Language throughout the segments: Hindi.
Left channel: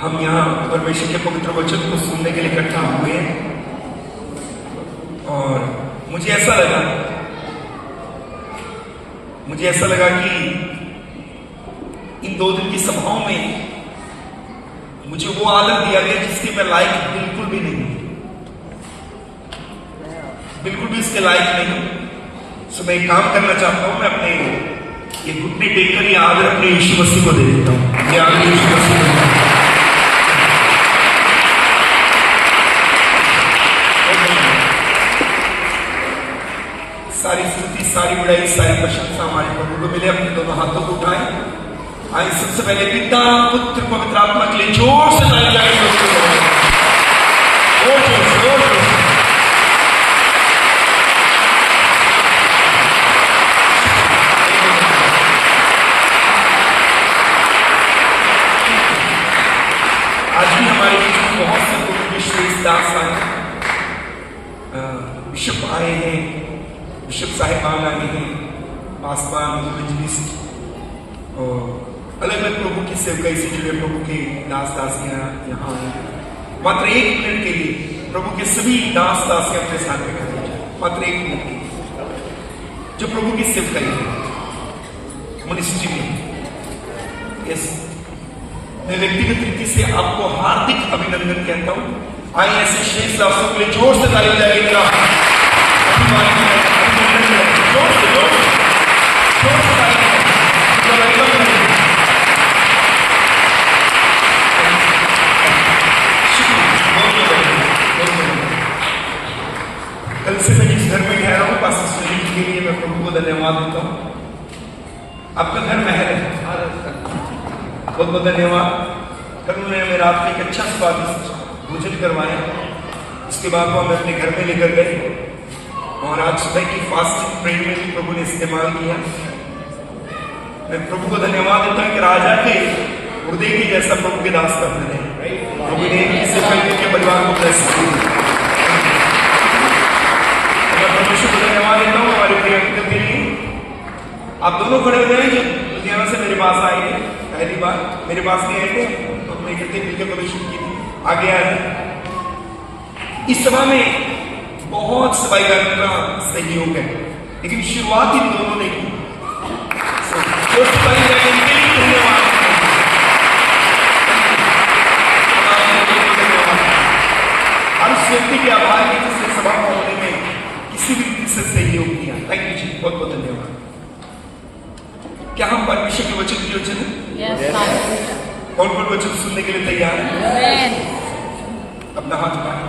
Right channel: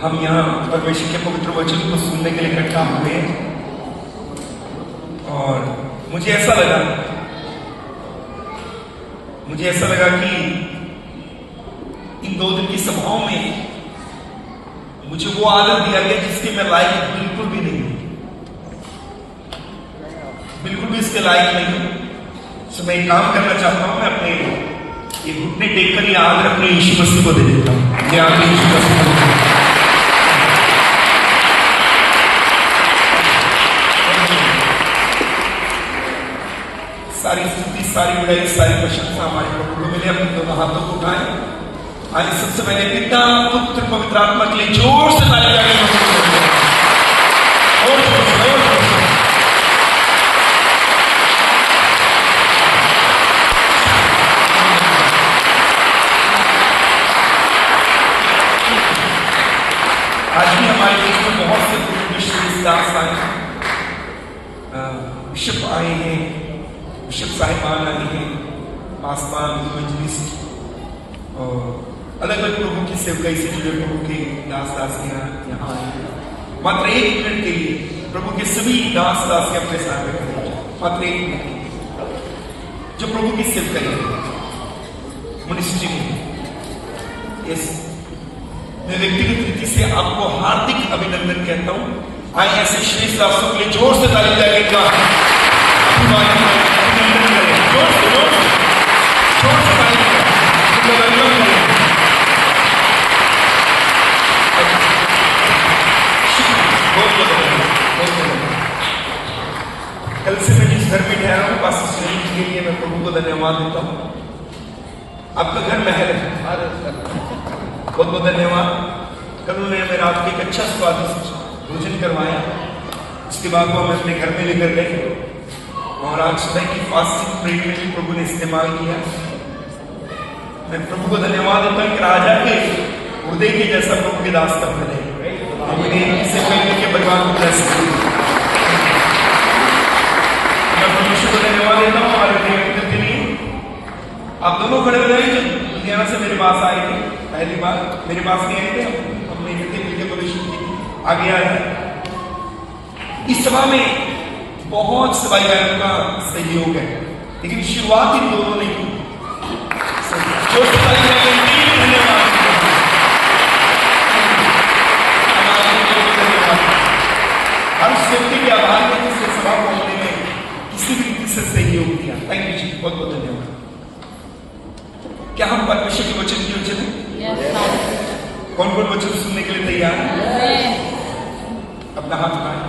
हम यहाँ परमेश्वर के पवित्र वचन को सुनने के लिए इकट्ठा हुए हैं और मुझे ऐसा लगा कि इन 2 दिन की सभाओं में मुझे वो आदत दिया गया जिसके मैं लायक बिल्कुल भी नहीं हूं, बिल्कुल भी इसके लायक नहीं हूं। तो मैं एक काम करना चाहता हूं, मैं अपने ये घुटने टेक कर ये आदर अपने यीशु मसीह को दे देता हूं। ये आदर यीशु मसीह को सारी स्तुति, सारी बुराई, सारी प्रशंसा हमारे प्रभु को मिले। अपने दोनों हाथों को उठाएं। आज सबसे पहले पिता, पुत्र, पवित्र आत्मा के लिए जोर से ताली बजाएं। आज भी हमारे बीच में बहुत से विश्व दास आए, बिशप आए हैं, बिशप साहिबान आए हैं, पासवान, इवेंजलिस्ट, अलग अलग प्रभु की सेवकाई से जुड़े प्रभु के दास दासियां यहाँ आए। मात्र 1 मिनट के लिए प्रभु के सभी दास दासियां अपने साथ में खड़े हैं। मात्र 1 मिनट के लिए जो प्रभु की सेवकाई है मिनिस्ट्री में। यस, मैं व्यक्तिगत रीति से आपको हार्दिक अभिनंदन कहता हूं। आए ऐसे श्रेष्ठ दासों के लिए जोर से ताली बजाइएगा। जोर से कल से मैं जिस घर में ठहरा हूं, पास्टर सुनील के लिए मैं प्रभु को धन्यवाद देता हूं। आपका घर महल है, बहुत बहुत धन्यवाद। कल उन्होंने रात में एक अच्छा स्वादिष्ट भोजन करवाया। उसके बाद वो हमें अपने घर में लेकर गए और आज सुबह की फास्टिंग प्रेयर में भी प्रभु ने इस्तेमाल किया। मैं प्रभु को धन्यवाद देता हूं कि राजा के हृदय के जैसा प्रभु के दास का बने। प्रभु ने इसे करने के बलवान को ब्लेस किया। मैं परमेश्वर को धन्यवाद देता हूं हमारे प्रिय के लिए। आप दोनों खड़े हुए हैं जो लुधियाना से मेरे पास आए थे, पहली बार मेरे पास नहीं आए थे, हमने इकट्ठे मिलकर परमेश्वर की आगे आ जाए। इस सभा में बहुत सफाई वालों का सहयोग है, लेकिन शुरुआत ही दोनों ने की। जो सफाई वालों के लिए धन्यवाद। हर व्यक्ति के आभार में किसी सभा को होने में किसी भी रीति से सहयोग दिया। थैंक यू जी, बहुत बहुत धन्यवाद। क्या हम परमेश्वर के वचन की वचन कौन कौन वचन सुनने के लिए तैयार है? अपना हाथ उठाएं।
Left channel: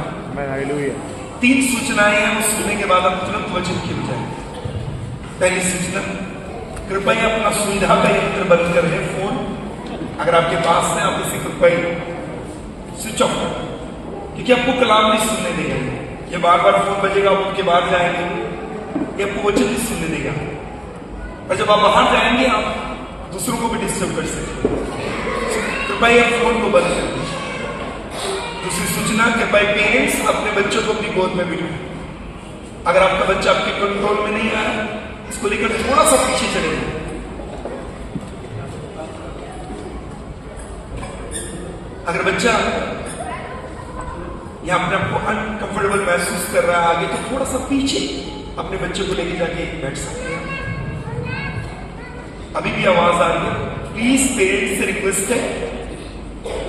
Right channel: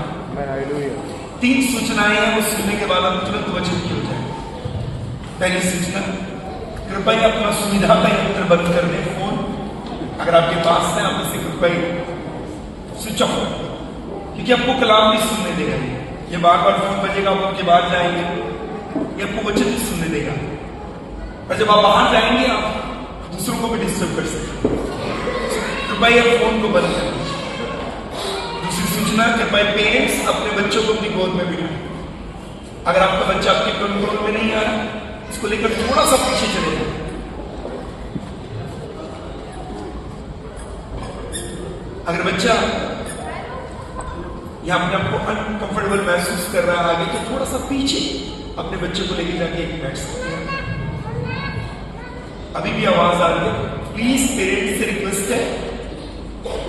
3 सूचनाएं हैं, वो सुनने के बाद हम तुरंत वचन की हो जाए। पहली सूचना, कृपया अपना सुविधा का यंत्र बंद कर दें। फोन अगर आपके पास है, आप इसे कृपया स्विच ऑफ करें, क्योंकि आपको कलाम नहीं सुनने देगा। ये बार बार फोन बजेगा, आप उनके बाद जाएंगे, ये आपको वचन नहीं सुनने देगा। और जब आप बाहर जाएंगे, आप दूसरों को भी डिस्टर्ब कर सकते। कृपया फोन को बंद कर दीजिए। दूसरी सूचना, कृपया पेरेंट्स अपने बच्चों को अपनी गोद में बिठाएं। अगर आपका बच्चा आपके कंट्रोल में नहीं आ रहा, इसको लेकर थोड़ा सा पीछे चले जाए। अगर बच्चा या अपने आपको अनकंफर्टेबल महसूस कर रहा है आगे, तो थोड़ा सा पीछे अपने बच्चे को लेके जाके बैठ सकते हैं। अभी भी आवाज आ रही है, प्लीज पेरेंट्स से रिक्वेस्ट है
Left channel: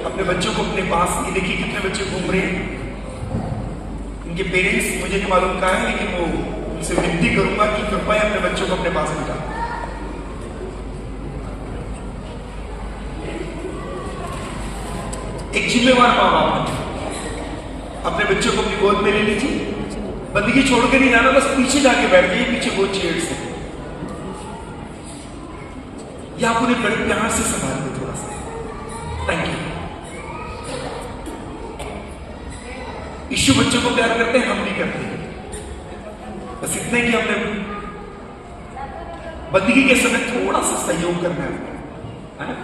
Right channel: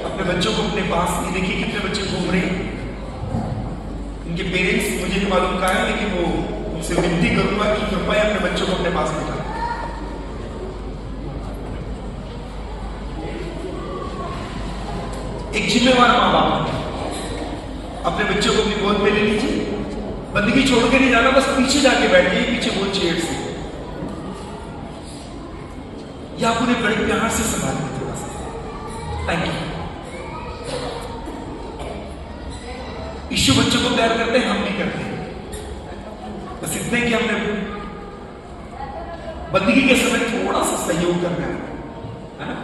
अपने बच्चों को अपने पास नहीं। देखिए कितने बच्चे घूम रहे हैं, इनके पेरेंट्स मुझे तो मालूम कहा है, लेकिन वो उनसे विनती करूंगा कि कृपया अपने बच्चों को अपने पास बिठाएं। एक जिम्मेवार मां बाप अपने बच्चों को अपनी गोद में ले लीजिए। बंदगी छोड़ के नहीं जाना, बस पीछे जाके बैठ जाइए, पीछे वो चेयर से, या आप उन्हें बड़े प्यार से संभाल दें थोड़ा सा। Thank you. यीशु बच्चों को प्यार करते हैं, हम नहीं करते। बस इतने कि हमने बंदगी के समय थोड़ा सा सहयोग करना है ना।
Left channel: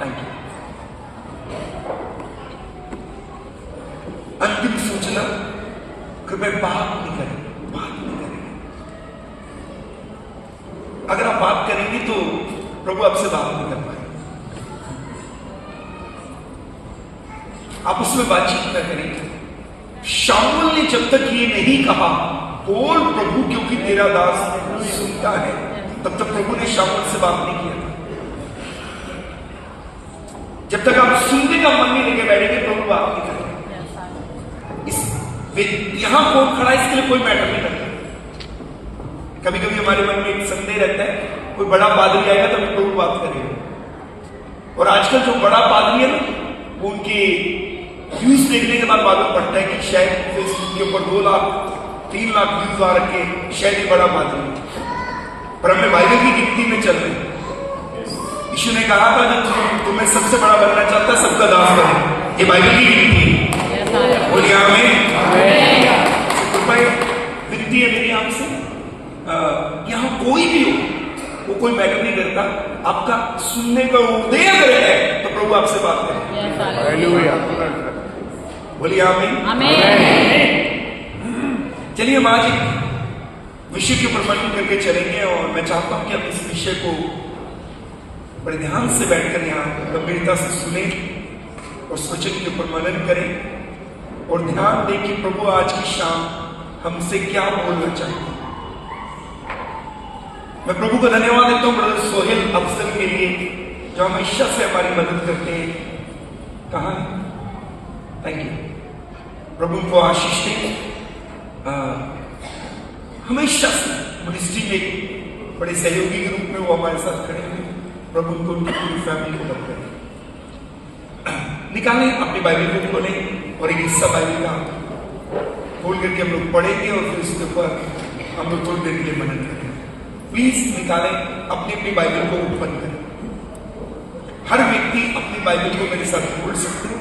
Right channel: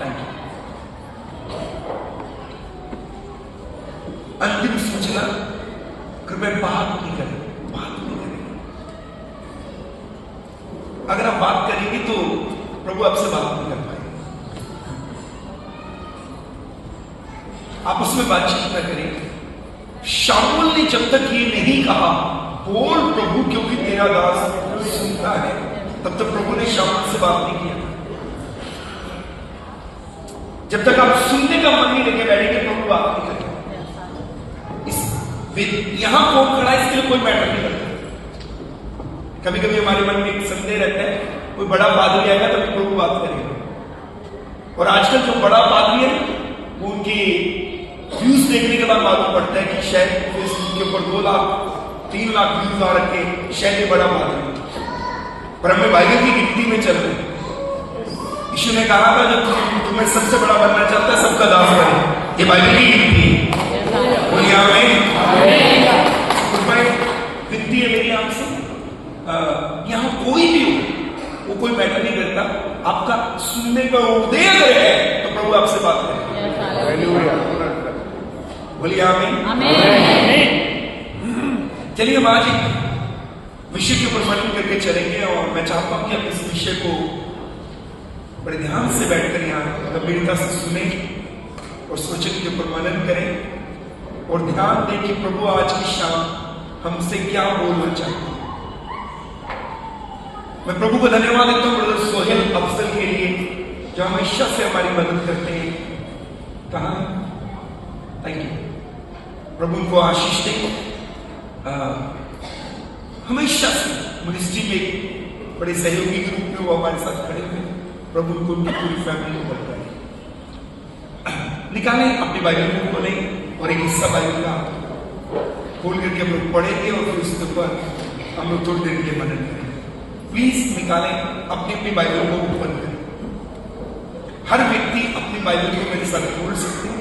Thank you. अंतिम सूचना, कृपया बात नहीं करें, बात नहीं करेंगे। अगर आप बात करेंगे तो प्रभु आपसे बात नहीं कर पाएंगे। आप उसमें बातचीत न करें। शाऊल ने जब तक ये नहीं कहा बोल प्रभु क्योंकि तेरा दास सुनता है, तब तक प्रभु ने शाऊल से बात नहीं किया। जब तक आप सुनने का मन नहीं लेके बैठेंगे प्रभु बात नहीं करते। यहां कौन खड़ा है इसके लिए कोई मैटर नहीं करता। कभी कभी हमारे मन में एक संदेह रहता है, कोई बड़ा पादरी आएगा तभी प्रभु बात करेगा। और आजकल जो बड़ा पादरी है वो उनके व्यूज देखने के बाद मालूम पड़ता है कि शायद फेसबुक के ऊपर 2 लाख 3 लाख व्यूज आ रखे, शायद ये बड़ा पादरी। पर हमने बाइबल की गिनती में चल रहे। यीशु ने कहा था जब तुम्हें सबसे बड़ा बनना चाहता है सबका दास करे। ये बाइबल की गिनती बोलिए आमीन। तो मैं विनती है मेरी आपसे, यहां कोई भी हो वो कोई मैटर नहीं करता, आपका सुनने का उदय अगर है तो प्रभु आपसे बात करें। बोलिए आमीन। चलिए हम आज एक विषय के ऊपर मनन करके चलेंगे और मैं चाहता हूं कि आप इस विषय को बड़े ध्यान से बैठकर यहाँ गंभीरता से सुने और वचन के ऊपर मनन करें और ध्यान दें कि प्रभु आज की शाम हमसे क्या बोलना चाहिए। मैं प्रभु को धन्यवाद देता हूं ब्रदर सोहेल अफसल के लिए जो हमेशा से हमारी मदद करते हैं। कहाँ है? Thank you. प्रभु उनको आशीष दे। हमेशा से मिनिस्ट्री में बड़े सहयोगी के रूप में वो हमारे साथ खड़े हुए। प्रभु उनको उनकी पूरी फैमिली को बदला निकालें। अपनी बाइबल को खोलें और एक हिस्सा बाइबल का खोल करके हम लोग पढ़ेंगे और फिर उसके ऊपर हम लोग थोड़ी देर के लिए मनन करेंगे। प्लीज निकालें, अपनी अपनी बाइबल को ओपन करें। हर व्यक्ति अपनी बाइबल को मेरे साथ खोल सकते हैं।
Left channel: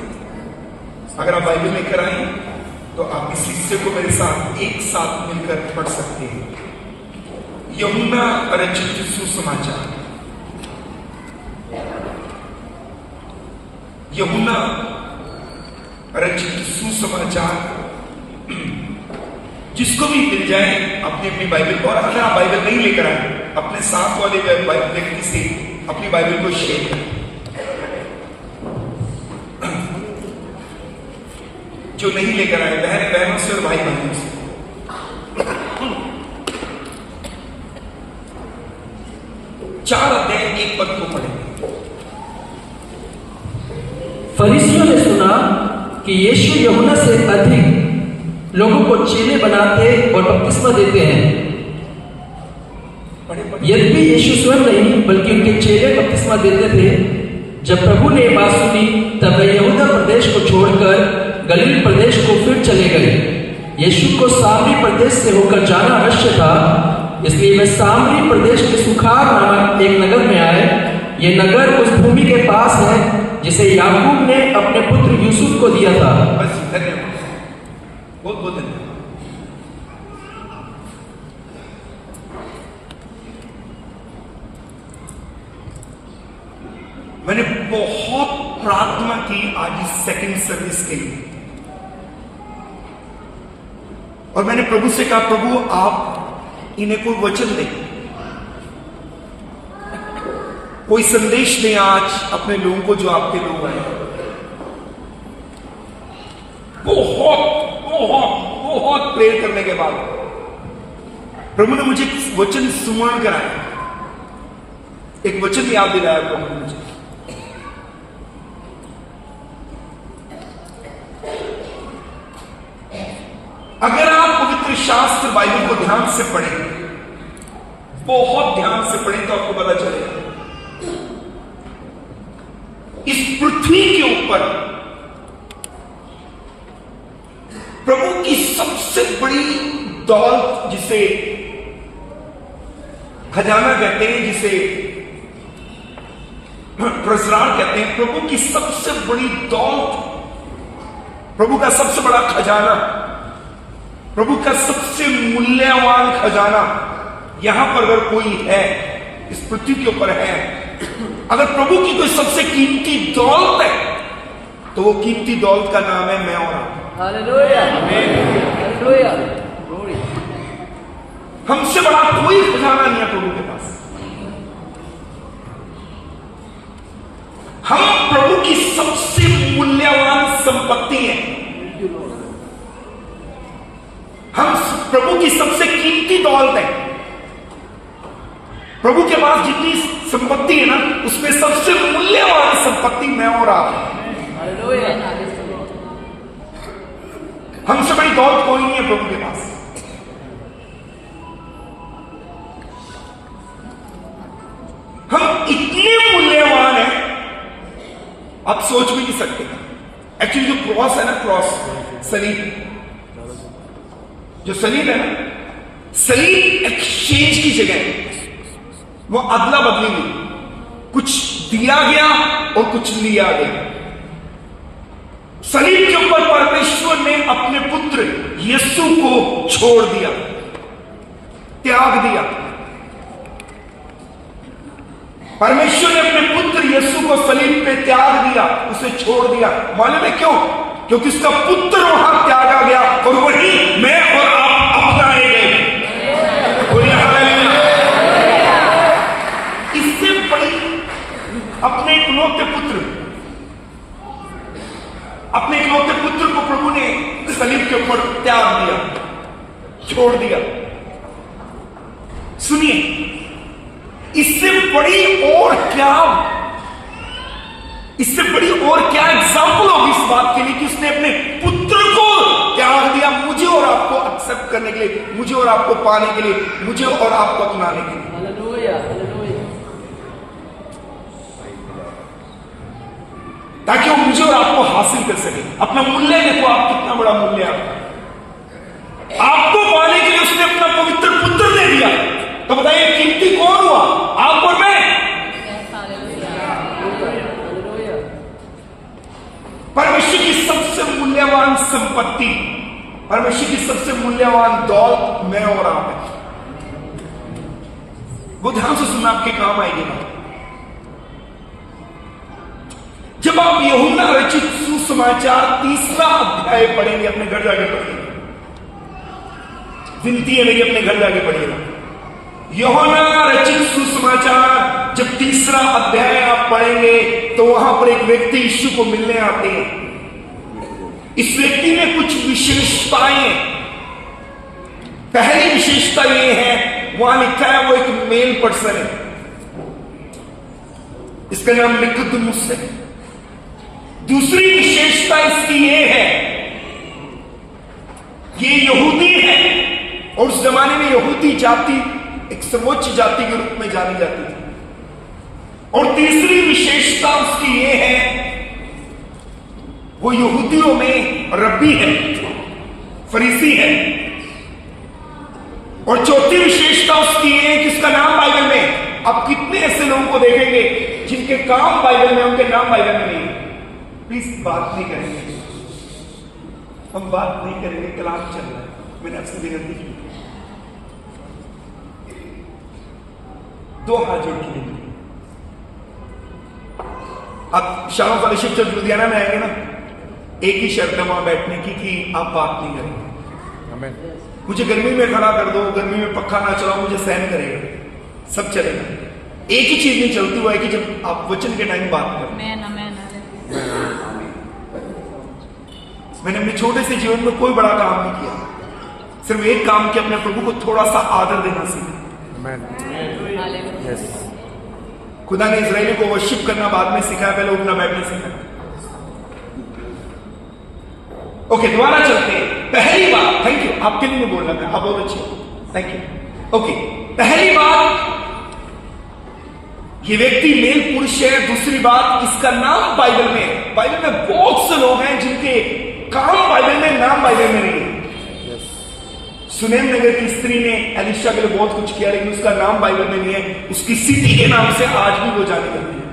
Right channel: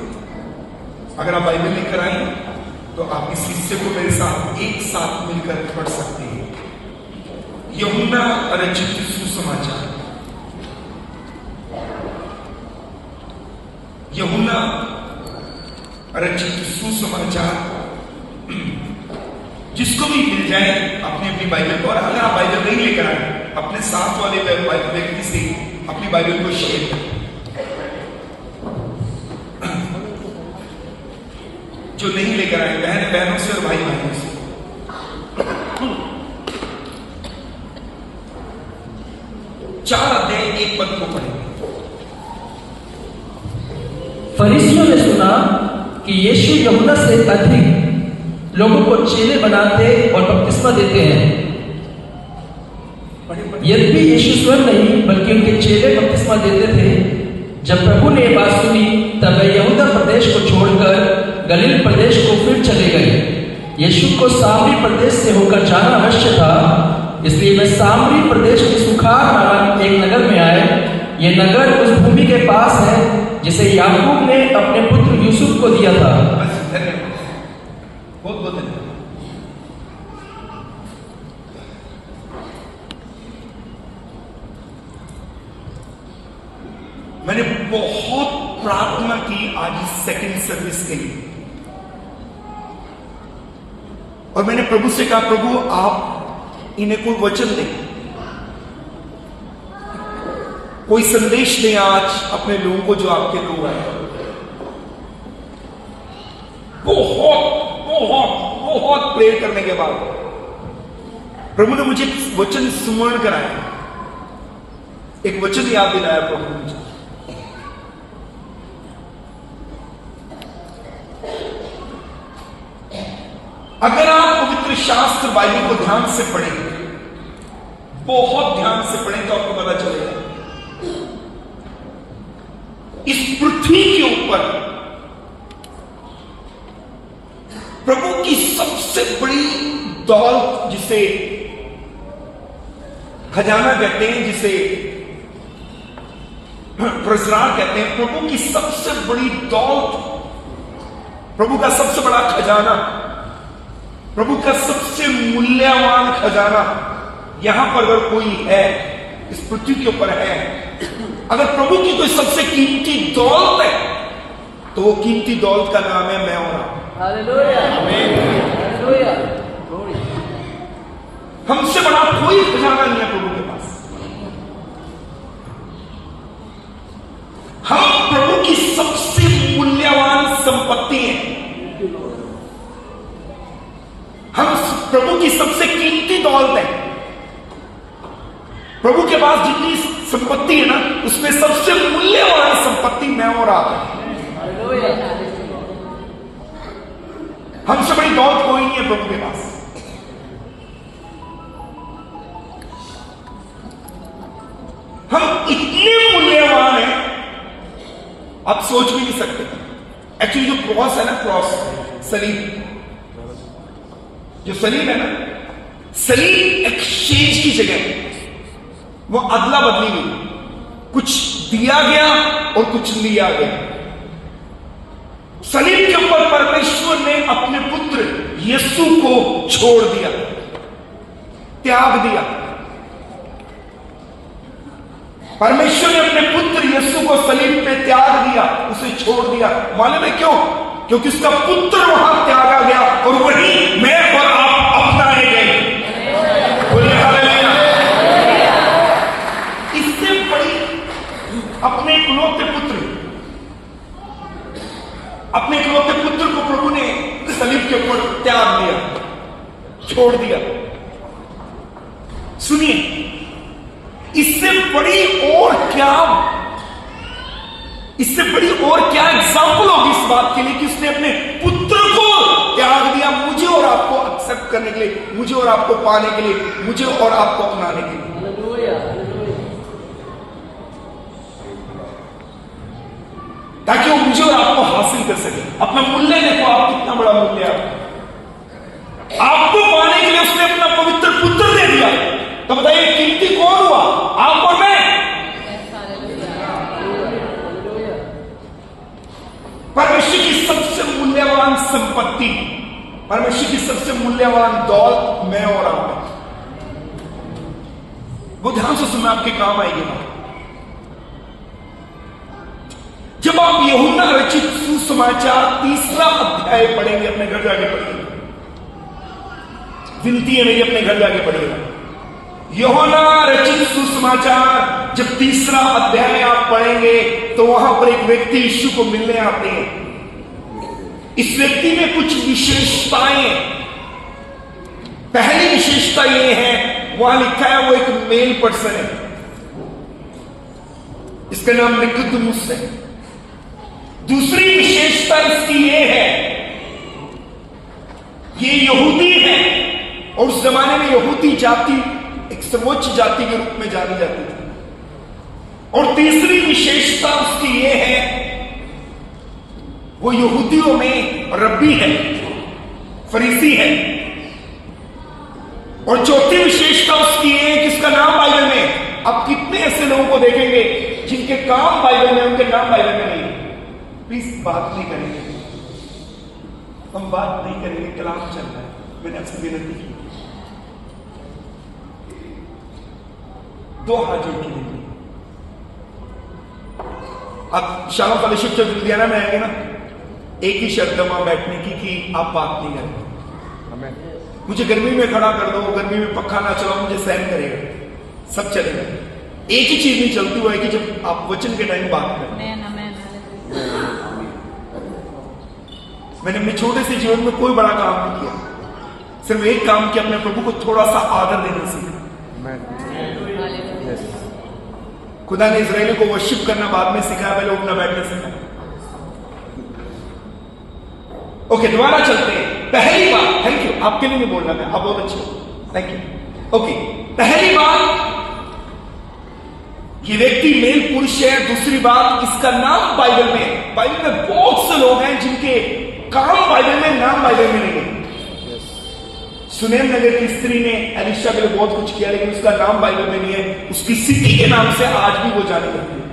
अगर आप बाइबल लेकर आए तो आप इस हिस्से को मेरे साथ एक साथ मिलकर पढ़ सकते हैं। यूहन्ना रचित सुसमाचार, यूहन्ना रचित सुसमाचार। जिसको भी मिल जाए अपनी अपनी बाइबल को, और अगर आप बाइबल नहीं लेकर आए अपने साथ वाले व्यक्ति से अपनी बाइबल को शेयर करें। जो नहीं लेकर आए बहनों से और भाई बहनों से। चार अध्याय 1 पद को पढ़ेंगे। फरीसियों ने सुना कि यीशु यूहन्ना से अधिक लोगों को चेले बनाते और बपतिस्मा देते हैं। यद्यपि यीशु स्वयं नहीं बल्कि उनके चेले बपतिस्मा देते थे। जब प्रभु ने बात सुनी तब वे यहूदा प्रदेश को छोड़कर गलील प्रदेश को फिर चले गए। यीशु को सामरी प्रदेश से होकर जाना अवश्य था, इसलिए वे सामरी प्रदेश के सुखार नामक एक नगर में आए। ये नगर उस भूमि के पास है जिसे याकूब ने अपने पुत्र यूसुफ को दिया था। बहुत बहुत धन्यवाद। मैंने बहुत प्रार्थना की आज इस सेकंड सर्विस के लिए और मैंने प्रभु से कहा प्रभु आप इन्हें कोई वचन दें, कोई संदेश दें आज अपने लोगों को जो आपके लोग आए। बहुत बहुत बहुत प्रेयर करने के बाद प्रभु ने मुझे वचन स्मरण कराया, एक वचन याद दिलाया प्रभु ने मुझे। अगर आप पवित्र शास्त्र बाइबल को ध्यान से पढ़ें, बहुत ध्यान से पढ़ें तो आपको पता चलेगा इस पृथ्वी के ऊपर प्रभु की सबसे बड़ी दौलत, जिसे खजाना कहते हैं, जिसे ट्रेजरार कहते हैं, प्रभु की सबसे बड़ी दौलत, प्रभु का सबसे बड़ा खजाना, प्रभु का सबसे मूल्यवान खजाना यहां पर अगर कोई है, इस पृथ्वी के ऊपर है, अगर प्रभु की कोई सबसे कीमती दौलत है तो वो कीमती दौलत का नाम है मैं और आप। Hallelujah, hallelujah. हमसे बड़ा कोई खजाना नहीं है प्रभु के पास। हम प्रभु की सबसे मूल्यवान संपत्ति संपत्ति है। हम प्रभु की सबसे कीमती दौलत है। प्रभु के पास जितनी संपत्ति है ना, उसमें सबसे मूल्यवान संपत्ति मैं और आप है। हमसे बड़ी दौलत कोई नहीं है प्रभु के पास। हम इतने मूल्यवान हैं, आप सोच भी नहीं सकते। एक्चुअली जो क्रॉस है ना, क्रॉस सलीब, जो सलीब है ना, सलीब एक्सचेंज की जगह है। वो अदला बदली नहीं, कुछ दिया गया और कुछ लिया गया। सलीब के ऊपर परमेश्वर ने अपने पुत्र यीशु को छोड़ दिया, त्याग दिया। परमेश्वर ने अपने पुत्र यीशु को सलीब पे त्याग दिया, उसे छोड़ दिया। मालूम है क्यों? क्योंकि उसका पुत्र वहां त्यागा गया और वही मैं और आप अपनाए गए। इससे बड़ी अपने इकलौते पुत्र को प्रभु ने सलीब के ऊपर त्याग दिया, छोड़ दिया। सुनिए, इससे बड़ी और क्या एग्जाम्पल होगी इस बात के लिए कि उसने अपने पुत्र को त्याग दिया, मुझे और आपको एक्सेप्ट करने के लिए, मुझे और आपको पाने के लिए, मुझे और आपको अपनाने के लिए, ताकि वो मुझे और आपको हासिल कर सके। अपना मूल्य देखो, आप कितना बड़ा मूल्य है। आपको पाने के लिए उसने अपना पवित्र पुत्र दे दिया। तो बताइए कीमती कौन हुआ? आप और मैं। परमेश्वर की सबसे मूल्यवान संपत्ति, परमेश्वर की सबसे मूल्यवान दौलत मैं और आप है। वो ध्यान से सुनना, आपके काम आएगी ना। जब आप यूहन्ना रचित सुसमाचार 3 अध्याय पढ़ेंगे, अपने घर जाके पढ़ेंगे, विनती है मेरी, अपने घर जाके पढ़िएगा। यूहन्ना रचित सुसमाचार जब 3 अध्याय आप पढ़ेंगे तो वहां पर एक व्यक्ति यीशु को मिलने आते हैं। इस व्यक्ति में कुछ विशेषताएं। पहली विशेषता यह है, वहां लिखा है वो एक मेल पर्सन है, इसका नाम निकोदेमुस है। दूसरी विशेषता इसकी ये है, ये यहूदी है और उस जमाने में यहूदी जाति एक सर्वोच्च जाति के रूप में जानी जाती थी। और तीसरी विशेषता उसकी ये है, वो यहूदियों में रब्बी है, फरीसी है। और चौथी विशेषता उसकी ये है कि उसका नाम बाइबल में, आप कितने ऐसे लोगों को देखेंगे जिनके काम बाइबल में, उनके नाम बाइबल में नहीं है। प्लीज बात नहीं करेंगे, हम बात नहीं करेंगे, कलाम चल रहा है। मैंने आपसे विनती की, 2 हाथ जोड़ के देखिए। आप शालोम फेलोशिप चर्च लुधियाना में आएंगे ना, एक ही शर्त है वहां बैठने की कि आप बात नहीं करेंगे। मुझे गर्मी में खड़ा कर दो, गर्मी में पक्का ना चलाओ, मुझे सहन करेगा, सब चलेगा। एक ही चीज नहीं चलती हुआ है कि जब आप वचन के टाइम बात करें। मैंने अपने छोटे से जीवन में कोई बड़ा काम नहीं किया, सिर्फ एक काम किया, अपने प्रभु को थोड़ा सा आदर देना सीखा। खुदा ने इजराइलियों को वर्शिप करना बाद में सिखाया, पहले उठना बैठना सिखाया। ओके, दोबारा चलते हैं। पहली बात, थैंक यू, आपके लिए नहीं बोलना मैं, आप बहुत अच्छे हो, थैंक यू। ओके, पहली बात, ये व्यक्ति मेल पुरुष है। दूसरी बात, इसका नाम बाइबल में है। बाइबल में बहुत से लोग हैं जिनके काम बाइबल में, नाम बाइबल में नहीं है। सुनेम नगर की स्त्री ने एलिशा के लिए बहुत कुछ किया, लेकिन उसका नाम बाइबल में नहीं है। उसकी सिटी के नाम से आज भी वो जानी जाती है,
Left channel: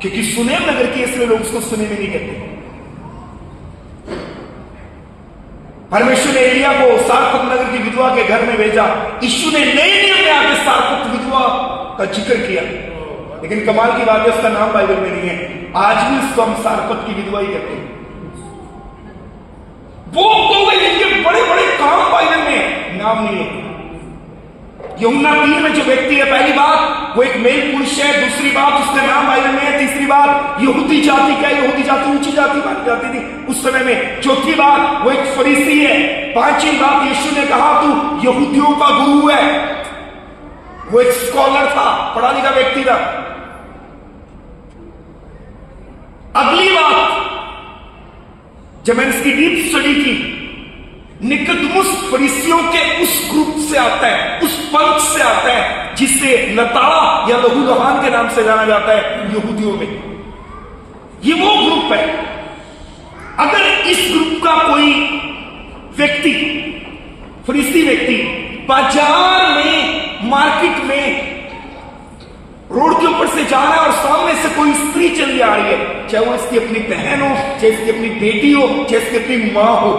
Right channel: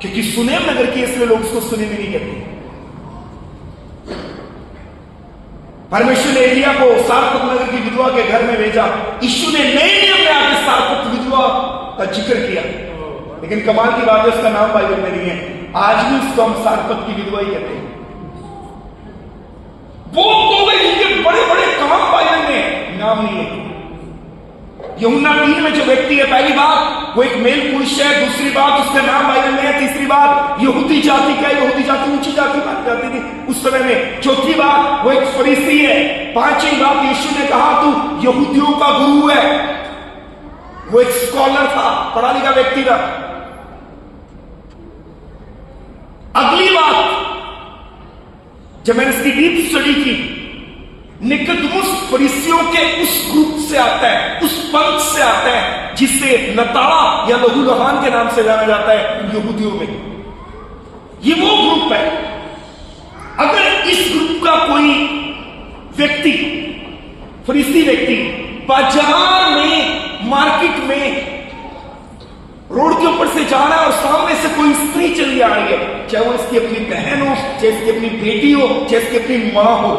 क्योंकि सुनेम नगर की, इसलिए लोग उसको सुनेम नहीं कहते। परमेश्वर ने एलिया को सारपत नगर की विधवा के घर में भेजा। यीशु ने नए नियम में आके सारपत विधवा का जिक्र किया, लेकिन कमाल की बात है उसका नाम बाइबल में नहीं है। आज भी उसको हम सारपत की विधवा ही कहते हैं। वो तो जिनके बड़े बड़े काम बाइबल में, नाम नहीं है। यूहन्ना 3 में जो व्यक्ति है, पहली बात वो एक मेल पुरुष है, दूसरी बात उसका नाम बाइबल में है, तीसरी बात यहूदी जाति, क्या यहूदी जाति ऊंची जाति मानी जाती थी उस समय में, चौथी बात वो एक फरीसी है, पांचवी बात यीशु ने कहा तू यहूदियों का गुरु है, वो एक स्कॉलर था, पढ़ा लिखा व्यक्ति था। अगली बात जब मैंने इसकी डीप स्टडी की, निकोदेमुस फरीसियों के उस ग्रुप से आता है, उस पंथ से आता है जिसे नताड़ा या लहू लहान के नाम से जाना जाता है यहूदियों में। ये वो ग्रुप है। अगर इस ग्रुप का कोई व्यक्ति, फरीसी व्यक्ति, बाजार में, मार्केट में, रोड के ऊपर से जा रहा है और सामने से कोई स्त्री चली आ रही है, चाहे वो इसकी अपनी बहन हो, चाहे इसकी अपनी बेटी हो, चाहे इसकी अपनी मां हो,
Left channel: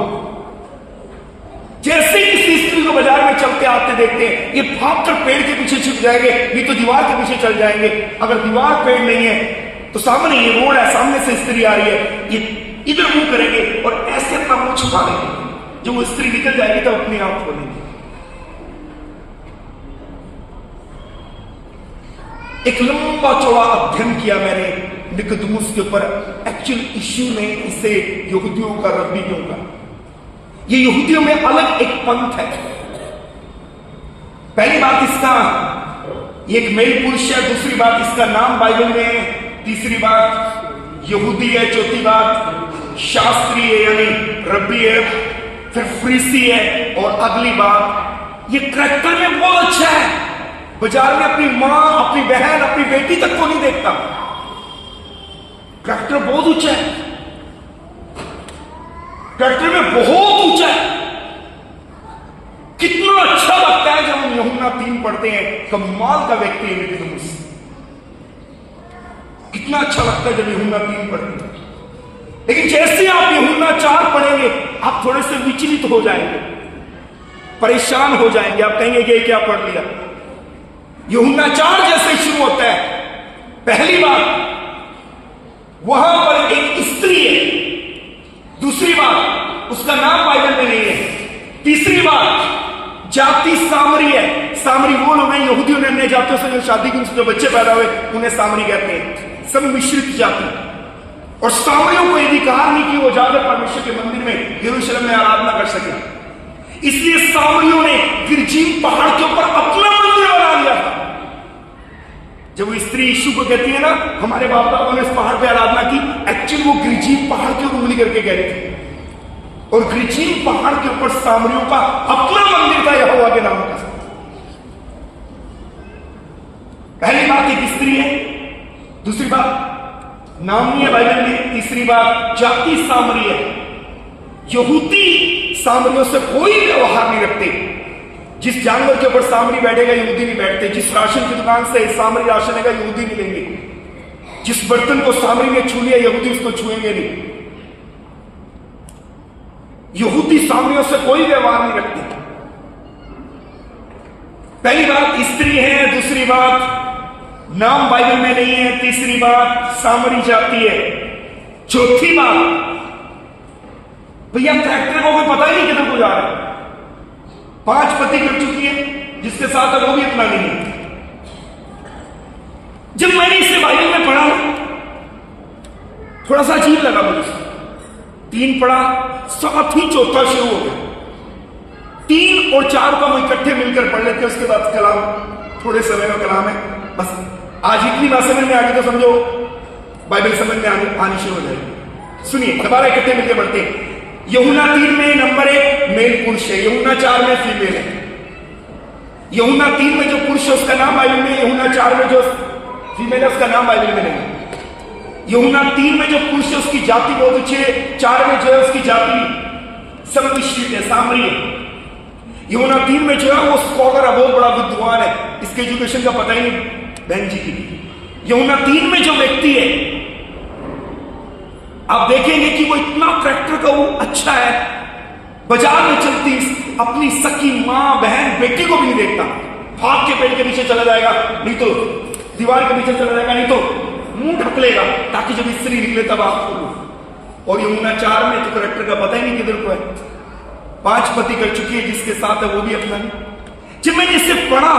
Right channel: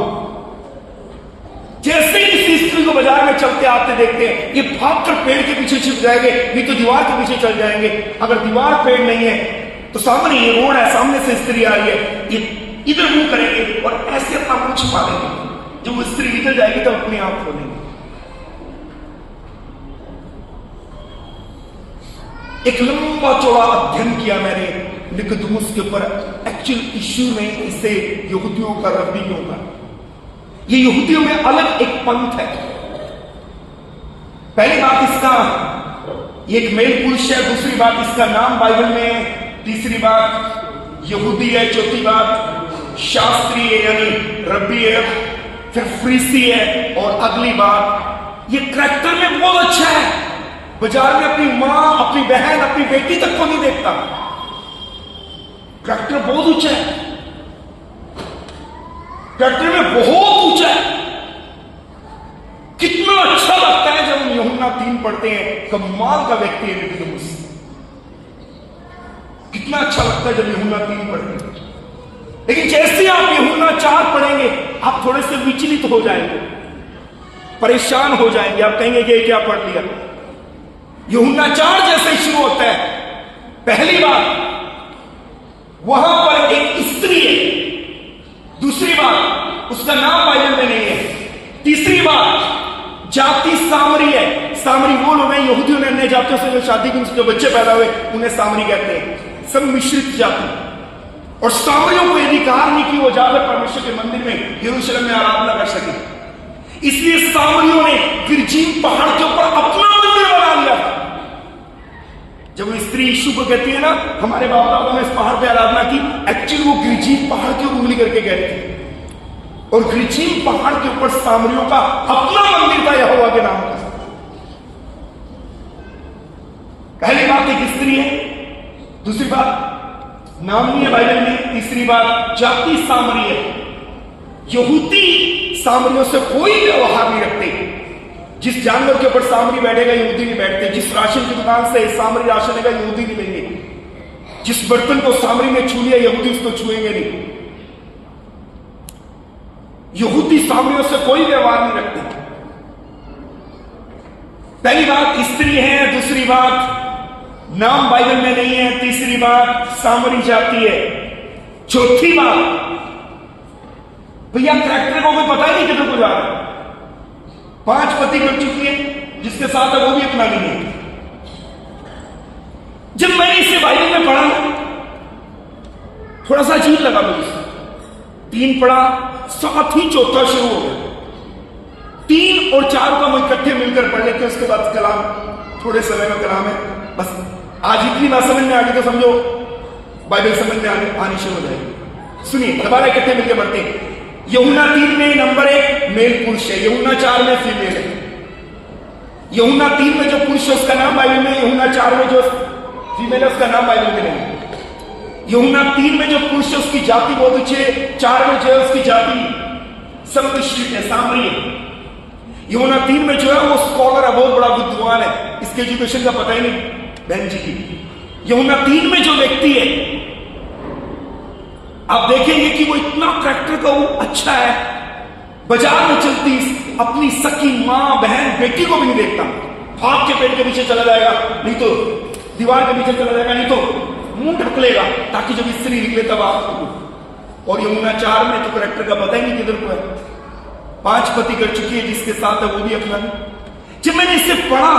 जैसे ही किसी स्त्री को बाजार में चलते आते देखते हैं, ये भागकर पेड़ के पीछे छिप जाएंगे, नहीं तो दीवार के पीछे चल जाएंगे। अगर दीवार पेड़ नहीं है तो सामने ये रोड है, सामने से स्त्री आ रही है, ये इधर मुंह करेंगे और ऐसे अपना मुंह छुपा देंगे। जब वो स्त्री निकल जाएगी तब अपने आप खोलेंगे। एक लंबा चौड़ा अध्ययन किया मैंने निकोदेमुस के ऊपर। एक्चुअल इश्यू ने इसे यहूदियों का, रब्बियों का, ये यहूदियों में अलग एक पंथ है। पहली बात इसका, ये एक मेल पुरुष है, दूसरी बात इसका नाम बाइबल में है, तीसरी बात यहूदी है, चौथी बात शास्त्री है यानी रब्बी है, फिर फरीसी है, और अगली बात ये करैक्टर में बहुत अच्छा है। बाजार में अपनी मां, अपनी बहन, अपनी बेटी तक को नहीं देखता। करैक्टर बहुत ऊंचा है, करैक्टर में बहुत ऊंचा है। कितना अच्छा लगता है जब हम यूहन्ना 3 पढ़ते हैं। कमाल का व्यक्ति है निकोदेमुस। कितना अच्छा लगता है जब यूहन्ना 3 पढ़ते हैं। लेकिन जैसे आप यूहन्ना 4 पढ़ेंगे, आप थोड़े से विचलित हो जाएंगे, परेशान हो जाएंगे। आप कहेंगे कि क्या पढ़ लिया। यूहन्ना 4 जैसे शुरू होता है, पहली बात वहां पर एक स्त्री है, दूसरी बात उसका नाम बाइबल में नहीं है, तीसरी बात जाति सामरी है। सामरी वो लोग हैं, यहूदियों ने अन्य जातियों से जो शादी की, उनसे जो बच्चे पैदा हुए उन्हें सामरी कहते हैं, सब मिश्रित जाति। और सामरियों को अधिकार नहीं कि वो जाकर परमेश्वर के मंदिर में यरूशलेम में आराधना कर सके, इसलिए सामरियों ने गिरजीम पहाड़ के ऊपर अपना मंदिर बना लिया था। जब वो स्त्री यीशु को कहती है ना, हमारे बाप दादा ने इस पहाड़ पे आराधना की, एक्चुअली वो गिरजीम पहाड़ के ऊपर उंगली करके कह रही थी। और गिरजीम पहाड़ के ऊपर सामरियों का अपना मंदिर था यहोवा के नाम का। पहली बात एक स्त्री है, दूसरी बात नाम नहीं है बाइबल में, तीसरी बात जाति सामरी है। यहूदी सामरियों से कोई व्यवहार नहीं रखते। जिस जानवर के ऊपर सामरी बैठेगा यहूदी नहीं बैठते। जिस राशन की दुकान से सामरी राशन लेगा यहूदी नहीं लेंगे। जिस बर्तन को सामरी ने छू लिया यहूदी उसको छुएंगे नहीं। यहूदी सामरियों से कोई व्यवहार नहीं रखते। पहली बात स्त्री है, दूसरी बात नाम बाइबल में नहीं है, तीसरी बात सामरी जाति है, चौथी बात भैया कैरेक्टर को कोई पता ही नहीं किधर को जा रहा है। 5 पति कर चुकी है, जिसके साथ है वो भी अपना नहीं है। जब मैंने इसे बाइबल में पढ़ा थोड़ा सा अजीब लगा मुझे। 3 पढ़ा, साथ ही चौथा शुरू हो गया। 3 और 4 को हम इकट्ठे मिलकर पढ़ लेते हैं, उसके बाद कलाम थोड़े समय का कलाम है। बस आज इतनी बात समझ में आ गई तो समझो बाइबल समझ में आनी शुरू हो जाएगी। सुनिए, दोबारा इकट्ठे मिलकर पढ़ते हैं। यूहन्ना 3 में नंबर 1 मेल पुरुष है, यूहन्ना 4 में फीमेल है। यूहन्ना 3 में जो पुरुष है उसका नाम बाइबल में, यूहन्ना 4 में जो फीमेल है उसका नाम बाइबल में नहीं। यूहन्ना 3 में जो पुरुष है उसकी जाति बहुत ऊंची है, 4 में जो है उसकी जाति सब मिश्रित है, सामरी है। यूहन्ना 3 में जो है वो स्कॉलर है, बहुत बड़ा विद्वान है, इसके एजुकेशन का पता ही नहीं बहन जी की। यूहन्ना 3 में जो व्यक्ति है आप देखेंगे कि वो इतना करैक्टर का वो अच्छा है, बाजार में चलती अपनी सकी मां, बहन, बेटी को भी नहीं देखता। भाग के पेड़ के पीछे चला जाएगा, नहीं तो दीवार के पीछे चला जाएगा, नहीं तो मुंह ढक लेगा ताकि जब स्त्री निकले तब आप। और यूहन्ना 4 में तो करैक्टर का पता ही नहीं किधर को है। 5 पति कर चुकी है, जिसके साथ है वो भी अपना नहीं। जब मैंने इसे पढ़ा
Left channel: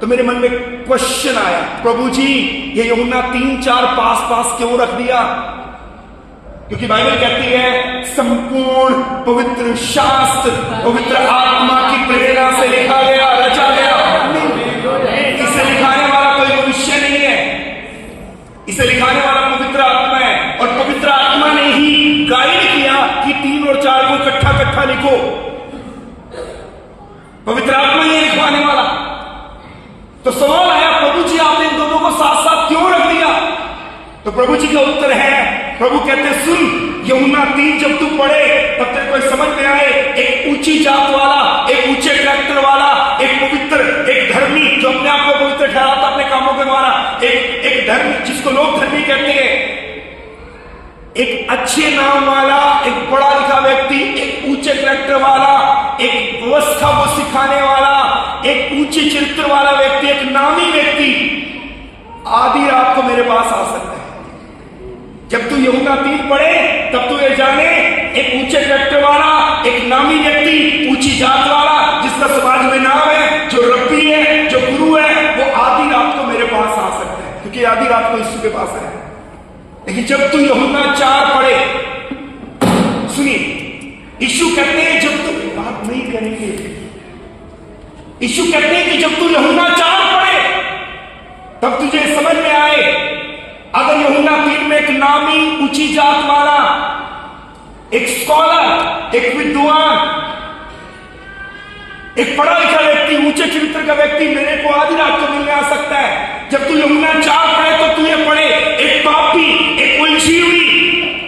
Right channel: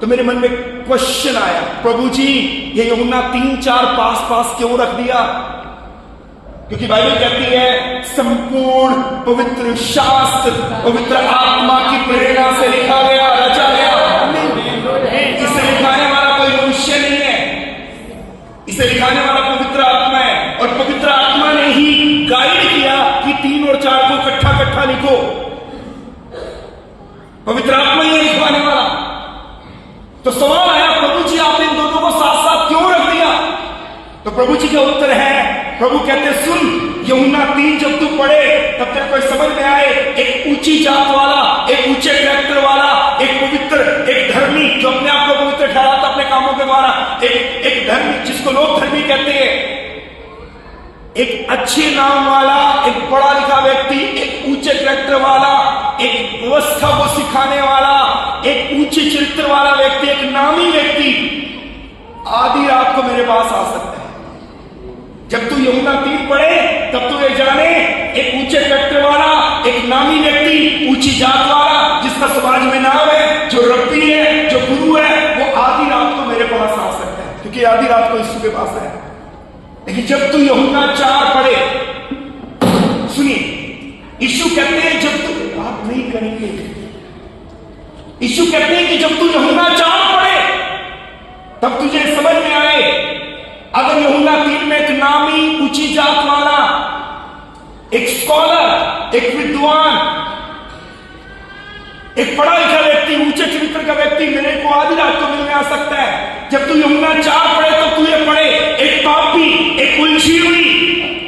तो मेरे मन में क्वेश्चन आया, प्रभु जी ये यूहन्ना 3-4 पास क्यों रख दिया? क्योंकि बाइबल कहती है संपूर्ण पवित्र शास्त्र पवित्र आत्मा की प्रेरणा से लिखा गया, रचा गया। इसे लिखाने वाला कोई मनुष्य नहीं है, इसे लिखाने वाला पवित्र आत्मा है। और पवित्र आत्मा ने ही गाइड किया कि 3 और 4 को इकट्ठा लिखो। पवित्र आत्मा ही है लिखवाने वाला। तो सवाल आया, प्रभु जी आपने इन दोनों को साथ साथ क्यों रख दिया? तो प्रभु जी का उत्तर है, प्रभु कहते सुन, यूहन्ना 3 जब तू पढ़े तब तेरे को समझ में आए, एक ऊंची जात वाला, एक ऊंचे कैरेक्टर वाला, एक पवित्र, एक धर्मी जो अपने आप को पवित्र ठहराता अपने कामों के द्वारा, एक धर्मी जिसको लोग धर्मी कहते हैं, एक अच्छे नाम वाला, एक पढ़ा लिखा व्यक्ति, एक ऊंचे कैरेक्टर वाला, एक व्यवस्था को सिखाने वाला, एक ऊंचे चरित्र वाला व्यक्ति, एक नामी व्यक्ति आधी रात को मेरे पास आ सकता है। जब तू यूहन्ना 3 पढ़े तब तू ये जाने, एक ऊंचे कैरेक्टर वाला, एक नामी व्यक्ति, ऊंची जात वाला जिसका समाज में नाम है, जो रब्बी है, जो गुरु है, वो आधी रात को मेरे पास आ सकता है, क्योंकि आधी रात को यीशु के पास है। लेकिन जब तू यूहन्ना 4 पढ़े, सुनिए, यीशु कहते हैं जब तू बात नहीं करेंगे, यीशु कहते हैं कि जब तू यूहन्ना 4 पढ़े तब तुझे समझ में आए, अगर यूहन्ना 3 में एक नामी ऊंची जात वाला, एक स्कॉलर, एक विद्वान, एक पढ़ा लिखा व्यक्ति, ऊंचे चरित्र का व्यक्ति मेरे को आधी रात को मिलने आ सकता है, जब तू यूहन्ना 4 पढ़े तो तू ये पढ़े, एक पापी, एक उलझी हुई,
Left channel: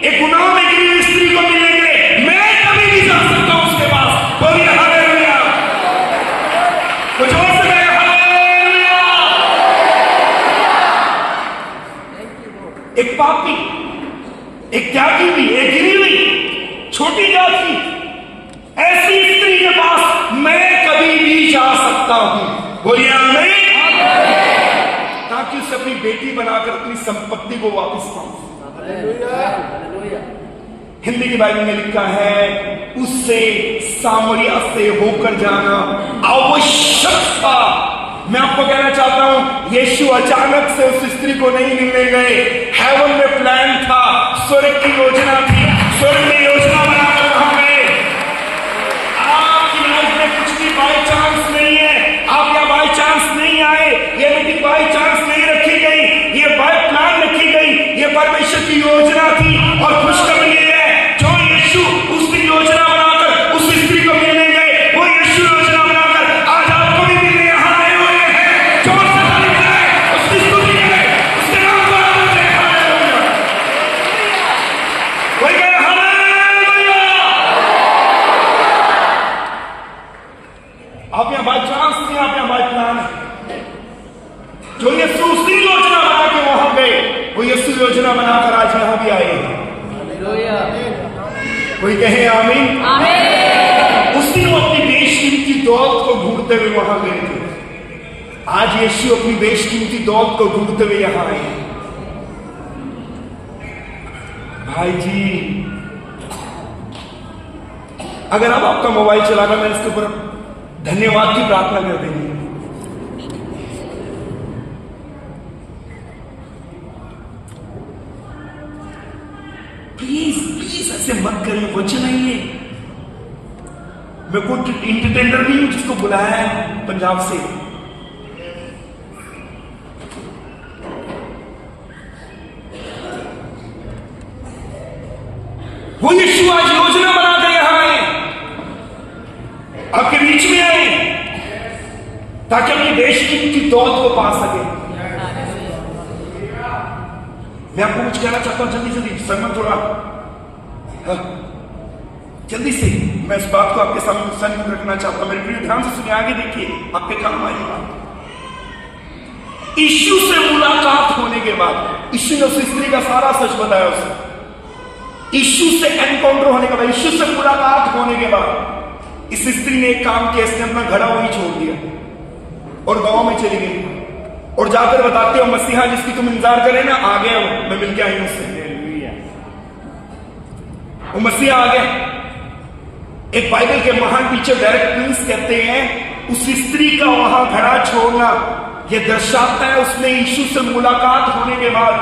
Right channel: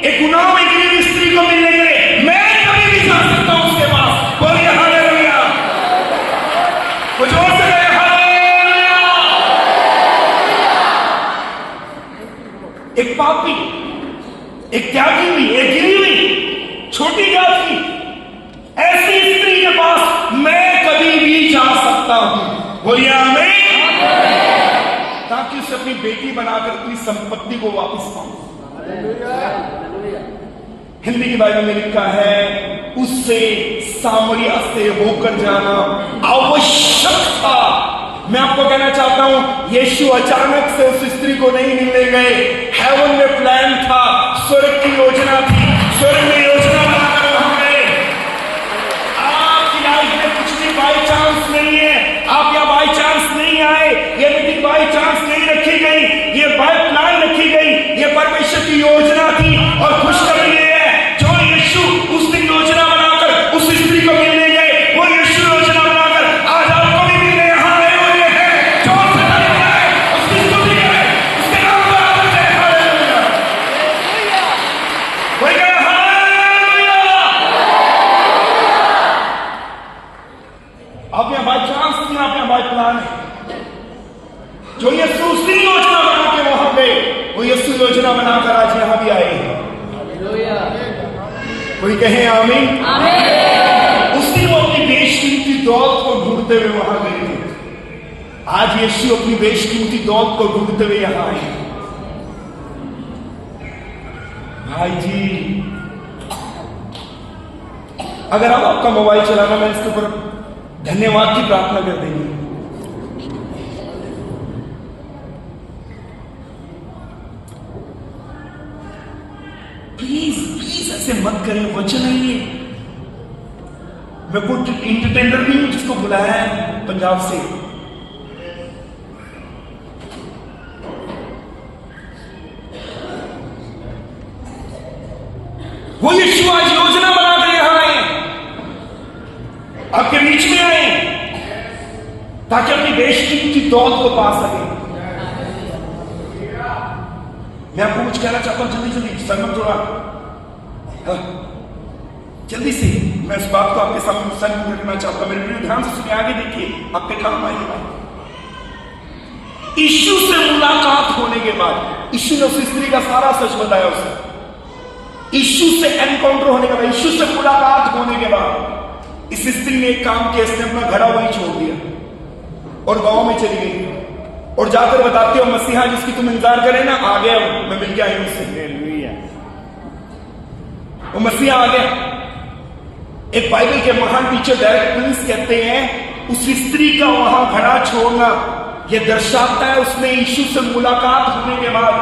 एक गुनाह में गिरी हुई स्त्री को मिलने के लिए मैं कभी नहीं जा सकता हूं उसके पास। बोलिए हालेलुया। कुछ और से एक पापी, एक त्यागी हुई, एक गिरी हुई छोटी जात की ऐसी स्त्री के पास मैं कभी भी जा सकता हूं। बोलिए आमीन। ताकि उसे अपनी बेटी बनाकर अपनी संपत्ति को वापस पाऊं। हिंदी की बाइबल में लिखा है, उससे सामरिया से होकर जाना आवश्यक था। मैं आपको कहना चाहता हूं, यीशु अचानक से उस स्त्री को नहीं मिलने गए, हेवन में प्लान था, स्वर्ग की योजना थी, स्वर्ग में योजना बनाकर वहां गए। आपकी लाइफ में कुछ भी बाई चांस नहीं है, आप यहाँ बाई चांस नहीं आए, ये मीटिंग बाई चांस नहीं रखी गई, ये बाय प्लान रखी गई, ये परमेश्वर की योजना थी। और खुशखबरी ये है, जो यीशु उस दिन योजना बनाकर उस स्त्री को मिलने गए, वो यीशु योजना बनाकर आज आपको भी मिलने यहां आए हुए हैं। जो उसकी स्तुति करें, उसके नाम को आदर दें। हालेलुया। कोई कहे हालेलुया। आप यहाँ बाय चांस नहीं, आप यहाँ बाय प्लान है। जो यीशु उसी योजना बना के वहां गए, वो यीशु योजना बनाकर आज यहां भी आए हैं। कोई कहे आमीन। उस दिन वो अपनी बेशकीमती दौलत को ढूंढते हुए वहां गए थे, आज यीशु अपनी बेशकीमती दौलत को ढूंढते हुए यहां आए। भाई जी, अगर आप आपका मोबाइल चलाना, मैं इसके ऊपर धन्यवाद की प्रार्थना कर देंगे। प्लीज ऐसे मत करें, वचन नहीं है। मैं कुछ इंटरटेनर भी हूं जिसको बुलाया है पंजाब से। वो यीशु आज योजना बनाकर यहां आए, आपके बीच में आए, ताकि अपनी बेशकीमती दौलत को पा सके। मैं आपको कुछ कहना चाहता हूं, जल्दी सरमन थोड़ा जल्दी से मैं इस बात को आपके सामने रखना चाहता हूं। मेरे प्रिय ध्यान से सुनिए, आगे देखिए, आपके काम आएगा। यीशु से मुलाकात होने के बाद यीशु ने उस स्त्री का सारा सच बताया उसे। यीशु से एनकाउंटर होने के बाद, यीशु से मुलाकात होने के बाद इस स्त्री ने एक काम किया, इसने अपना घड़ा वही छोड़ दिया और गांव में चली गई और जाकर बताते हो, मसीहा जिसकी तुम इंतजार करे ना, आ गया वो, मैं मिलके आई हूं उससे। वो मसीहा आ गया। एक बाइबल के महान टीचर डायरेक्ट प्रिंस कहते हैं, उस स्त्री का वहां घड़ा छोड़ना ये दर्शाता है उसने यीशु से मुलाकात होने के बाद,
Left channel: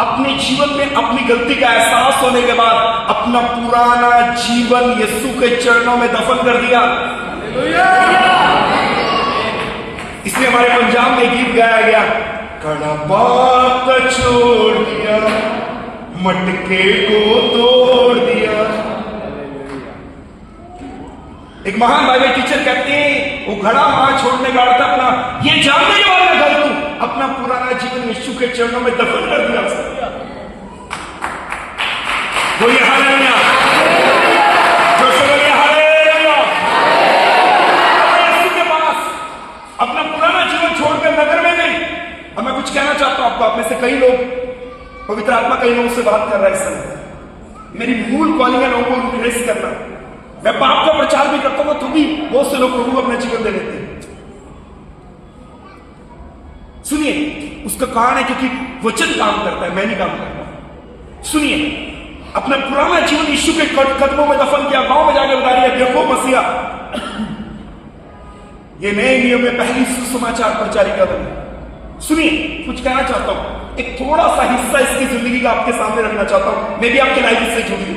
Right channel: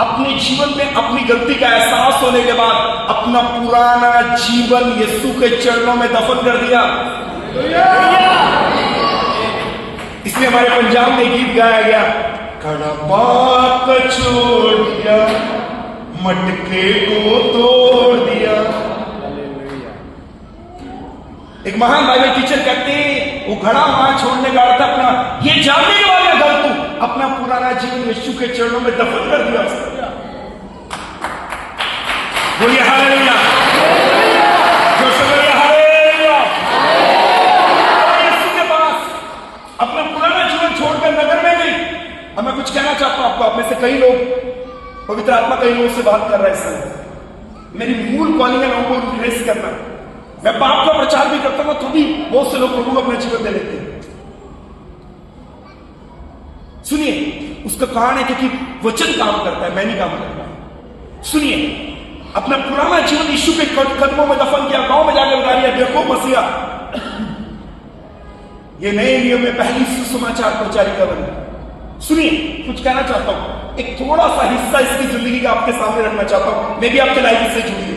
अपने जीवन में अपनी गलती का एहसास होने के बाद अपना पुराना जीवन यीशु के चरणों में दफन कर दिया। इसलिए हमारे पंजाब में गीत गाया गया, कड़ा पाप छोड़ दिया, मटके को तोड़ दिया। एक महान बाइबल टीचर कहते हैं वो घड़ा वहां छोड़ने का अर्थ अपना ये जानने वाला गलती, अपना पुराना जीवन यीशु के चरणों में दफन कर दिया। बोलिए हालेलुया, जोर से बोलिए हालेलुया। यीशु के पास अपना पुराना जीवन छोड़कर नगर में गई। अब मैं कुछ कहना चाहता हूं आपको, आप में से कई लोग, पवित्र आत्मा कई लोगों से बात कर रहा है इस समय। मेरी मूल कॉलिंग है लोगों को रिप्लेस करना। मैं पाप का प्रचार भी करता हूं तो भी बहुत से लोग प्रभु को अपना जीवन दे लेते हैं। सुनिए, उसका कारण है क्योंकि वचन काम करता है, मैं नहीं काम करता। सुनिए, अपना पुराना जीवन यीशु के कदमों में दफन किया, गांव में जाकर बता दिया, देखो मसीहा ये नए नियम में पहली सुसमाचार प्रचारिका बनी। सुनिए, कुछ कहना चाहता हूं, एक थोड़ा सा हिस्सा इसकी जिंदगी का आपके सामने रखना चाहता हूं। मैं भी आपके लाइफ से जुड़ी हूं।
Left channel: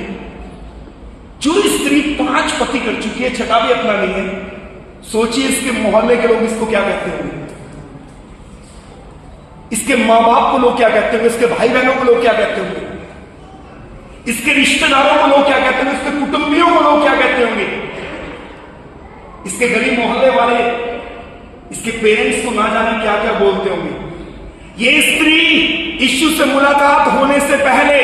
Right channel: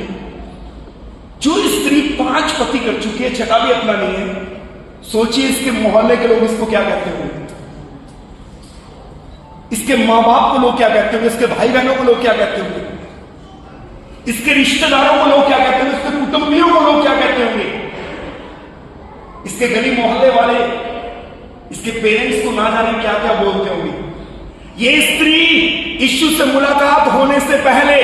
जो स्त्री 5 पति कर चुकी है, छठा भी अपना नहीं है, सोचिए इसके मोहल्ले के लोग इसको क्या कहते होंगे, इसके मां बाप को लोग क्या कहते होंगे, इसके भाई बहनों को लोग क्या कहते होंगे, इसके रिश्तेदारों को लोग क्या कहते होंगे, इसके कुटुंबियों को लोग क्या कहते होंगे, इसके गली मोहल्ले वाले, इसके पेरेंट्स को ना जाने क्या क्या बोलते होंगे। ये स्त्री यीशु से मुलाकात होने से पहले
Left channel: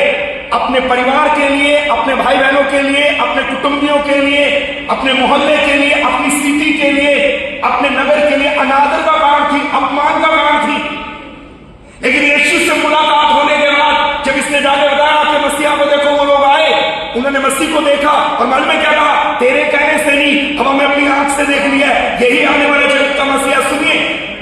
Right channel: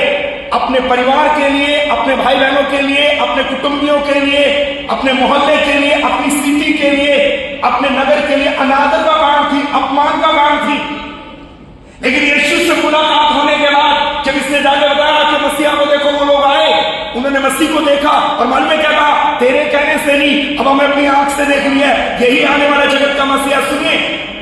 अपने परिवार के लिए, अपने भाई बहनों के लिए, अपने कुटुंबियों के लिए, अपने मोहल्ले के लिए, अपनी सिटी के लिए, अपने नगर के लिए अनादर का कारण थी, अपमान का कारण थी। लेकिन यीशु से मुलाकात होने के बाद जब इसने जाके बताया कि मसीहा को देखो, वो लोग आए, उन्होंने मसीह को देखा और मालूम है क्या कहा, तेरे कहने से नहीं, अब हमें अपनी आंख से देख लिया है, यही आने वाला जगत का मसीहा। सुनिए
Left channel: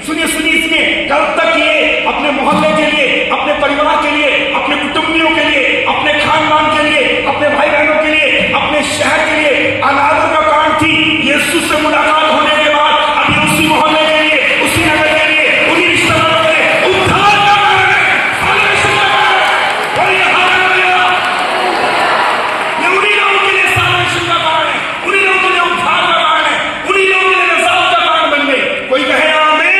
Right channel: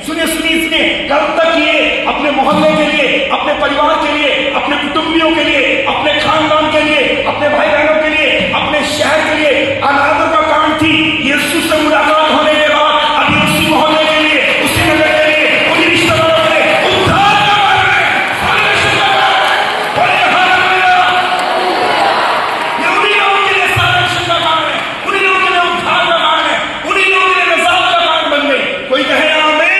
सुनिए सुनिए, इसने कल तक ये अपने मोहल्ले के लिए, अपने परिवार के लिए, अपने कुटुंबियों के लिए, अपने खानदान के लिए, अपने भाई बहनों के लिए, अपने शहर के लिए अनादर का कारण थी। यीशु से मुलाकात होने के बाद अभी उसी मोहल्ले के लिए, उसी नगर के लिए, उन्हीं रिश्तेदारों के लिए उद्धार का कारण है। ये उन्हीं लोगों के लिए साल्वेशन का कारण है, उन्हीं लोगों के लिए उद्धार का कारण है, उन्हीं लोगों के लिए नजात का कारण बन गई। कोई कहे आमीन।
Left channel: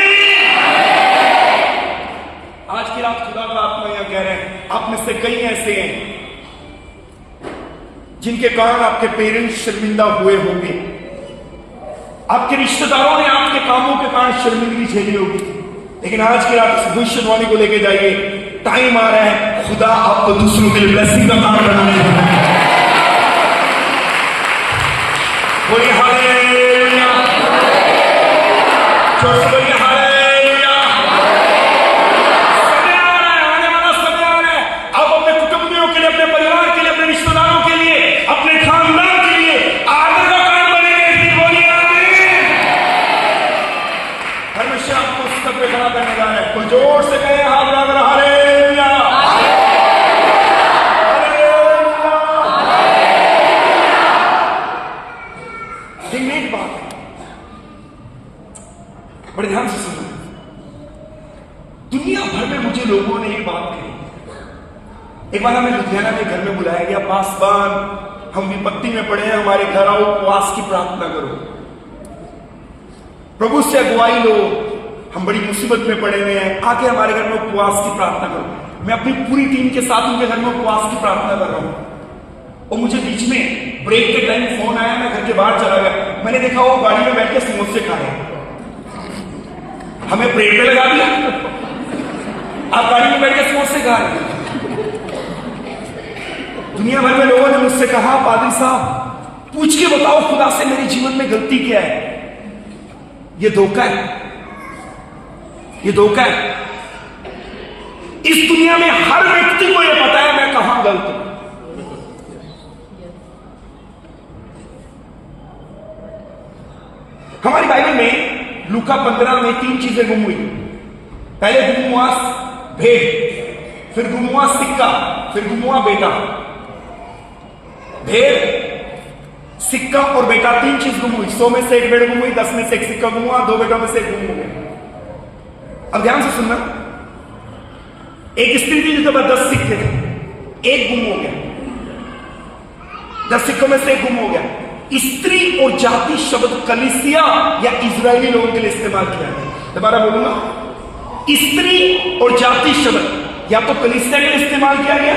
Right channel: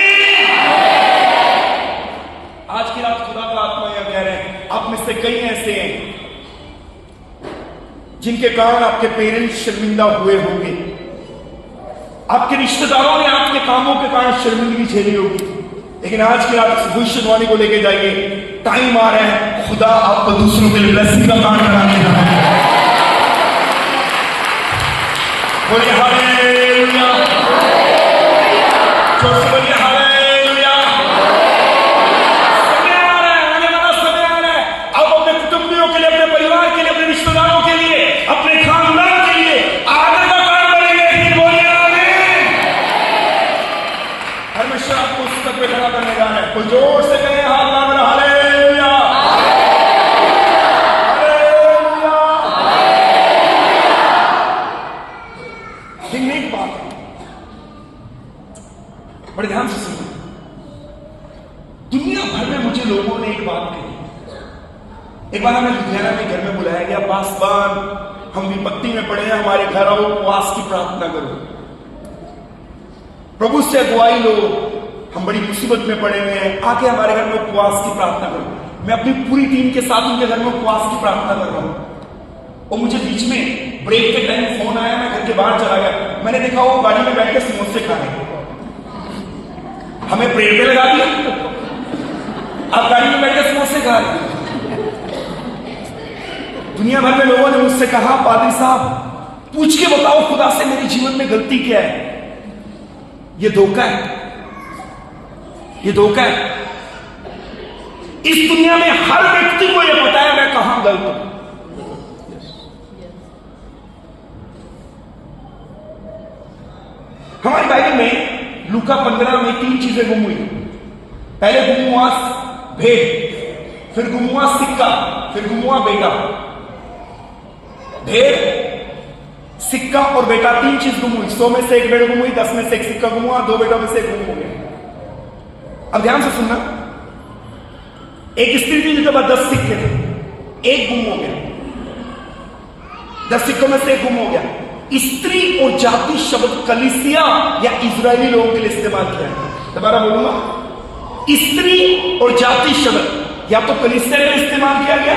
आज की रात खुदा का आत्मा यह कह रहे हैं, आप में से कई ऐसे हैं जिनके कारण आपके पेरेंट्स शर्मिंदा हुए होंगे, आपके रिश्तेदारों ने आपके कामों के कारण शर्मिंदगी झेली होगी। लेकिन आज की रात भविष्यवाणी को लेके जाइए, टाइम आ रहा है खुदा आपको दूसरों के लिए ब्लेसिंग का कारण बनाने का। बोलिए हालेलुया, जोर से बोलिए हालेलुया। समय आ रहा है, आने वाला समय आ रहा है। अब अपने कुटुंबियों के लिए, अपने परिवार के लिए, अपने रिश्तेदारों के लिए, अपने खानदान के लिए आदर का कारण बनेंगे। बोलिए आमीन। परमेश्वर आपको उस तक पे खड़ा करने जा रहा है। कोई जोर से कहे हाथ मांग रहा, हालेलुया हालेलुया। एक बात है, बड़े ध्यान से सुनो। दुनिया भर में मुझे लोगों ने एक बात कही। एक बार हमें लुधियाना में घर में बुलाया गया, पासवान हम विपत्ति में पड़े हैं, हमारे घर आओ, उपवास की प्रार्थना करो, प्रभु से अगुवाई लो, हम बड़ी मुसीबत में पड़े हुए हैं, आके हमारे घर में उपवास की प्रार्थना करो। मैं अपनी पूरी टीम के साथ उनके घर में उपवास की प्रार्थना कर रहा हूं और मुझे बीच में ब्रेक के टाइम फोन आया, मैं घर के बाहर चला गया, मैंने देखा वो गाड़ी में बैठ के समोसे खा रहे हैं। हमें ब्रेक पे लगा दिया, आप गाड़ी में बैठ के समोसे खा रहे हैं। दुनिया भर में लोगों ने मुझसे कहा, पादरी साहब पूछ के बताओ खुदा से मेरे जीवन में गलती क्या है। ये धोखा है, ये धोखा है। इस दुनिया में हर व्यक्ति को यह पता है मैं कहां गलत हूं। हमारी बाइबल में लूका 15 में 3 चीजें गुम हुई। पहले गुम हुआ भेड़, फिर गुम हुआ सिक्का, फिर गुम हुआ बेटा। भेड़, सिक्का और बेटा, 3 चीज गुम हुई। 100 में से 1 भेड़ गुम हुई, 10 में से 1 सिक्का गुम हुआ, 2 बेटों में से 1 गुम हो गया। अब ध्यान से सुनना, एक स्त्री थी जिसके पास 10 सिक्के थे, एक गुम हो गया, 10 सिक्कों में से एक गुम हो गया। स्त्री और जाति शब्द कलीसिया या इजरायली लोगों के लिए इस्तेमाल किया गया। दोबारा बोलूंगा, स्त्री और जाति शब्द या तो कलीसिया के लिए इस्तेमाल किया गया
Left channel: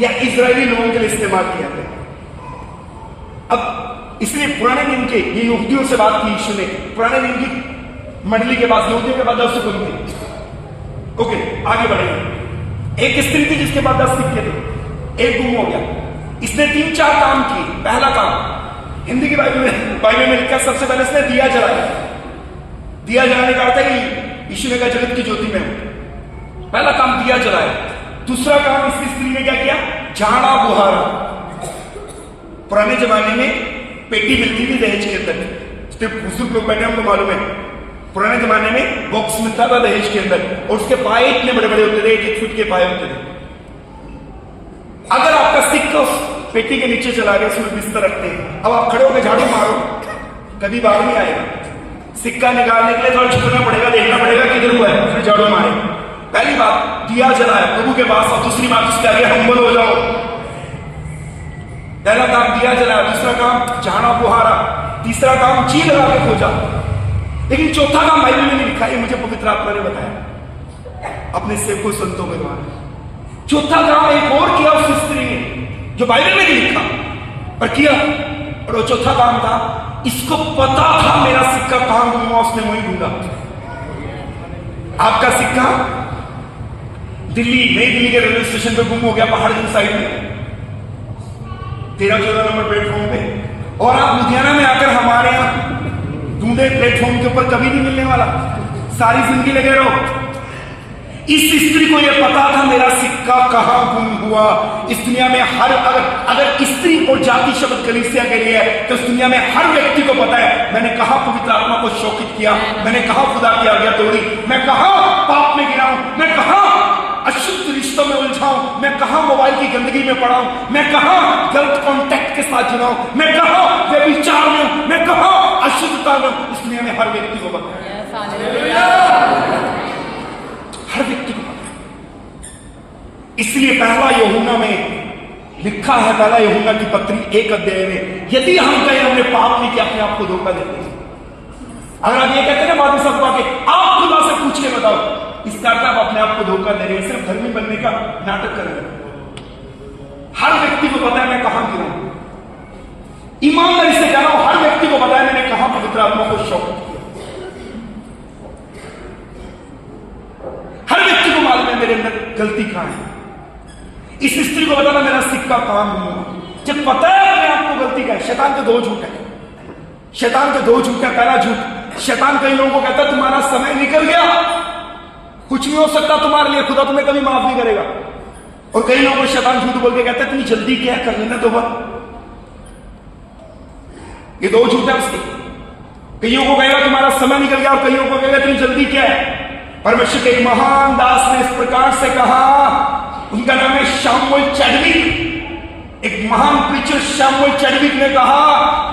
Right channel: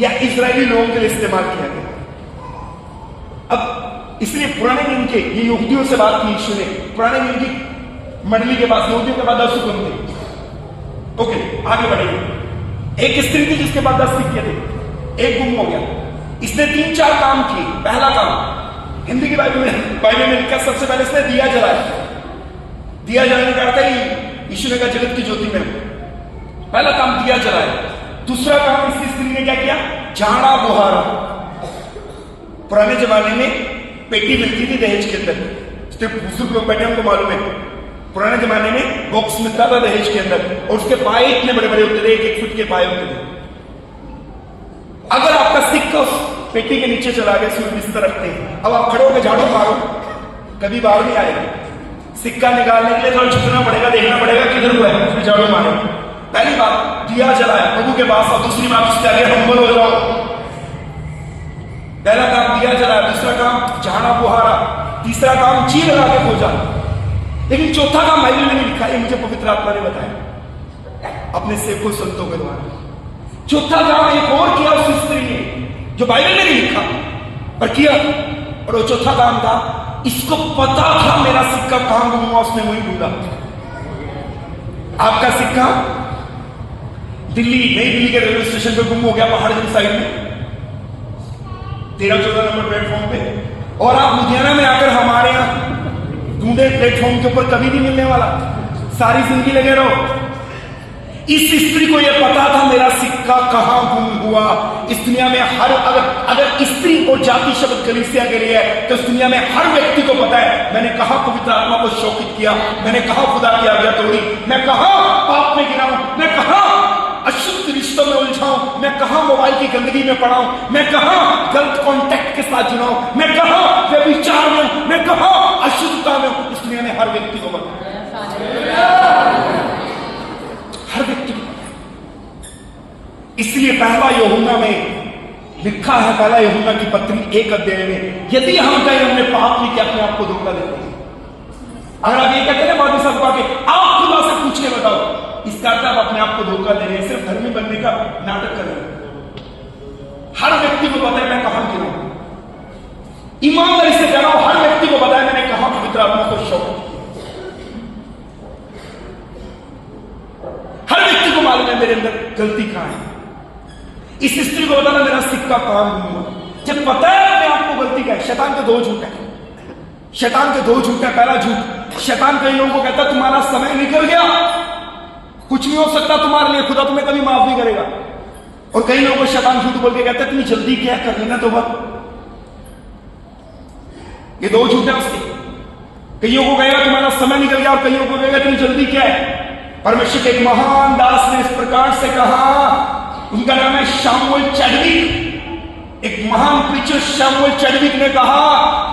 या इजरायली लोगों के लिए इस्तेमाल किया गया। अब इसलिए पुराने दिन के ये युवतियों से बात की यीशु ने, पुराने दिन की मंडली के पास, युवतियों के पास 10 हुक्म थे। ओके, आगे बढ़ेंगे। एक स्त्री थी जिसके पास 10 सिक्के थे, एक गुम हो गया। इसने 3-4 काम किए। पहला काम, हिंदी की बाइबल में लिखा, सबसे पहले इसने दिया जलाया। दिया जलाने का अर्थ है कि यीशु ने कहा जगत की ज्योति में हूं। पहला काम दिया जलाया। दूसरा काम इस स्त्री ने क्या किया? झाड़ा बुहारा। पुराने जमाने में पेटी मिलती थी दहेज के अंदर, सिर्फ बुजुर्ग लोग बैठे हमको मालूम है। पुराने जमाने में बॉक्स मिलता था दहेज के अंदर, और उसके पाए इतने बड़े बड़े होते थे, 1-1 फुट के पाए होते थे। अगर आपका सिक्का उस पेटी के नीचे चला गया, उसमें बिस्तर रखते हैं, अब आप खड़े होकर झाड़ू मारो, कभी बाहर नहीं आएगा। सिक्का निकालने के लिए थोड़ा झुकना पड़ेगा, देखना पड़ेगा किधर हुआ है, फिर झाड़ू मारे। पहली बात दिया जलाया प्रभु के पास, और दूसरी बात उसके आगे हम्बल हो जाओ। पहला काम दिया जलाया, दूसरा काम झाड़ा बुहारा, तीसरा काम जी लगा के खोजा। लेकिन चौथा काम बाइबल में नहीं लिखा, ये मुझे पवित्र आत्मा ने बताया अपने सेवकों संतों के द्वारा। चौथा काम एक और किया उस स्त्री ने, जो बाइबल में नहीं लिखा पर किया, और वो चौथा काम था, इसको पता था मेरा सिक्का कहां गुम हुआ, उसने वहीं ढूंढा। आपका सिक्का दिल्ली, नई दिल्ली के रेलवे स्टेशन पे गुम हो गया, पहाड़ की साइड में 13-14 नंबर प्लेटफॉर्म पे, और आप लुधियाना में आकर हमारे यहां ढूंढे प्लेटफॉर्म के ऊपर, कभी नहीं मिलने वाला, सारी जिंदगी लगे रहो। इस स्त्री को यह पता था मेरा सिक्का कहां गुम हुआ। इस दुनिया में हर, अगर स्त्री और जाति शब्द कलीसिया के लिए है, तो इस दुनिया में हर व्यक्ति को पता है मैंने कहां पवित्र आत्मा को शोकित किया, मैंने कहां खुदा की आज्ञा तोड़ी, मैं कहां पाप में गिरा हूं, मैं कहां अशुद्ध रिश्तों में उलझाऊं, मैं कहां मोबाइल की गंदगी में पड़ा हूं, मैं कहां गलत कॉन्टैक्ट के साथ जुड़ा हूं, मैं कहां व्यभिचार में हूं, मैं कहां अशुद्धता में हूं। इस दुनिया में हर व्यक्ति को पता है, हर व्यक्ति को पता है। इसलिए पहला यूहन्ना में लिखा है, पहला यूहन्ना की पत्री 1 अध्याय में, यदि हम कहें हमने पाप नहीं किया, अपने आप को धोखा देते हैं। अगर आप ये कहते हैं ना बाद में सब के, आप खुदा से पूछ के बताओ, इसका अर्थ आप अपने आप को धोखा दे रहे हैं, सिर्फ धर्मी बनने का नाटक कर रहे हैं। हर व्यक्ति को पता है मैं कहां गिरा हूं, ईमानदारी से कह रहा हूं, हर व्यक्ति को पता है मैंने कहां पवित्र आत्मा को शौक किया। हर व्यक्ति को मालूम है मेरे अंदर गलती कहां है। इस स्त्री को पता ना मेरा सिक्का कहां गुम हुआ। जब पता है अपने आप को गलती का है, शैतान के 2 झूठ है, शैतान के 2 झूठ है। पहला झूठ, शैतान कई लोगों को कहता है तुम्हारा समय निकल गया, कुछ नहीं हो सकता तुम्हारे लिए, खुदा तुम्हें कभी माफ नहीं करेगा। और कई लोगों को शैतान झूठ बोल के कहता है इतनी जल्दी क्या कर लेना तो बस। ये 2 झूठ है उसके। कईयों को कहेगा तुम्हारा समय निकल गया, और कईयों को कहेगा इतनी जल्दी क्या है। परमेश्वर के एक महान दास ने इस प्रकार से कहा, उनका नाम है शैमुएल चैडविक। एक महान प्रीचर शैमुएल चैडविक ने कहा,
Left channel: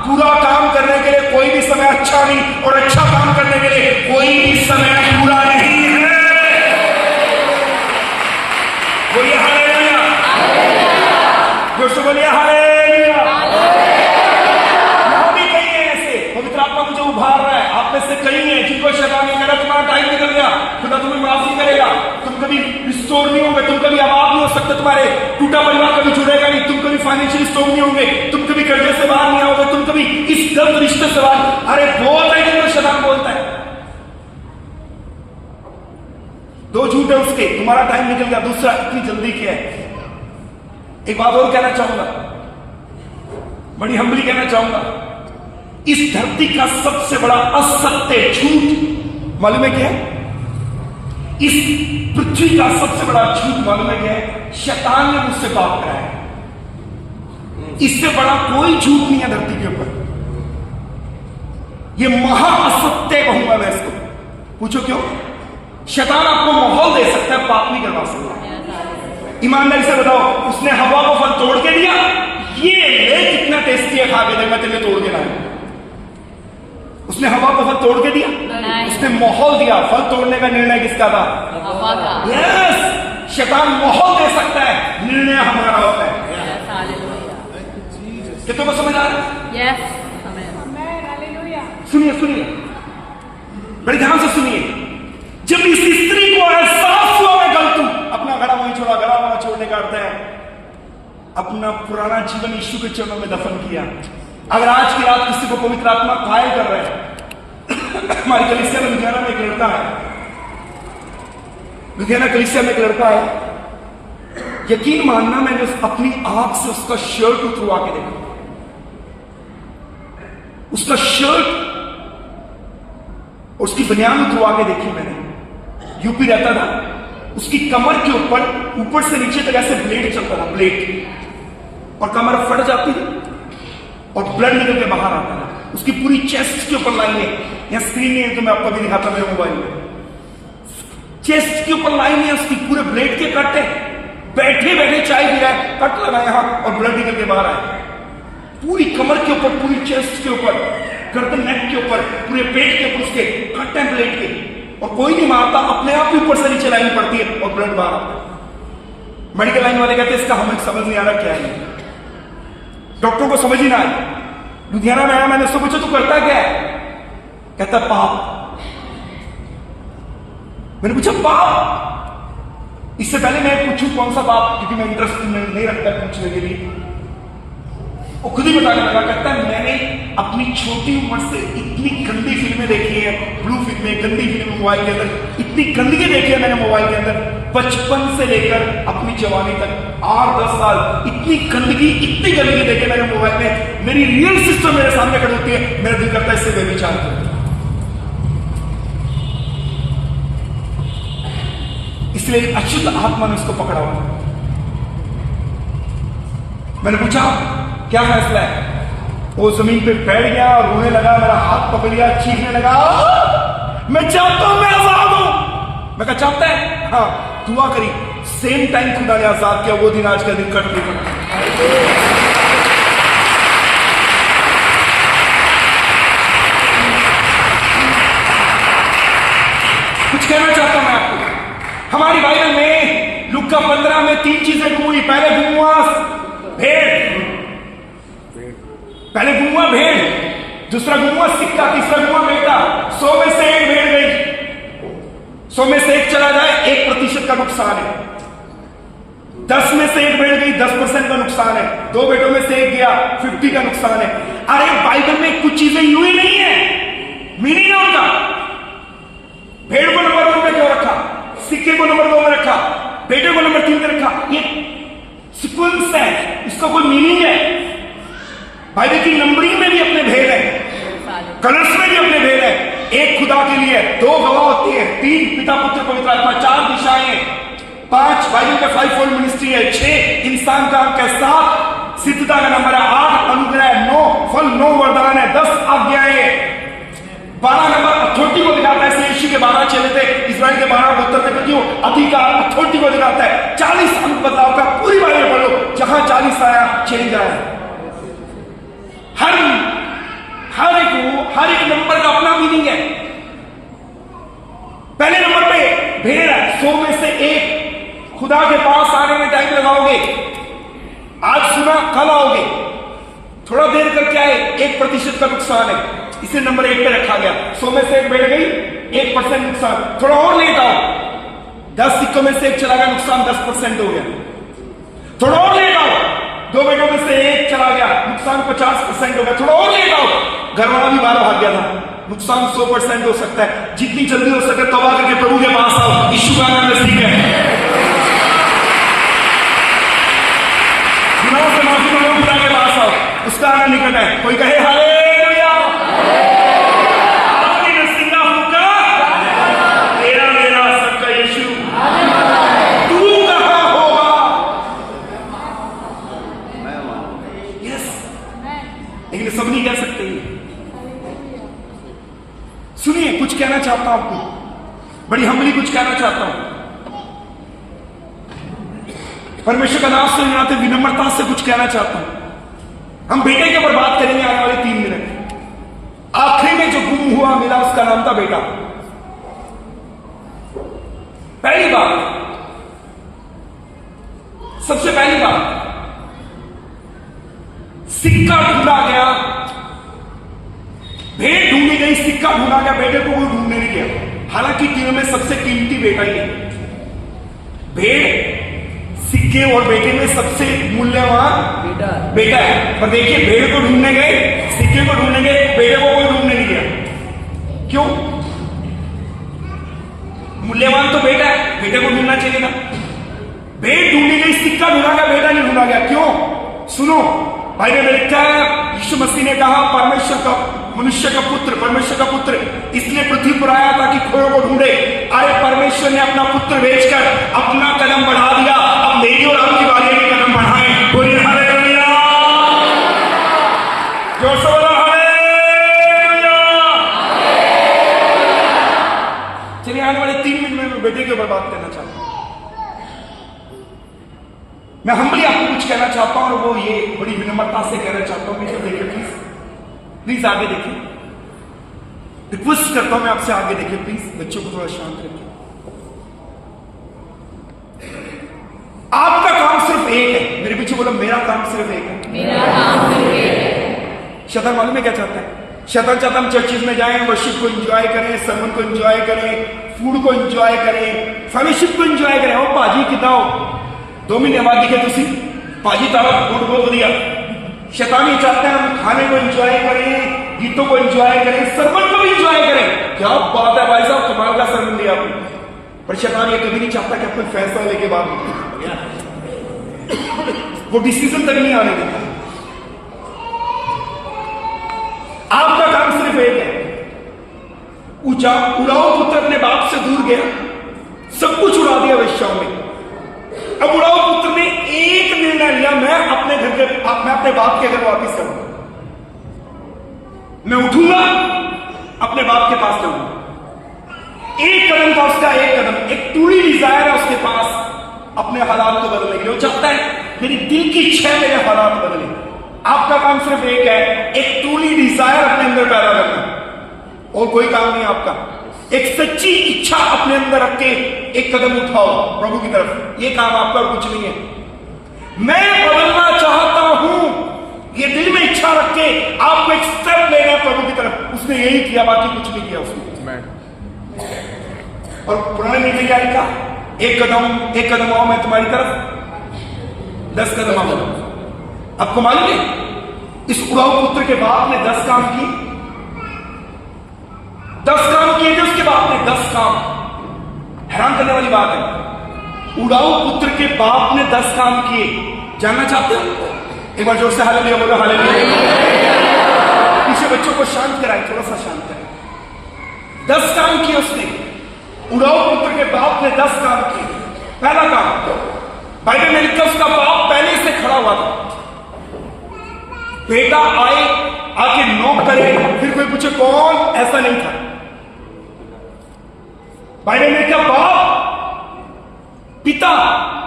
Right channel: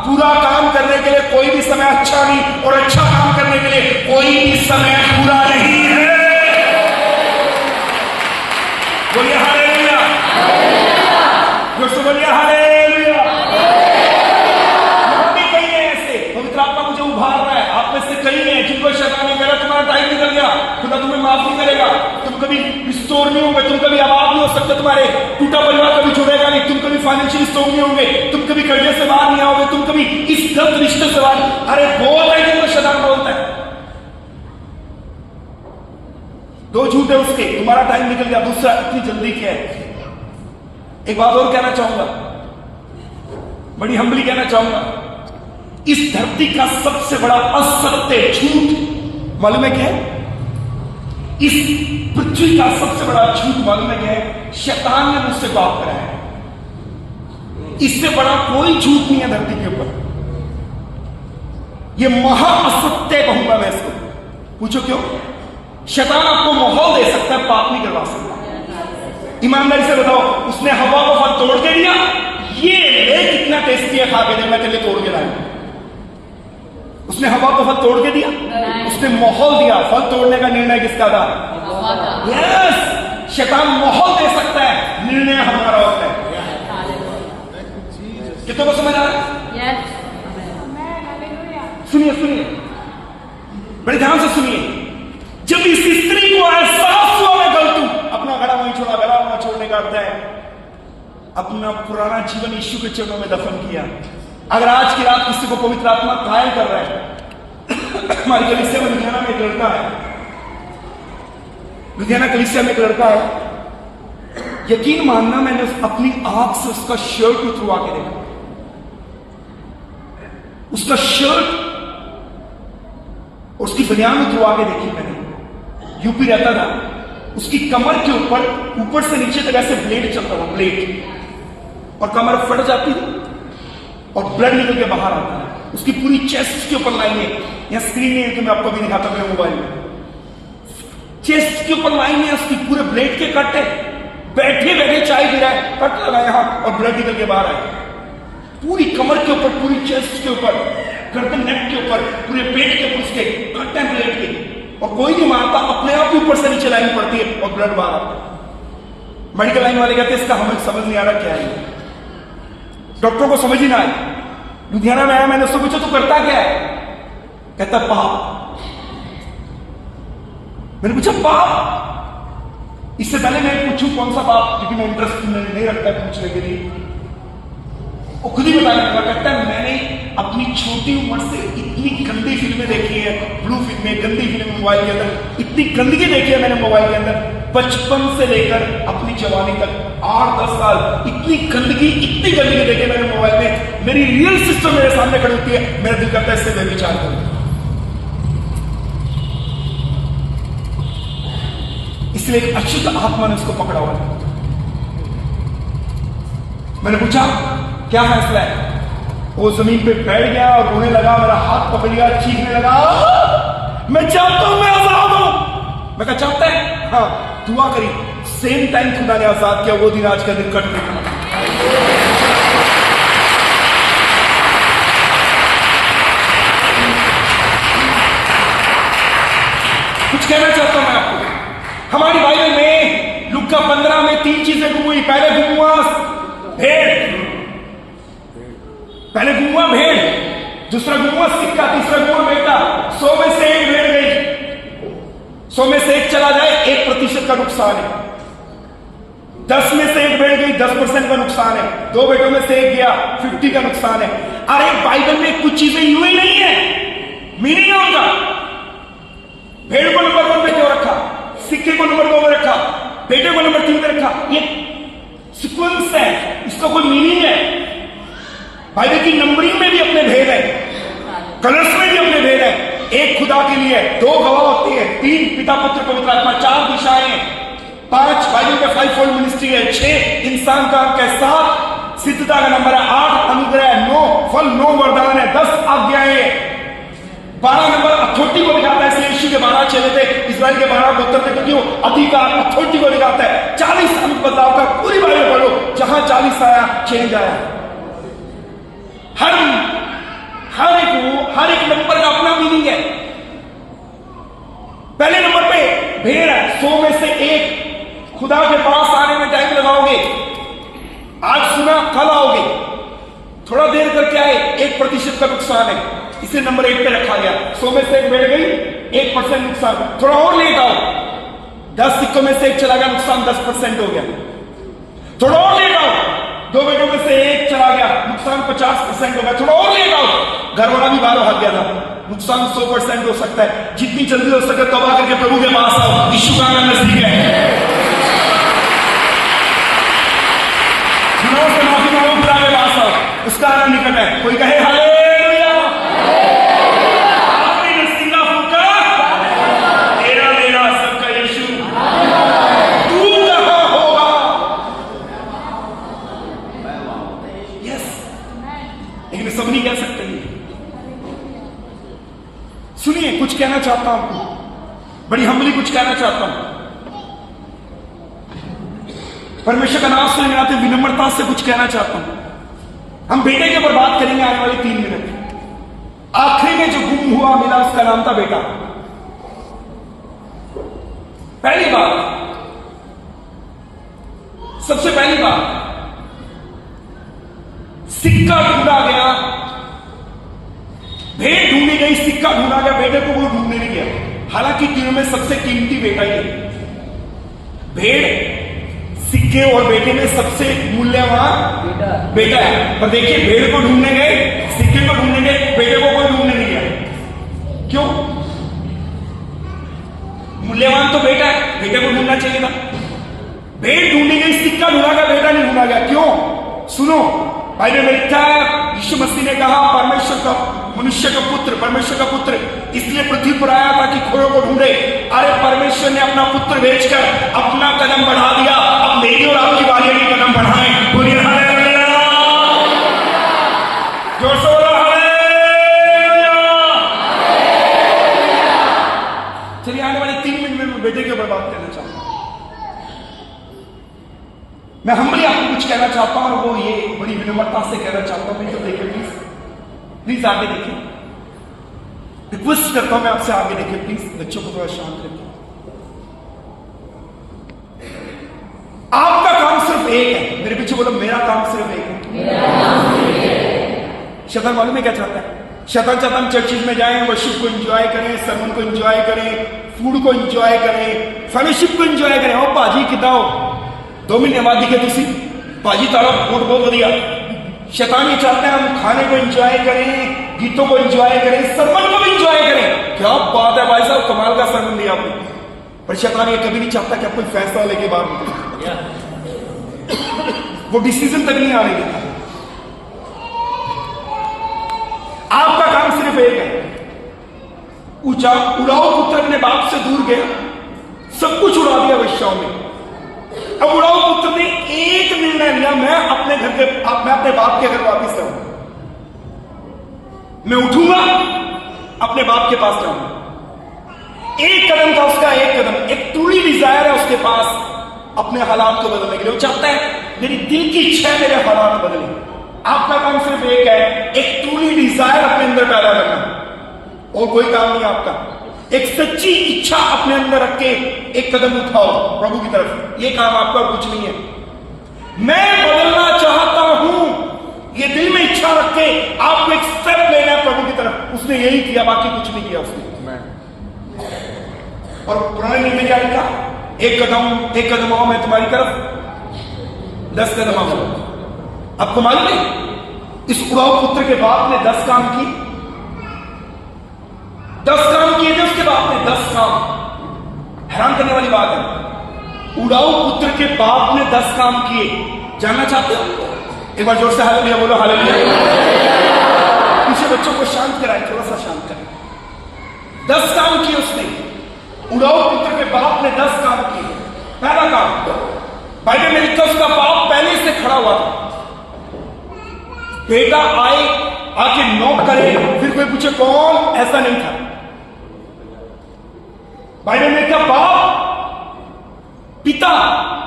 बुरा काम करने के लिए कोई भी समय अच्छा नहीं, और अच्छा काम करने के लिए कोई भी समय बुरा नहीं है। बोलिए हालेलुया, बोलिए हालेलुया। यहां भी कई है ऐसे, पवित्र आत्मा मुझे उभार रहा है, आप में से कई हैं जिनको शैतान ने कहा तुम्हारा टाइम निकल गया, खुदा तुम्हें माफ नहीं करेगा, तुम कभी रिस्टोर नहीं होंगे, तुम कभी आबाद नहीं हो सकते, तुम्हारे टूटा परिवार कभी जुड़ेगा नहीं, तुम कभी फाइनेंशियल स्ट्रॉन्ग नहीं होंगे, तुम कभी कर्जे से बाहर नहीं आओगे, तुम कभी इस गलत रिश्ते से बाहर। अरे बहुत है जिनको शैतान बोलता है। 2 झूठ है उसके, तुम्हारा टाइम निकल गया। दूसरा, इतनी जल्दी क्या है। एक बात और कहना चाहूंगा, बड़ी हम्बली कहना चाहूंगा, इस धरती का सबसे बड़ा असत्य झूठ मालूम है क्या है? इस पृथ्वी का सबसे बड़ा झूठ मालूम है क्या है? शैतान ने मुझसे पाप कराया है। इससे बड़ा कोई झूठ नहीं है धरती के ऊपर। यह महा असत्य कहूंगा मैं इसको। पूछो क्यों? शैतान आपको माहौल दे सकता है, पाप नहीं करवा सकता। ईमानदारी से बताओ, उसने हवा को फल तोड़ के दिया, ये ले कितना टेस्टी है, खा के दे, मैं तेरे तोड़ के लाया। उसने हवा को फल तोड़ के दिया, उसने उसने माहौल दिया। फल तोड़ने का निर्णय किसका था? यस, शैतान माहौल दे सकता है, निर्णय हमारा होता है। कितनों को समझ आ रहा है? सुनिए सुनिए, बड़े ध्यान से सुनिए। जब इस स्त्री को एहसास हुआ मैं गलत हूं, अपना घड़ा वहीं छोड़ा। घड़ा वहां छोड़ने का अर्थ है अपना पुराना जीवन यीशु के चरणों में दफन किया। अगर आज की रात किसी को पवित्र आत्मा घायल कर रहा है, हमारी कलीसिया में लुधियाना में एक लड़का है, लुधियाना कलीसिया में एक लड़का है, यकीन मानना मैंने अपनी आंख से उसका शर्ट उतरवा के देखा। उसका शर्ट और उसकी बनियान उतरवा के देखी मैंने। यूपी रहता था, उसकी कमर के ऊपर से नीचे तक ऐसे ब्लेड चलता था, ब्लेड, और कमर फट जाती थी और ब्लड निकल के बाहर आता था। उसकी पूरी चेस्ट के ऊपर लाइन है, यहां स्क्रीन नहीं है तो मैं आपको भी दिखाता मेरे मोबाइल में। चेस्ट के ऊपर लाइन है उसकी, पूरे ब्लेड के कट है। बैठे बैठे चाय पी रहा है, कट लगा यहां और ब्लड निकल के बाहर आए। पूरी कमर के ऊपर, पूरी चेस्ट के ऊपर, गर्दन नेक के ऊपर, पूरे पेट के ऊपर उसके कट है ब्लेड के, और कोई नहीं मारता, अपने आप ही ऊपर से नीचे लाइन पड़ती है और ब्लड बाहर आता है। मेडिकल लाइन वाले कहते हैं इसका हमें समझ नहीं आ रहा क्या है, डॉक्टरों को समझ ही ना आई। लुधियाना में आया, मैंने उससे पूछा तू करता क्या है? कहता पाप। मैंने पूछा पाप? इससे पहले मैं पूछूं कौन सा पाप, क्योंकि मैं इंटरेस्ट नहीं रखता पूछने के लिए, वो खुद ही बताने लगा। कहता है मैंने अपनी छोटी उम्र से इतनी गंदी फिल्में देखी है, ब्लू फिल्में, गंदी फिल्में मोबाइल के अंदर, इतनी गंदगी देखी है मैंने मोबाइल के अंदर, बचपन से लेकर अपनी जवानी तक 8-10 साल इतनी गंदगी देखे मैंने मोबाइल में। मेरी रियल सिस्टर मेरे सामने खड़ी होती है, मेरा दिल करता है इससे व्यभिचार करूं। इसलिए एक अशुद्ध आत्मा ने उसको पकड़ा हुआ। मैंने पूछा क्या फैसला है? वो जमीन पे बैठ गया और रोने लगा, मेरा हाथ पकड़ लिया, चीखने लगा, मैं चाहता हूं मैं आजाद हूं। मैं कहा चाहता है? हाँ, दुआ करी। सेम टाइम खुदा ने आजाद किया। वो दिन आज का दिन कट नहीं बना। कुछ कहना चाहता हूं मैं आपको। हमारी बाइबल में लूका 15 में 3 चीजें गुम हुई। पहले गुम हुआ भेड़, पहले गुम हुआ भेड़, दूसरा गुम हुआ सिक्का, तीसरा गुम हुआ बेटा। 100 में से 1 भेड़ गई, 100 में से 1 चला जाए 1% का नुकसान है। 10 में से 1 भेड़ गई, 10% का नुकसान है। 2 बेटों में से 1 गया, 50 का नुकसान है। अरे बाइबल में कुछ चीजें यूं ही नहीं है, मीनिंग है उनका। भेड़ को नंबर 1 पे क्यों रखा, सिक्के को नंबर 2 में रखा, बेटे को नंबर 3 पे रखा? ये सीक्वेंस है, इसका कोई मीनिंग है। बाइबल की नंबरिंग में भी अपने भेद है, कलर्स में भी अपने भेद है। 1 खुदा के लिए, 2 गवाह होती है, 3 पिता पुत्र पवित्र आत्मा, 4 दिशाएं हैं, 5 बाइबल का 5-fold मिनिस्ट्री है, 6 इंसान का अंक है, 7 सिद्धता का नंबर है, 8 अनुग्रह, 9 फल, 9 वरदान है, 10 आज्ञाएं, 12 नंबर अथॉरिटी को दिखाता है। ऐसे यीशु के 12 चेले थे, इस्राएल के 12 गोत्र थे, क्योंकि वो अधिकार अथॉरिटी को दिखाता है। 40 अंक बदलाव का पूरी बाइबल पढ़ो, जहां 40 आया चेंज आया। हर एक नंबर का अपना मीनिंग है। पहले नंबर पे भेड़ है, 100 में से 1 खुदा के पास आने में टाइम लगाओगे। आज सुना, कल आओगे, थोड़ा देर करके आए, 1% का नुकसान है, इसे नंबर 1 पे रखा गया। 100 में से 1 भेड़ गई, 1% नुकसान। थोड़ा और लेट आओ, 10 सिक्कों में से 1 चला गया, नुकसान 10% हो गया। थोड़ा और लेट आओ, 2 बेटों में से 1 चला गया, नुकसान 50% हो गया। थोड़ा और लेट आओ, घर वाला भी बाहर भाग गया था, नुकसान 100% हो सकता है। जितनी जल्दी हो सके तौबा करके प्रभु के पास आओ, यीशु का नाम नजदीक है। गुनाहों से माफी मांगो, खुदा के पास आओ, उसका आना निकट है। कोई कहे हालेलुया, आखिरी में सिंगा फूका, तेरा मेरा सबका यीशु, तू कहां होगा? यस, लेकिन सब नहीं कह सकते। सुनिए, कुछ कहना चाहता हूं आपको, बड़ी हम्बली कुछ कहना चाहता हूं। परमेश्वर का नाम से लेते विनम्रता से कुछ कहना चाहता हूं। हम बेटे के ऊपर बात करेंगे आने वाले 3 मिनट। आखिरी में जो गुम हुआ मिला, उसका नाम था बेटा। पहली बात, सबसे पहली बात, सिक्का ढूंढा गया, भेड़ ढूंढी गई, सिक्का ढूंढा गया, बेटे को कोई ढूंढने नहीं गया। हालांकि तीनों में सबसे कीमती बेटा ही है। भेड़, सिक्के और बेटे में सबसे मूल्यवान बेटा है। पर देखिए, भेड़ को ढूंढने गए, सिक्के को ढूंढने गए, बेटे को कोई ढूंढने नहीं गया। क्यों? मूल्यवान तो बेटा है, बेटे को ढूंढना चाहिए था। भेड़ ढूंढी गई, सिक्का ढूंढा गया, बेटा नहीं ढूंढा गया। क्यों? सुनो, बाइबल में लिखा है, यीशु मसीह ने कहा परमेश्वर का, मनुष्य का पुत्र, परमेश्वर का पुत्र इसलिए पृथ्वी पर आया ताकि खोयों को ढूंढे। अरे परमेश्वर ने अपना पुत्र भेजकर अपना कदम बढ़ा दिया। अब मेरी और आपकी बारी है कदम बढ़ाएं। बोलिए हालेलुया, जोर से बोलो हालेलुया। चलिए, आने वाले 3 मिनट में मैं बेटे के ऊपर बात करना चाहता हूं। मैं हम्बली आपको कुछ कहना चाहता हूं, और वो ये बड़ी विनम्रता से कहना चाहता हूं। मुझे देखिए प्लीज, प्लीज आगे देखिए, रिक्वेस्ट करता हूं मैं आपसे, आगे देखिए प्लीज। बच्चों को थोड़ा शांत रखिए। आपका काम सिर्फ एक है। मेरे पीछे बोलो, मेरा काम सिर्फ एक है। शैतान मालूम है क्या चाहता है? शैतान चाहता हम चर्चिज में जाएं, वर्शिप को एंजॉय करें, सरमन को एंजॉय करें, फूड को एंजॉय करें, फेलोशिप को एंजॉय करें। और भाजी कितना हो 2 महीने बाद दिखे तुसी भाजी तारा बहुत बढ़िया। शैतान ये चाहता है हम खाने को एंजॉय करें, गीतों को एंजॉय करें, सरमन को भी एंजॉय करें। क्या बात है भाई साहब, कमाल का सरमन दिया आपने। पर शैतान ये कभी नहीं चाहता कि आप कोई फैसला लेके बाद वो डिसीजन तक नहीं आने देता। आपका काम सिर्फ एक है, उड़ाऊ पुत्र अपने बाप से दूर गया, सब कुछ उड़ा दिया वेश्याओं में। अब उड़ाऊ पुत्र ने एक निर्णय लिया, मैं अपने बाप के घर वापिस आऊंगा। मैं उठूंगा, अपने बाप के पास जाऊंगा। एक कदम था उसका, एक कदम, एक ट्रूली डिजायर है उसके पास अपने हालात को बदलने के लिए। वो चाहता है मेरी दिल की इच्छा है मेरे हालात बदले। आपका काम सिर्फ एक है, एक ट्रूली डिजायर अपने अंदर पैदा करना, और कोई काम नहीं आपका। एक सच्ची इच्छा अपने अंदर रख के एक कदम उठाओ प्रभु की तरफ। ये काम आपका और कुछ नहीं है। मैं बदलना चाहता हूं, ये दिल में इच्छा रख के आपको एक स्टेप लेना है प्रभु की तरफ। उसने यही किया, बाकी कुछ नहीं किया उसने। और पुराने नियम में क्या लिखा? एक कदम आओ मैं तुम्हारी तरफ 10 कदम आओ। आपको मालूम है इस उड़ाऊ पुत्र के बाप ने 10 काम किए। 10 काम किए थे उसके बाप ने, 10 काम। हैरान करने वाली बात है, उड़ाऊ पुत्र के बाप ने 10 काम किए। जानना चाहते हो? एक बार जोर से हालेलुया बोलो, हालेलुया। पीछे बच्चों को शांत कराए, थोड़ा सा शांत कराए। 10 काम किए उसने, उड़ाऊ पुत्र के बाप ने 10 काम किए। पहला काम, बाइबल में लिखा उसका बाप पहले से खड़ा हुआ था। बेटा आए, आके नॉक करे, फिर कोई पूछे कौन, ऐसा नहीं था। बाइबल में लिखा बाप, पिता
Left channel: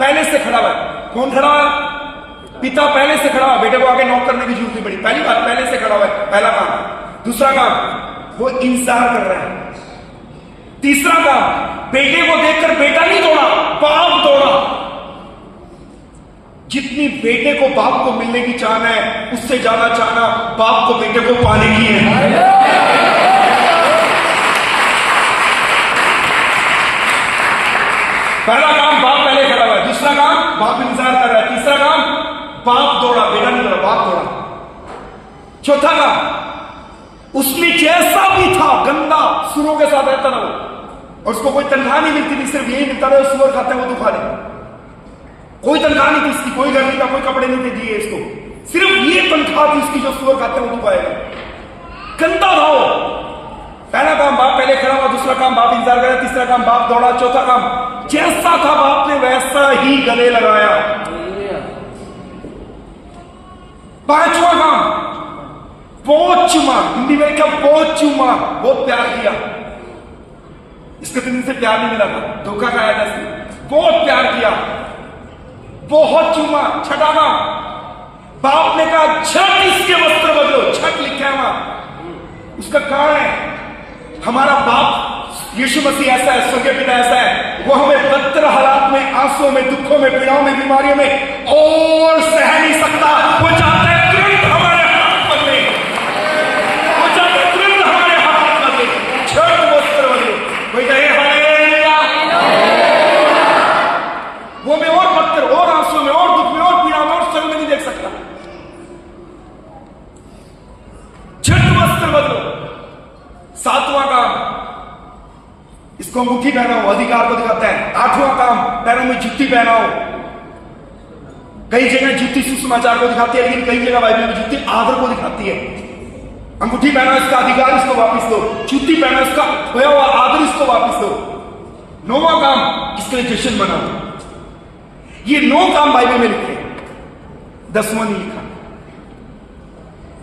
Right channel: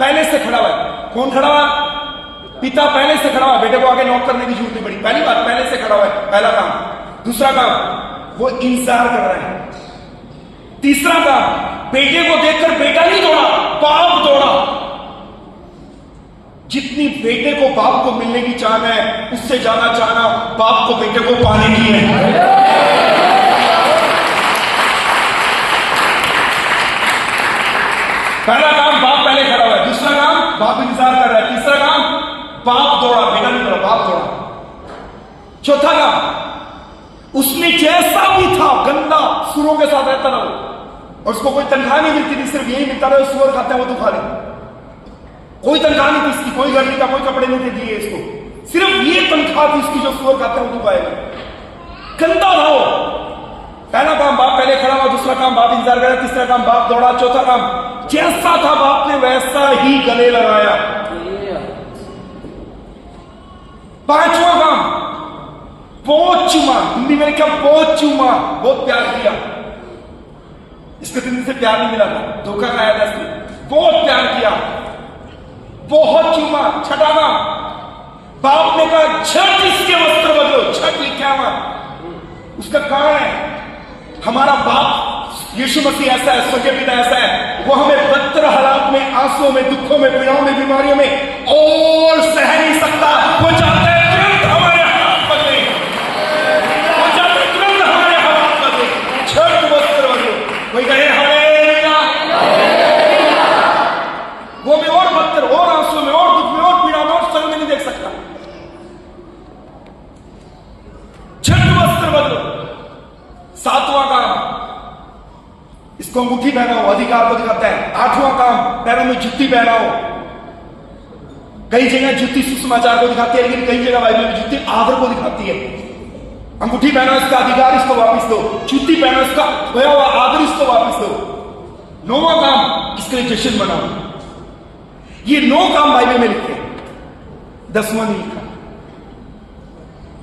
पहले से खड़ा हुआ है। कौन खड़ा हुआ है? पिता पहले से खड़ा हुआ है। बेटे को आगे नॉक करने की जरूरत नहीं पड़ी। पहली बात, पहले से खड़ा हुआ है, पहला काम। दूसरा काम, वो इंतजार कर रहे हैं। तीसरा काम, बेटे को देखकर बेटा नहीं दौड़ा, बाप दौड़ा। जितनी बेटे को बाप को मिलने की चाहना है, उससे ज्यादा चाहना बाप को बेटे को पाने की है। पहला काम, बाप पहले खड़ा हुआ है। दूसरा काम, बाप इंतजार कर रहा है। तीसरा काम, बाप दौड़ा, बेटा नहीं दौड़ा, बाप दौड़ा। चौथा काम, उसने जैसा भी था गंदा सुरों के साथ रहता था वो, और उसको कोई तनख्वाह नहीं मिलती थी, सिर्फ यही मिलता था सुअर खाते हैं वो तो खा ले। कोई तनख्वाह नहीं थी इसकी, कोई घर नहीं था, कोई कपड़े नहीं थे दिए इसको, सिर्फ ये तनख्वाह थी इसकी जो सुअर खाते हैं वो तो खाएगा। गंदा था वो। पहला काम, बाप पहले खड़ा हुआ। दूसरा काम, बाप इंतजार कर रहा। तीसरा काम, बाप दौड़ा। चौथा काम, जैसा था बाप ने वैसा ही गले लगाया। पांचवा काम, बहुत चुमा। हिंदी में लिखा बहुत चुमा, बहुत प्यार किया। इसको 3 दिन से प्यार नहीं मिला था, धोखा खाया था इसने। बहुत प्यार किया, बहुत चुमा। छठा काम, बाप ने कहा झट इसके वस्त्र बदलो। झट लिखा है वहां, उसका कारण है हमारा बाप यीशु मसीह ऐसा है, स्वर्गीय पिता ऐसा है, वो हमें बदतर हालात में, आंसुओं में, दुखों में, पीड़ाओं में, बीमारियों में और सह नहीं सकता। वो चाहता है तुरंत हमारे हाथ बदले, वो चाहता है तुरंत हमारे हाथ बदले, छठ वस्त्र बदले। कोई कहे हालेलुया। वो मैं और बदतर, और आंसुओं में, और दुख में, और पीड़ा में, और सर में नहीं देख सकता। छठ वस्त्र बदलो। सातवां काम, इसको अंगूठी पहनाओ, अधिकार को दिखाता है। आठवां काम, पैरों में जुत्ती पहनाओ। कई जगह जुत्ती सुसमाचार को दिखाती है, लेकिन कई जगह बाइबल में जुत्ती आदर को दिखाती है। अंगूठी पहनाओ, इसका अधिकार इसको वापस दो। जुत्ती पहनाओ, इसका खोया हुआ आदर इसको वापस दो। नौवां काम, इसके लिए जश्न मनाओ। ये 9 काम बाइबल में लिखे, 10वां नहीं लिखा।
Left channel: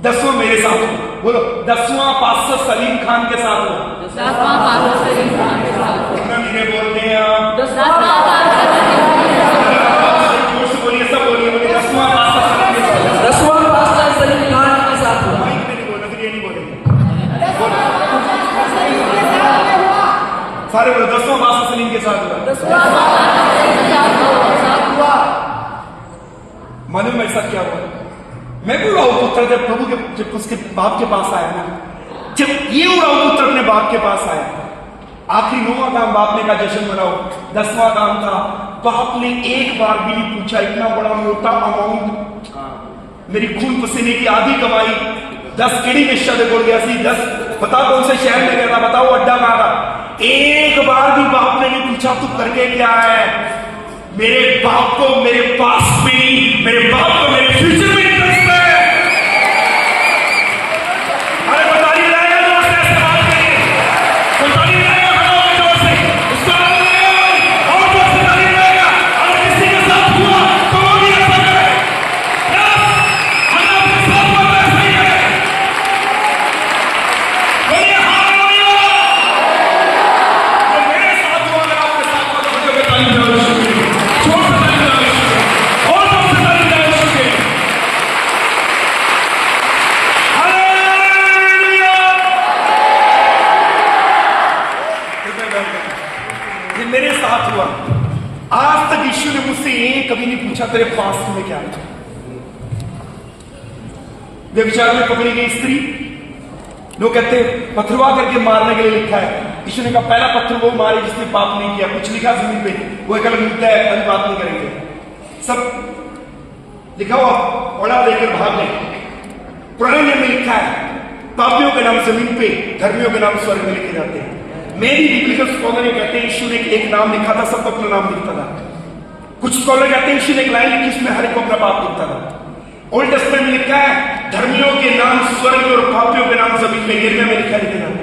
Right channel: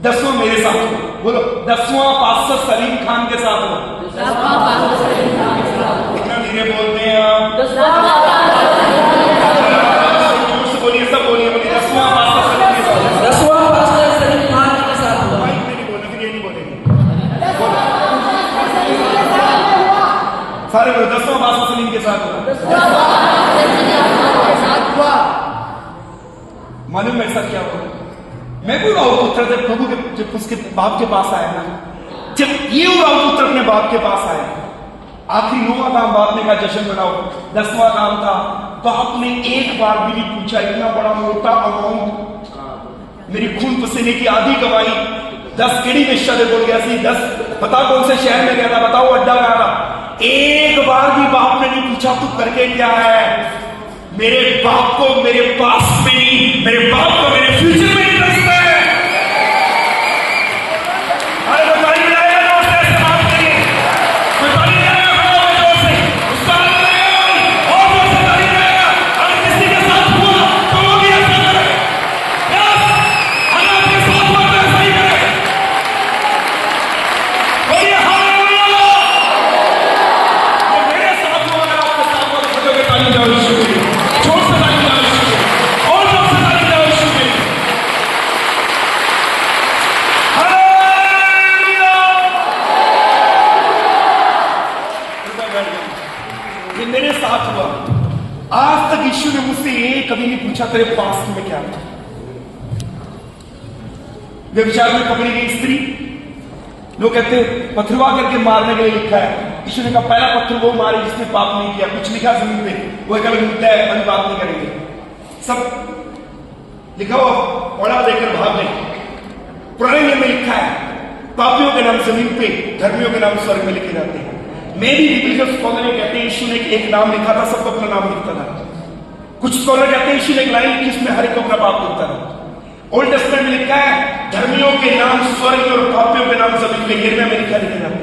10वां मेरे साथ हो, बोलो 10वां पास्टर सलीम खान के साथ हो। इतना धीरे बोलते हैं आप, जोर से बोलिए, सब बोलिए, बोलिए 10वां पास्टर सलीम के साथ। 10वां पास्टर सलीम खान के साथ हुआ। माइक में नहीं बोलना, फिर ये नहीं बोलेंगे। बोलो सारे बोलो 10वां पास्टर सलीम के साथ हुआ। मालूम ऐसा क्या हुआ? मैं भी उड़ाऊ पुत्र जब प्रभु के, जब उसके बाप के पास आया ना, जब ये उड़ाऊ पुत्र अपने बाप के पास आया, आखिरी 9वां काम बाप ने कहा जश्न मनाओ। 10वां काम था, बाप ने एक बार भी नहीं पूछा, इतना बड़ा मोटा अमाउंट, मेरी खून पसीने की आधी कमाई, 10 केड़ी वेश्या से बोल गया सी, 10 पता कौन से शहर में गया था, बताओ अड्डा कहां था। एक बार भी बाप ने नहीं पूछा तू करके क्या है। मेरे बाप को मेरे पास में नहीं, मेरे बाप को मेरे फ्यूचर में इंटरेस्ट है। अरे बताइए रहेगा दोस्त, ऐसे बात नहीं, बताइए रहेगा दोस्त से, उसको आनंद लगेगा और दोस्त बताइए रहेगा। अगर किसी के साथ हुआ तो वो भी ऐसा करे, अगर आपके साथ हुआ तो ऐसा ही करे। बोलिए हालेलुया। तो मेरे साथ हुआ, अगर आपके साथ हुआ तो मुझे बताइए रहेगा। मेरे साथ हुआ। आज तक यीशु ने मुझसे ये कभी नहीं पूछा तेरे पास्ट में क्या था। व्यभिचार में पकड़ी गई स्त्री, लोग कहते पथरवा करके मारने के लिए लिखा है। यीशु ने कहा पहला पत्थर वो मारे जिसने पाप नहीं किया। कुछ लिखा जमीन पे, वो एक अलग लिखता है, अभी बात नहीं करेंगे। सब लिखा हुआ पढ़ा देकर भाग नहीं। पुराने नियम में लिखा है पापियों के नाम जमीन पे, धर्मियों के नाम स्वर्ग में लिखे जाते हैं। मेरी बिब्लिकल स्कॉलर कहते हैं यीशु ने एक नाम लिखा था, सबको अपना नाम लिखता था। कुछ स्कॉलर कहते हैं यीशु ने एक लाइन लिखी, उसमें हर एक को अपना पाप लिखता था। ओल्ड टेस्टमेंट में लिखा है धर्मियों के नाम स्वर्ग और पापियों के नाम जमीन में, गिरने में लिखे जाते हैं।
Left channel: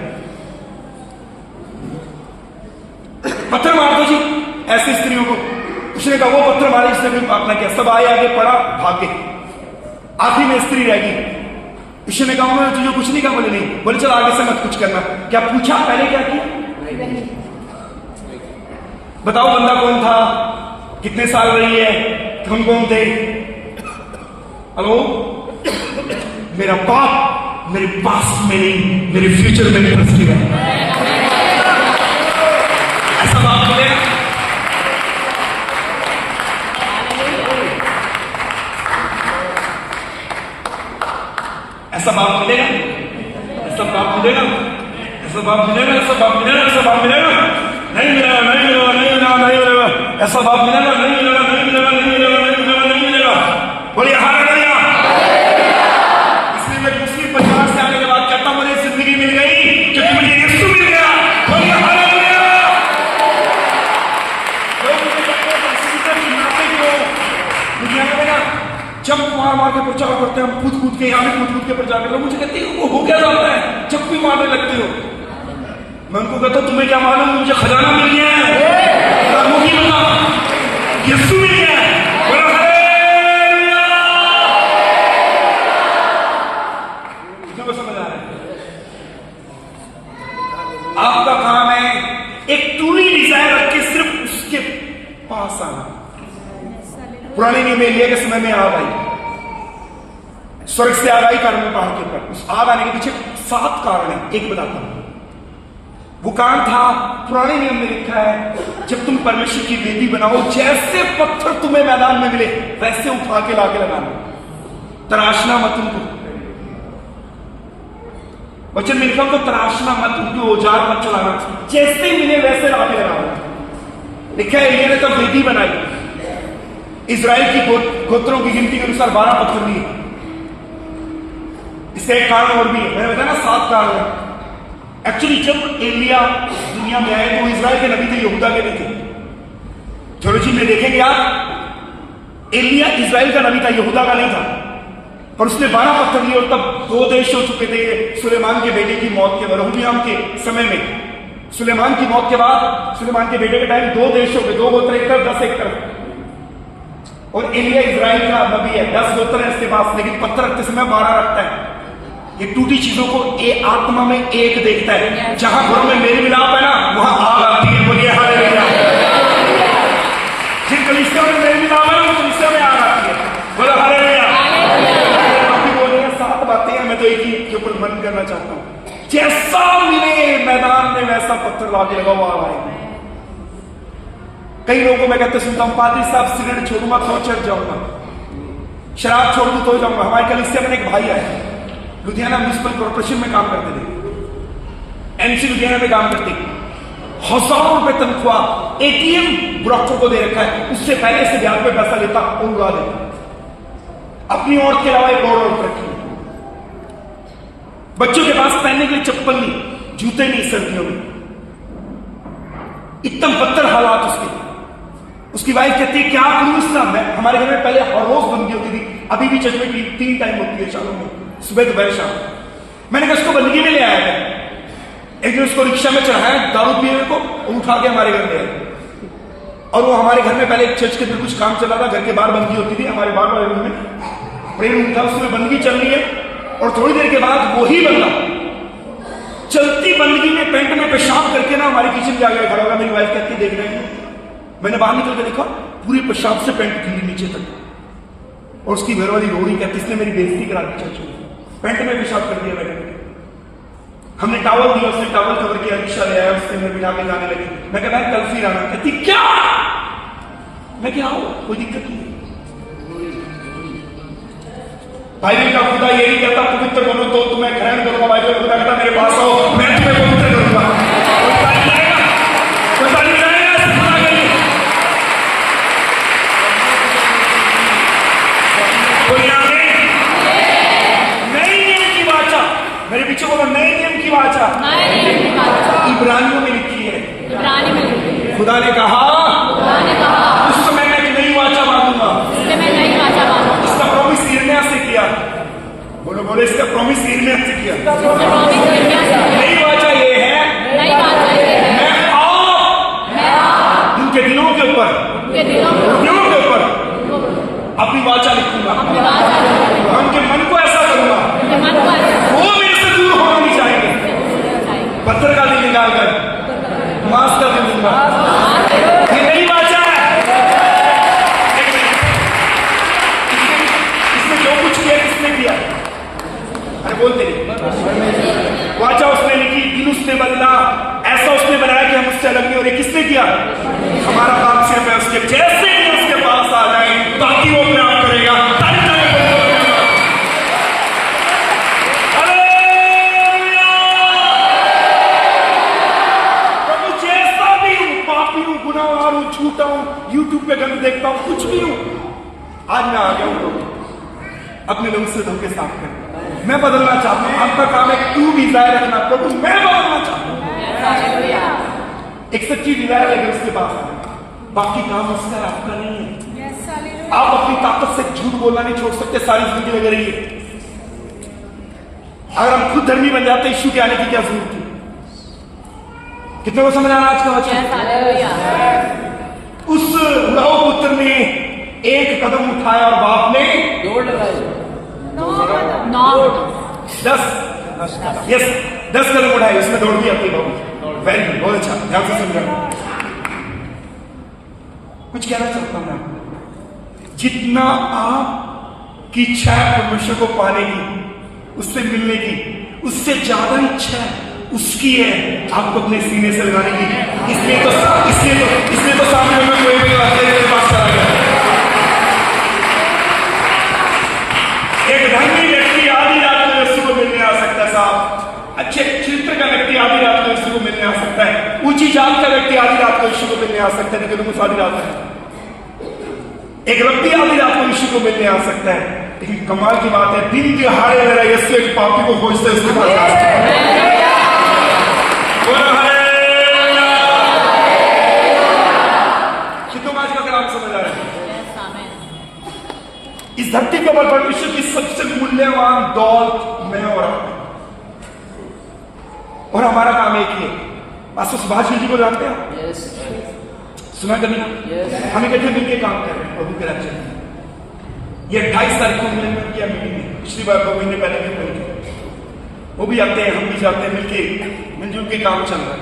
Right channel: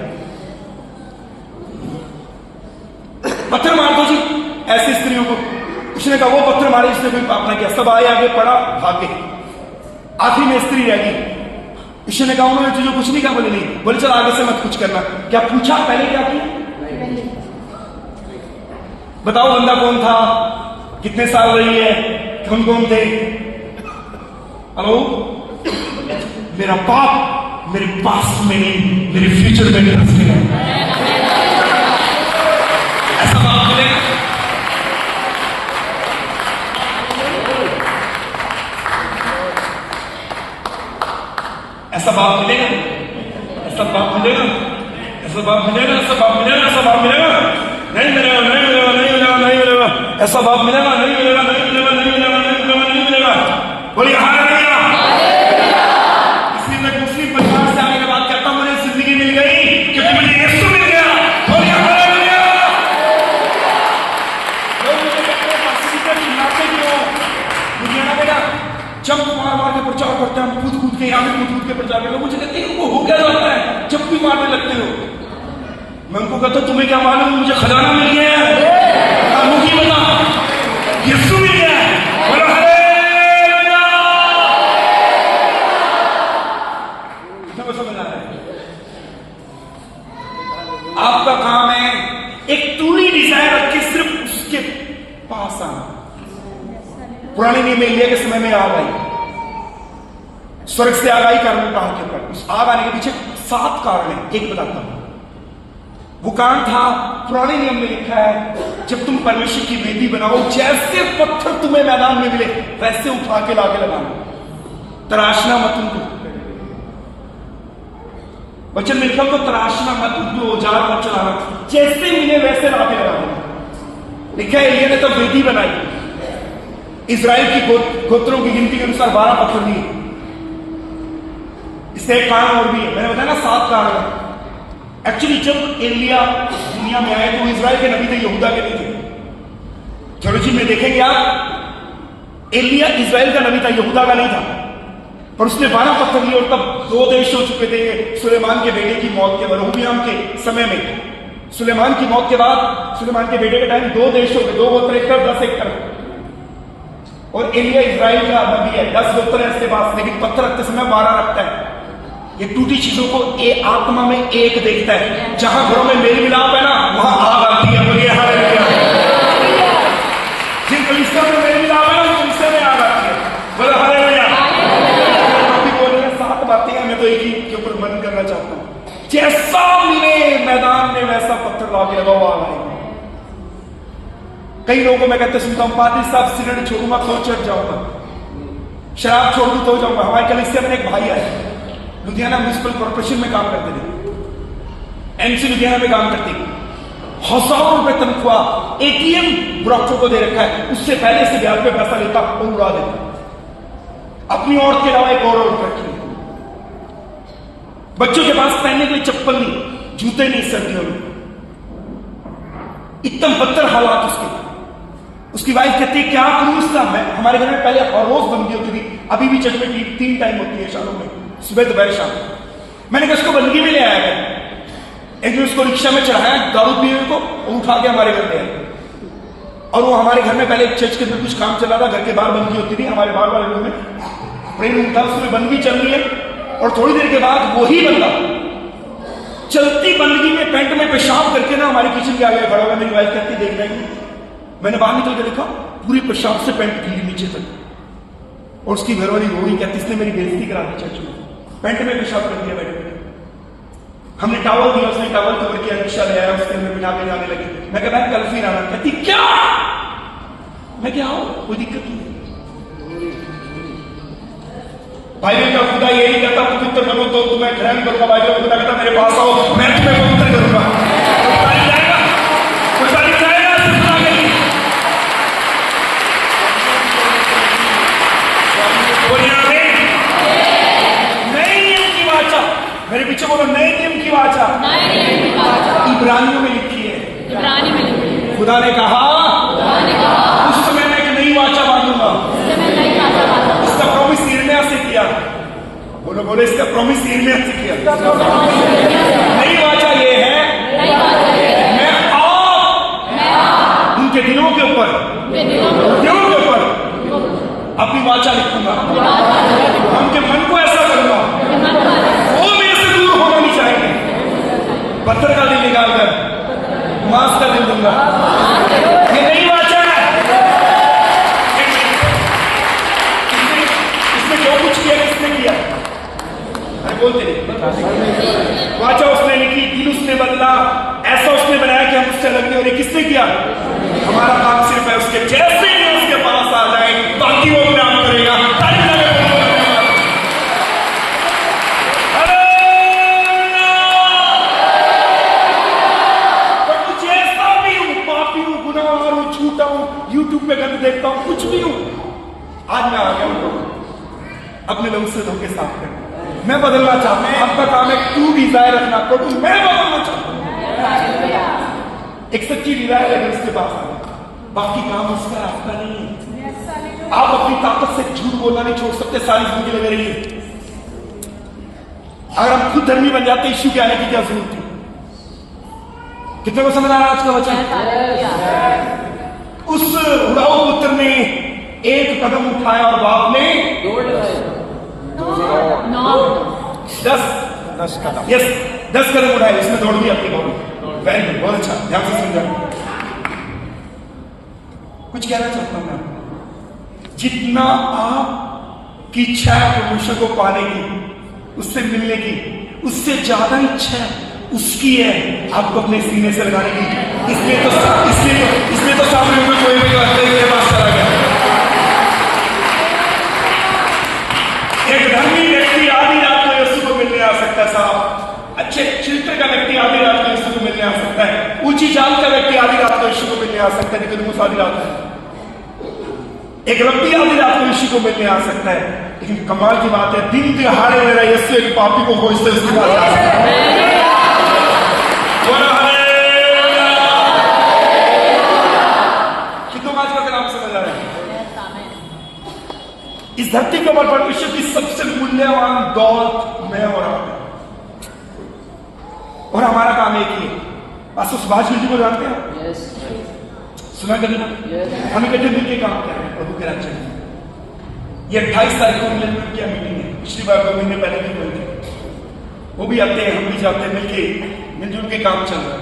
पत्थर मार दो जी ऐसी स्त्रियों को। उसने कहा वो पत्थर मारे जिसने कोई पाप ना किया। सब आए, आगे पड़ा, भागे। आखिरी में स्त्री रह गई। यीशु ने कहा उन्होंने तुझे कुछ नहीं कहा? बोले नहीं। बोले चल आगे से मत कुछ करना। क्या पूछा? पहले क्या किया? बताओ बंदा कौन था, कितने साल रही है, कौन कौन थे? हेलो, मेरा पाप मेरे पास में नहीं, मेरे फ्यूचर में इंटरेस्टेड है। ऐसा बाप मिलेगा? ऐसा बाप मिलेगा? ऐसा बाप मिलेगा? ऐसा बाप मिलेगा? ऐसा बाप मिलेगा? ऐसा बाप मिलेगा? नहीं मिलेगा, नहीं मिलेगा, नहीं मिलेगा, नहीं मिलेगा। ऐसा बाप मिलेगा? नहीं मिलेगा, नहीं मिलेगा, नहीं मिलेगा, नहीं मिलेगा, नहीं मिलेगा। बोलिए हालेलुया। इसलिए मैं दूसरी परिवार से आने के बाद कहता हूं मुझे जिंदगी मिल गई क्योंकि मुझे यीशु मिल गया। बोलिए हालेलुया। लोग मुझे कहते हैं पास्टर को चिल्लाते क्यों? मुझे ना बेटा जब मार मार के प्रचार करते हैं, हम कूद कूद के यहाँ कूद कूद के प्रचार करते हैं, मुझे कहते हैं वो हो क्या जाता है जब भी मारने लगते हो। मैं उनको कहता हूं तुम्हें क्या मालूम, मुझे खजाना मिल गया है, मुझे बता यीशु मिल गया है। तुम्हें समझ आ रहा है? आपका काम है एक टूनी डिजायर रख के सिर्फ उसके पास आना। पुराने नियम में एलिया के समय में आग आई, स्वर्ग से आग आई कारण पहाड़ के ऊपर। उस आग आने के पीछे 7 कारण है, एक बताता हूं। वो काम था, पुराने नियम में लिखा है, जब तुम परमेश्वर की वेदी बनाओ, जैसे पत्थर तुम्हें मैदान में मिले वैसे उठा के लाके लगाना, तराशना मत उनको। वचन में लिखा तो तराशना मत, उनको औजार मत चलाना, जैसे ही मिले वैसे लाके लगाना। लिखा है एलिया ने तब वेदी बनाई, इजराइल की गोत्रों की गिनती के अनुसार 12 पत्थर लिए। इससे एक कारण और भी है, मैंने बताया ना 7 कारण है। एक्चुअली जब एलिया दुनिया में आए तो इजराइल के नबी थे, यहूदा के नहीं थे। थ्योलॉजी में देखेंगे आप, एलिया इजराइल का नबी था, यहूदा का नहीं था। पर उसने 12 पत्थर लिए और तब 2 देश हो चुके थे। सुलेमान के बेटे की मौत के, रहोबियाम के समय में, सुलेमान की मौत के बाद, सुलेमान के बेटे के टाइम 2 देश हो गए, 2 गोत्र एक तरफ, 10 एक तरफ। और एलिया इजराइल का नबी है, 10 गोत्र है इसके पास, लेकिन पत्थर रखते समय 12 रखता है। ये टूटी चीजों को आत्मा में एक देखता है। जहां घरों में मेल मिलाप है ना, वहां आग आती है। बोलिए हालेलुया। जिन कलीसिया में मेल मिलाप है ना, उन कलीसिया में आग आती है। बोलो हालेलुया। काफी बोल रहे हैं, 7 बातें हैं, मैं तो एक ही के ऊपर मन करना चाहता हूं। जैसा मिले मैदान में वैसा पत्थर लाके लगाओ, आग आएगी। कई लोगों को मैं कहते सुनता हूं, पादरी साहब सिगरेट छोड़ूंगा तो चढ़ जाऊंगा, शराब छोड़ दूं तो जाऊंगा। हमारे कलीसिया में एक भाई आए, लुधियाना म्युनिसिपल कॉर्पोरेशन में काम करते थे, एमसी लुधियाना में काम करते, हजारों रुपए तनख्वाह एटीएम ब्रोकर को दे रखा है, उससे पहले से ब्याज पे पैसा लेता और उड़ा देता। अपनी औरत के अलावा एक और औरत रखी, बच्चों के पास पहनने के लिए चप्पल नहीं, जूते नहीं सर्दियों में। एकदम बदतर हालात उसकी वाइफ कहती है क्या करूं इसका। मैं, हमारे घर में पहले हर रोज बंदगी होती थी, अभी भी चर्च में 3 टाइम होती है शालों में, सुबह दोपहर शाम। मैंने कहा उसको बंदगी में ले आया था। एक दिन उसको रिक्शा में चढ़ाया दारू पीने को, उठा के हमारे घर में आया। और वो हमारे घर में पहले चर्च के अंदर कुछ काम चल रहा था, घर के बाहर बंदगी होती थी, हमारे बाहर वाले रूम में प्रेयर रूम था, उसमें बंदगी चल रही है। और थोड़ी देर के बाद वही बंदा चलती बंदगी में पैंट में पेशाब करके ना हमारे किचन के आगे खड़ा होगा। मेरी वाइफ कहती देख रही है, मैंने बाहर निकल के देखा, पूरी पेशाब से पैंट गीली नीचे तक। और उसकी घरवाली रो रही, कहती इसने मेरी बेइज्जती करा दी चर्च में, पैंट में पेशाब कर दिया बैठ। हमने टॉवल दिया, उसने टॉवल कवर किया, रिक्शा ले आया, उसके अंदर बिठा के जाने लगी। मैं कहा कल फिर आना। कहती क्या? मैं क्या आओ, कोई दिक्कत नहीं। बाइबल का खुदा यही कहता पवित्र बनो तो तुम्हें ग्रहण करूंगा। बाइबल खुदा कहता मेरे पास आओ, मैं तुम्हें पवित्र करूंगा। नए नियम की वाचा, मेरे पीछे बोलो, नए नियम की वाचा इब्रानियों में लिखी है। खुदा ने कहा उस समय मैं एक नई वाचा बांधूंगा। इसका प्रॉमिस यिर्मयाह से किया। बोलो बोलो, इसका प्रॉमिस यिर्मयाह से किया। नई वाचा ये है, मैं आप उनके दिलों के ऊपर अपनी वाचा लिखूंगा। मैं उनके मन को ऐसा करूंगा, वो मेरे से दूर होना नहीं चाहेंगे। पत्थर का दिल निकालकर मांस का दिल दूंगा। ये नई वाचा है। इसमें जो कुछ किया किसने किया? अरे बोलते नहीं। वाचा उसने लिखी, दिल उसने बदला, ऐसा उसने बनाया कि हम उससे अलग नहीं हो रहे। किसने किया? हमारा काम सिर्फ है उसके जैसे ही उसके पास आ जाए, बाकी वो काम करेगा। तारीफ करें प्रभु, जैसा भी हूं, पापी हूं, गुनाहगार हूं, झूठा हूं, यूट्यूब पे गंद देखता हूं, कुछ भी हूं, आज मैं आ गया हूं प्रभु अपने लोग से धोखे साफ कर। मैं बदलना चाहता हूं। आपका काम है तू डिजायर रखना, प्रभु मैं बदलना चाहता हूं। एक सच्ची डिजायर है उसके पास आए, बाकी काम उसका आपका नहीं है। आप अपनी ताकत से झूठ बोलना नहीं छोड़ सकते, सारी जिंदगी लगे रही है। अगर हम खुद धर्मी बन जाते, यीशु के आने की क्या जरूरत थी? कितने को समझ आ रहा आज का वचन? उस उड़ाऊ पुत्र ने एक कदम उठाया और बाप ने 10 कदम उठाए। उसमें दौड़ भी अपनी बाबू। वेरी गुड, बहुत अच्छा, ध्यान से समझा। कुछ कहना चाहता हूं मैं आपको, जितना आपकी इच्छा है परमेश्वर को पाने की, उससे मिलने की, उससे ज्यादा इच्छा है उसकी है आपको अपने सीने से लगाने की। इसलिए तो सामने में कोई मेरे पास चला गया। एक धर्मी व्यक्ति आधी रात को यीशु को मिलने आ सकता है साहब। अच्छे चरित्र का व्यक्ति आधी रात को यीशु को मिलने आ सकता है। ऊंची जात का व्यक्ति आधी रात को यीशु को मिलने आ सकता है, लेकिन आधी रात है। एक रब्बी आधी रात को यीशु को मिलने आ सकता है, लेकिन कमाल की बात है दिन दिहाड़े मेरा यीशु एक पापी को खोजते उसके पास जा सकता है। कितनों आज का कलाम समझ आ रहे हैं? इस धरती के ऊपर परमेश्वर की सबसे मूल्यवान दौलत मैं और हमारा काम एक ही है। पास्टर सुभाष जी को जानते हैं आप? सुना कभी? हम इकट्ठे मिलकर काम कर रहे हैं प्रभु के राज्य में। ये 28 तारीख को मिलने क्या मीटिंग है, पिछली बार 2 महीने पहले भी मिलते हैं। वो भी आते हैं, हम भी जाते हैं, मिलजुल के काम चल रहा है।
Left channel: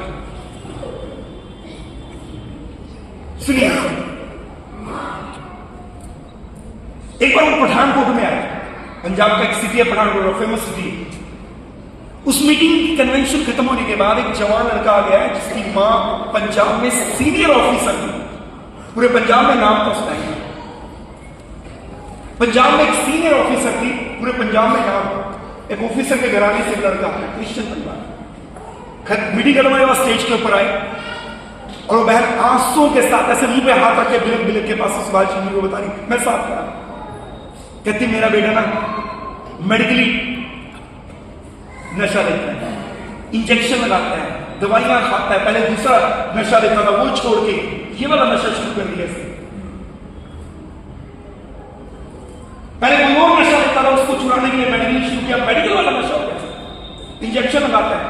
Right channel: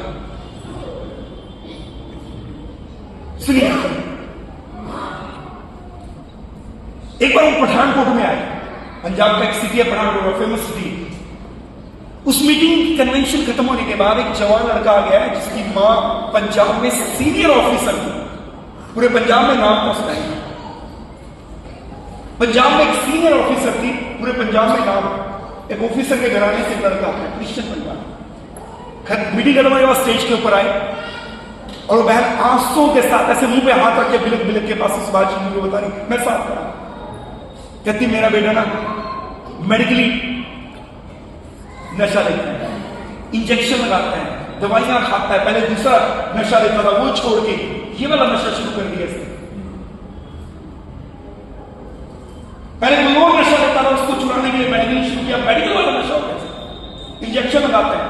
सुनिए, एक बार हम पठानकोट में आए। पंजाब का एक सिटी है पठानकोट, फेमस सिटी। उस मीटिंग कन्वेंशन खत्म होने के बाद एक जवान लड़का आ गया है जिसकी मां पंजाब में सीनियर ऑफिसर थी। पूरे पंजाब में नाम था उस टाइम का। पंजाब में एक सीनियर ऑफिसर थी, पूरे पंजाब में नाम। एक ऑफिसर के घराने से लड़का है, क्रिश्चियन परिवार। मीटिंग खत्म होने के बाद स्टेज के ऊपर आए और वो बहन आंसुओं के साथ ऐसे मुंह पे हाथ रख के बिलक बिलक के पास सुभाष जी को बता रही, मैं साथ करा। कहती मेरा बेटा ना मेडिकली नशा लेता है, इंजेक्शन लगाता है, दवाइयां खाता है। पहले दूसरा नशा लेता था, वो छोड़ के ये वाला नशा शुरू कर दिया इसने। पहले कोई और नशा लेता था, उसको चुराने के लिए मेडिकल शुरू किया, मेडिकल वाला नशा हो गया। इंजेक्शन लगाता है,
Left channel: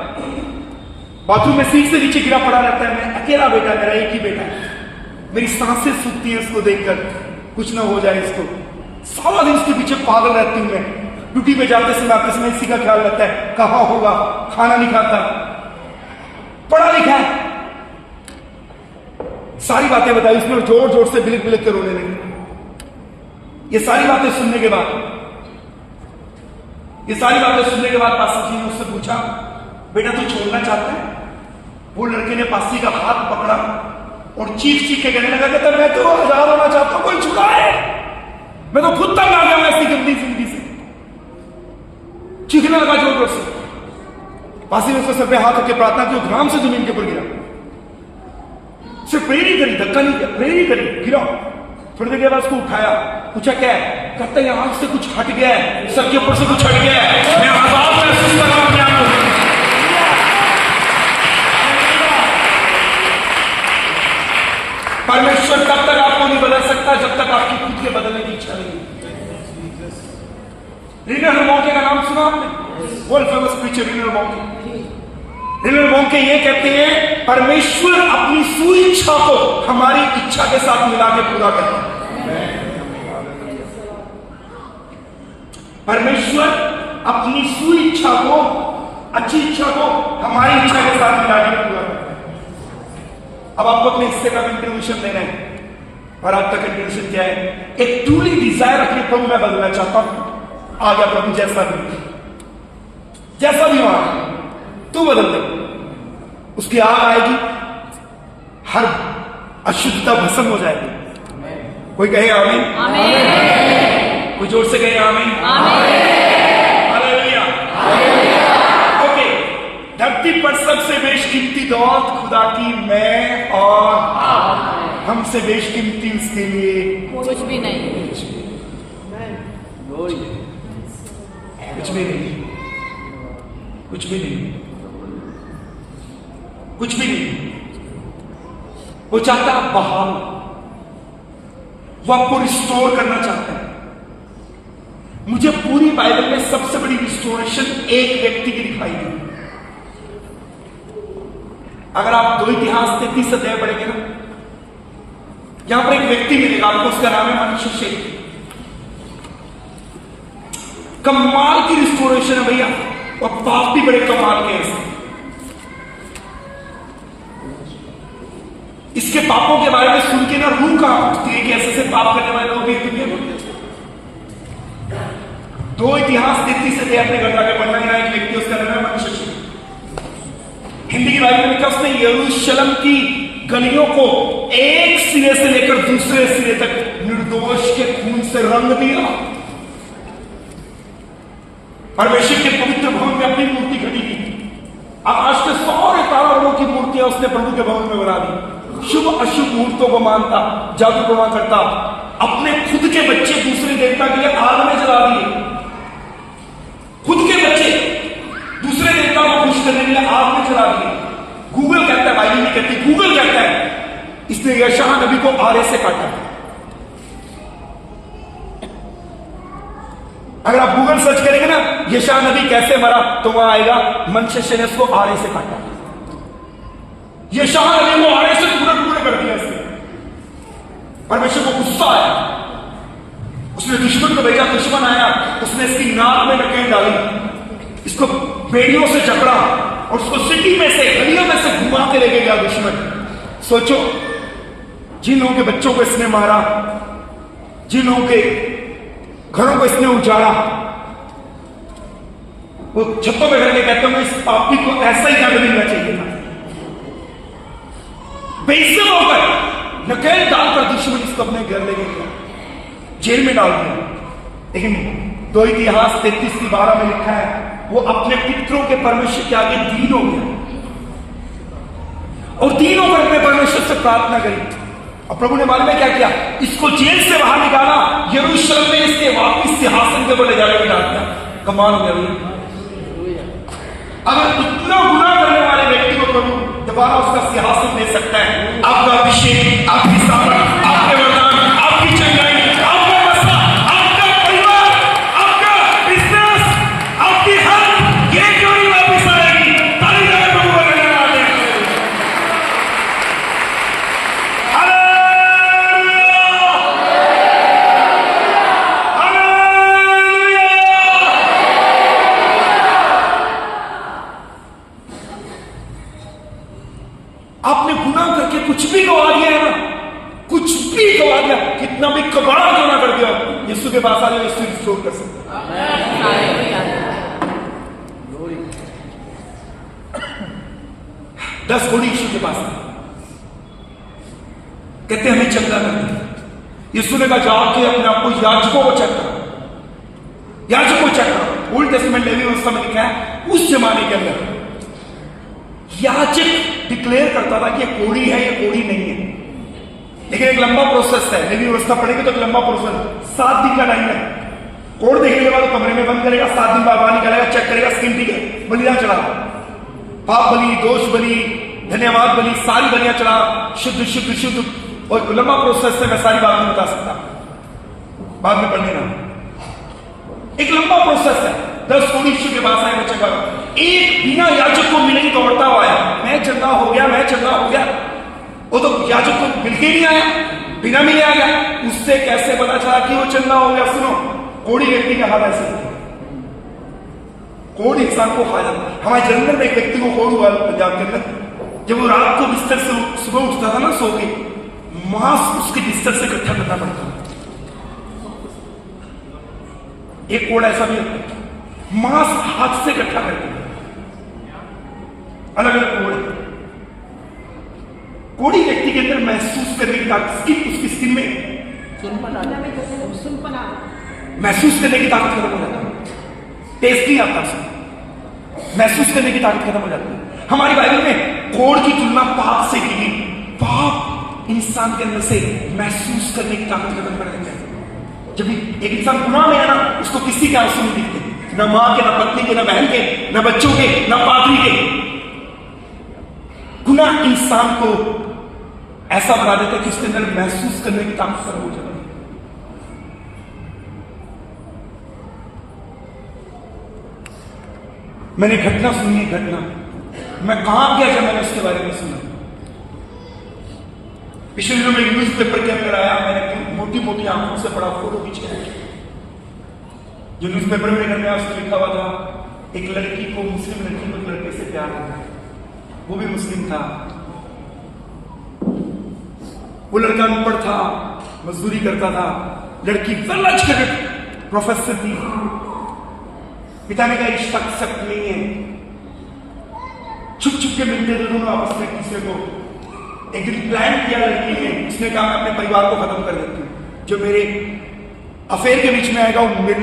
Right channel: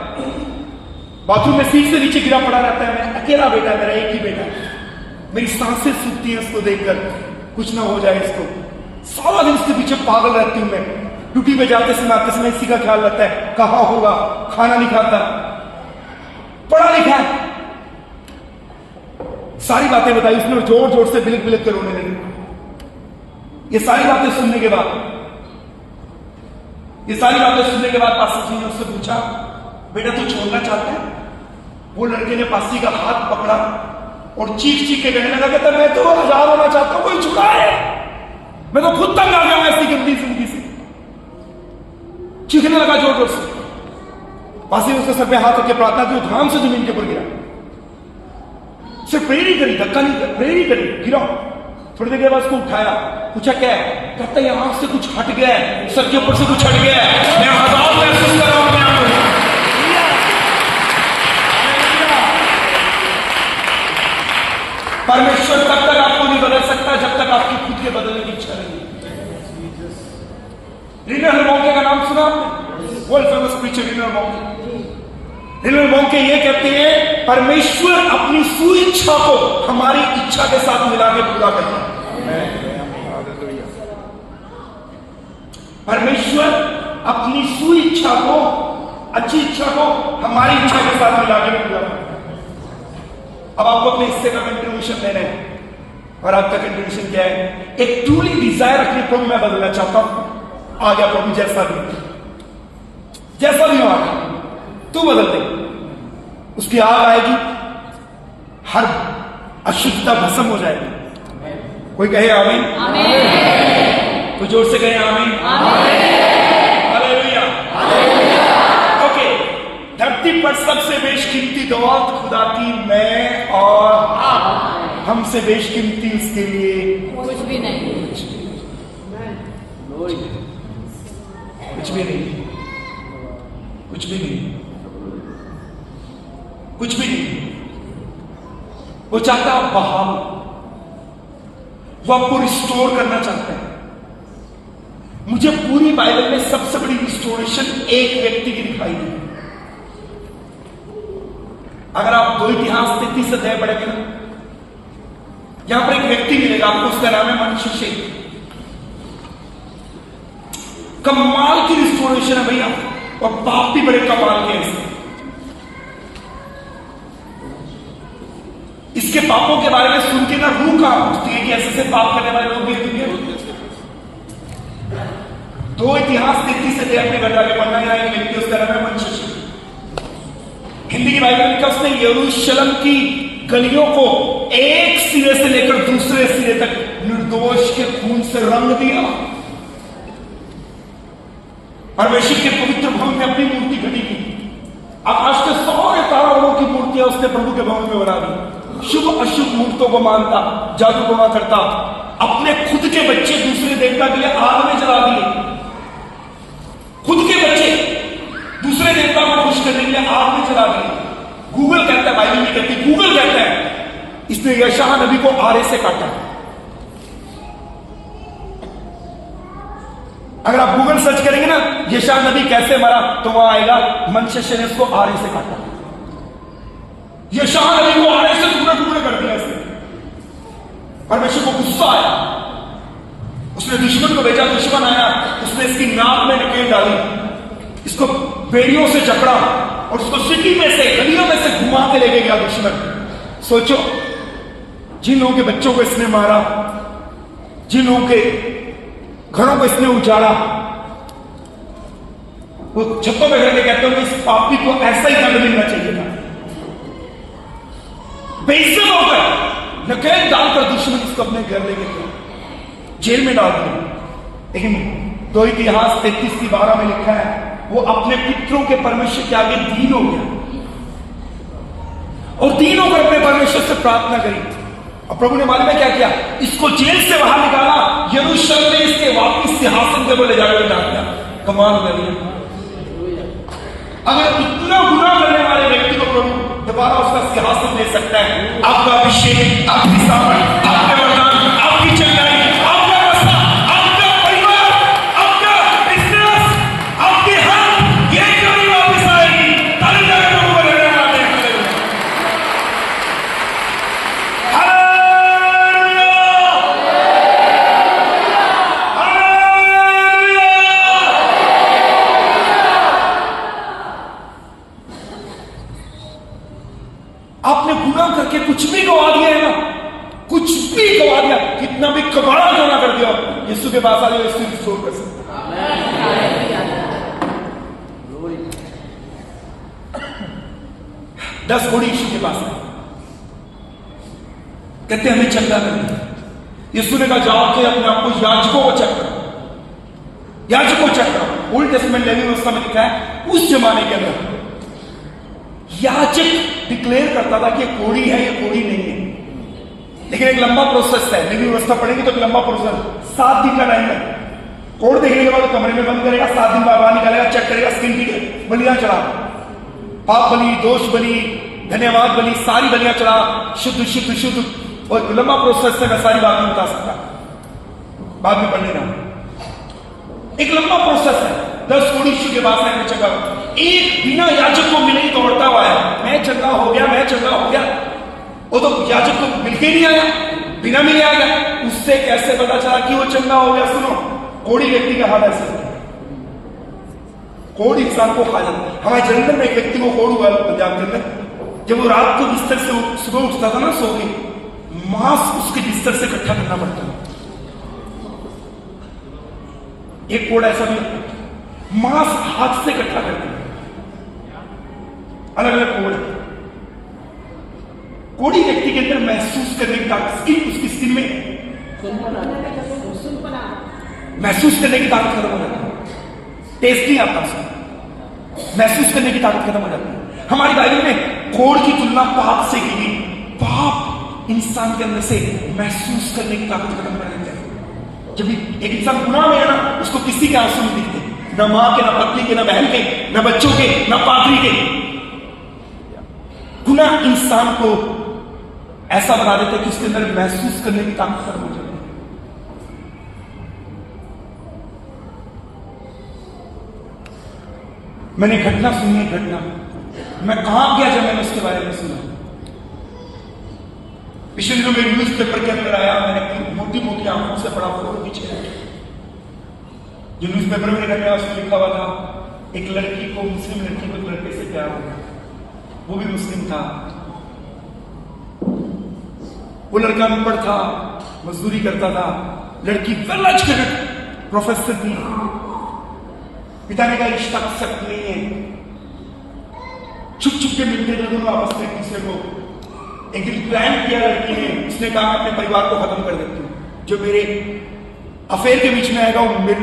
बाथरूम में सीट से नीचे गिरा पड़ा रहता है। मैं अकेला बेटा, मेरा एक ही बेटा है, मेरी सांसें सूखती है इसको देखकर, कुछ ना हो जाए इसको। सारा दिन इसके पीछे पागल रहती हूं मैं। ड्यूटी पे जाते समय आपके समय इसी का ख्याल रहता है, कहां होगा, खाना नहीं खाता, पढ़ा लिखा है। सारी बातें बताई उसने, जोर जोर से बिलक बिलक कर रोने लगी। ये सारी बातें सुनने के बाद पास्टर जी ने उससे पूछा, बेटा तू छोड़ना चाहता है? वो लड़के ने पास्टर जी का हाथ पकड़ा और चीख चीख के कहने लगा, कहता मैं तो आजाद होना चाहता हूं, कोई छुड़ाए, मैं तो खुद तंग आ गया हूं ऐसी गंदी जिंदगी से। चीखने लगा जोर जोर से। पासी ने उसके सर पे हाथ रख के प्रार्थना की, धड़ाम से जमीन के ऊपर गिरा। सिर्फ प्रेयर ही करी, धक्का नहीं किया, प्रेयर ही करी, गिरा। थोड़ी देर के बाद उसको उठाया, पूछा क्या है? कहता है आंख से कुछ हट गया है, सर के ऊपर से कुछ हट गया है, मैं आजाद महसूस कर रहा हूं अपने आप को। परमेश्वर तब तक आपको नहीं बदल सकता जब तक आपकी खुद के बदलने की इच्छा नहीं। रिनर मॉन्के का नाम सुना आपने? World famous preacher Reinhard Bonnke. Reinhard Bonnke ये कहते हैं, परमेश्वर अपनी सुइच्छा को हमारी इच्छा के साथ मिला के पूरा करता है। परमेश्वर अपनी सुइच्छा को, अच्छी इच्छा को हमारी इच्छा के साथ मिला के पूरा करता है। अब आपको अपने हिस्से का कंट्रीब्यूशन देना है, और आपका कंट्रीब्यूशन क्या है? एक ट्रूली डिजायर रखिए, प्रभु मैं बदलना चाहता हूं। आ गया प्रभु, जैसा भी हो आ गया, तू बदल दे। उसकी आग आएगी, हर अशुद्धता भस्म हो जाएगी। कोई कहे आमीन? कोई जोर से कहे आमीन? हालेलुया। ओके, धरती पर सबसे बेशकीमती दौलत खुदा की मैं और हमसे बेशकीमती उसके लिए कुछ भी नहीं। कुछ भी नहीं। वो चाहता है बहाल, वो आपको रिस्टोर करना चाहता है। मुझे पूरी बाइबल में सबसे बड़ी रिस्टोरेशन एक व्यक्ति की दिखाई दी। अगर आप 2 इतिहास 33 अध्याय पढ़ेंगे ना, यहां पर एक व्यक्ति मिलेगा आपको, उसका नाम है मनशेशेक। कमाल की रिस्टोरेशन है भैया, और पाप भी बड़े कमाल के हैं। इसके पापों के बारे में सुन के ना रूह कांप उठती है कि ऐसे पाप करने वाले लोग भी। 2 इतिहास 33 से अपने घर जाके पढ़ना। एक व्यक्ति, उसका नाम है मनशेशेक। हिंदी की बाइबल में लिखा, उसने यरूशलेम की गलियों को एक सिरे से लेकर दूसरे सिरे तक निर्दोष के खून से रंग दिया। परमेश्वर के पवित्र भवन में अपनी मूर्ति खड़ी की। आकाश के सारे ताराओं की मूर्तियां उसने प्रभु के भवन में बना दी। शुभ अशुभ मुहूर्तों को मानता, जादू टोना करता, अपने खुद के बच्चे दूसरे देवता के लिए आग में जला दिए। खुद के बच्चे दूसरे देवताओं को खुश करने के लिए आग में जला दिए। गूगल कहता है, बाइबल नहीं कहती, गूगल कहता है इसने यशायाह नबी को आरे से काटा। अगर आप गूगल सर्च करेंगे ना यशायाह नबी कैसे मरा, तो वहां आएगा मनशेष ने उसको आरे से काटा। यशायाह नबी को आरे से टुकड़े टुकड़े कर दिया उसने। परमेश्वर को गुस्सा आया, उसने दुश्मन को भेजा। दुश्मन आया, उसने इसकी नाक में नकेल डाली, इसको बेड़ियों से जकड़ा और उसको सिटी में से, गलियों में से घुमा के लेके गया दुश्मन। सोचो, जिन लोगों के बच्चों को इसने मारा, जिन लोगों के घरों को इसने उजाड़ा, वो छप्पर पे खड़े कहते होंगे इस पापी को ऐसा ही दंड मिलना चाहिए था। बेइज्जत होकर नकेल डालकर दुश्मन इसको अपने घर लेके गया, जेल में डाल दिया। लेकिन 2 इतिहास 33:12 में लिखा है, वो अपने पितरों के परमेश्वर के आगे दीन हो गया और दीन होकर अपने परमेश्वर से प्रार्थना करी। और प्रभु ने मालूम है क्या किया, इसको जेल से बाहर निकाला, यरूशलेम में इसके वापिस सिंहासन पे ले जाकर बैठा दिया। कमाल हो गया। अगर इतना गुनाह करने वाले व्यक्ति को प्रभु दोबारा उसका सिंहासन दे सकता है, आपका अभिषेक, आपकी सामर्थ, आपके वरदान, आपकी चंगाई, आपका बसा, आपका परिवार, आपका बिजनेस, आपकी हर ये क्यों नहीं वापिस आएगी? ताली बजाकर प्रभु को धन्यवाद दें। Hallelujah, hallelujah. आपने गुनाह करके कुछ भी गवा दिया है ना, कुछ भी गवा दिया, कितना भी कबाड़ा क्यों ना कर दिया, यीशु के पास आ जाओ, यीशु रिस्टोर कर सकता है। 10 घोड़ी यीशु के पास आए, कहते हमें चंगा करना। यीशु ने कहा जाओ के अपने आप को याजकों को चेक करो, याजकों को चेक करो। ओल्ड टेस्टमेंट लेवी व्यवस्था में लिखा है, उस जमाने के अंदर याजक डिक्लेयर करता था कि ये कोड़ी है, ये कोड़ी नहीं है। लेकिन एक लंबा प्रोसेस है, लेवी व्यवस्था पढ़ेंगे तो एक लंबा प्रोसेस, 7 दिन का टाइम है। कोड देखने के बाद तो कमरे में बंद करेगा, 7 दिन बाद बाहर निकालेगा, चेक करेगा स्किन ठीक है, बलिदान चढ़ा, पाप बलि, दोष बलि, धन्यवाद बलि, सारी बलियां चढ़ा, शुद्ध शुद्ध शुद्ध। और लंबा प्रोसेस है, मैं सारी बात नहीं बता सकता, बाद में पढ़ लेना। एक लंबा प्रोसेस है। 10 घोड़ी यीशु के पास आए, चंगा एक बिना याजक को मिले ही दौड़ता हुआ आया, मैं चंगा हो गया, मैं चंगा हो गया। वो तो याजक को मिलके नहीं आया, बिना मिले आ गया। उससे कैसे पता चला कि वो चंगा हो गया? सुनो, कोड़ी व्यक्ति का हाल ऐसे, कोड़ इंसान को खा जाता है। हमारे जंगल में एक व्यक्ति को कोड़ हुआ पंजाब के अंदर, जब वो रात को बिस्तर से सुबह उठता था ना सो के, मांस उसके बिस्तर से इकट्ठा करना पड़ता था। एक कोड़ ऐसा भी होता है, मांस हाथ से इकट्ठा करते हैं, अलग अलग कोड़। कोड़ी व्यक्ति के अंदर महसूस करने की ताकत, स्किन, उसकी स्किन में महसूस करने की ताकत खत्म हो जाती है, टेस्ट नहीं आता उसको, महसूस करने की ताकत खत्म हो जाती है। हमारी बाइबल में कोड़ की तुलना पाप से की गई। पाप इंसान के अंदर से महसूस करने की ताकत खत्म कर देते हैं। जब एक इंसान गुनाह में है ना, उसको किसी के आंसू नहीं दिखते, ना मां के, ना पत्नी के, ना बहन के, ना बच्चों के, ना पादरी के। गुनाह इंसान को ऐसा बना देता है कि उसके अंदर महसूस करने की ताकत खत्म हो जाती है। मैंने घटना सुनी है, घटना, मैं कहां गया जब मैंने उसके बारे में सुना। पिछले दिनों में न्यूज पेपर के अंदर आया, मैंने मोटी मोटी आंखों से बड़ा फोटो खींचा, जो न्यूज पेपर में निकल गया, उसमें लिखा हुआ था एक लड़की को, मुस्लिम लड़की को एक लड़के से प्यार हो गया, वो भी मुस्लिम था। वो लड़का अनपढ़ था, मजदूरी करता था, लड़की वेल एजुकेटेड प्रोफेसर थी। पिता ने कहा रिश्ता एक्सेप्ट नहीं है, छुप छुप के मिलते थे दोनों आपस में एक दूसरे को। एक दिन प्लान किया लड़की ने, उसने कहा मैं अपने परिवार को खत्म कर देती हूँ, जो मेरे अफेयर के बीच में आएगा वो मेरे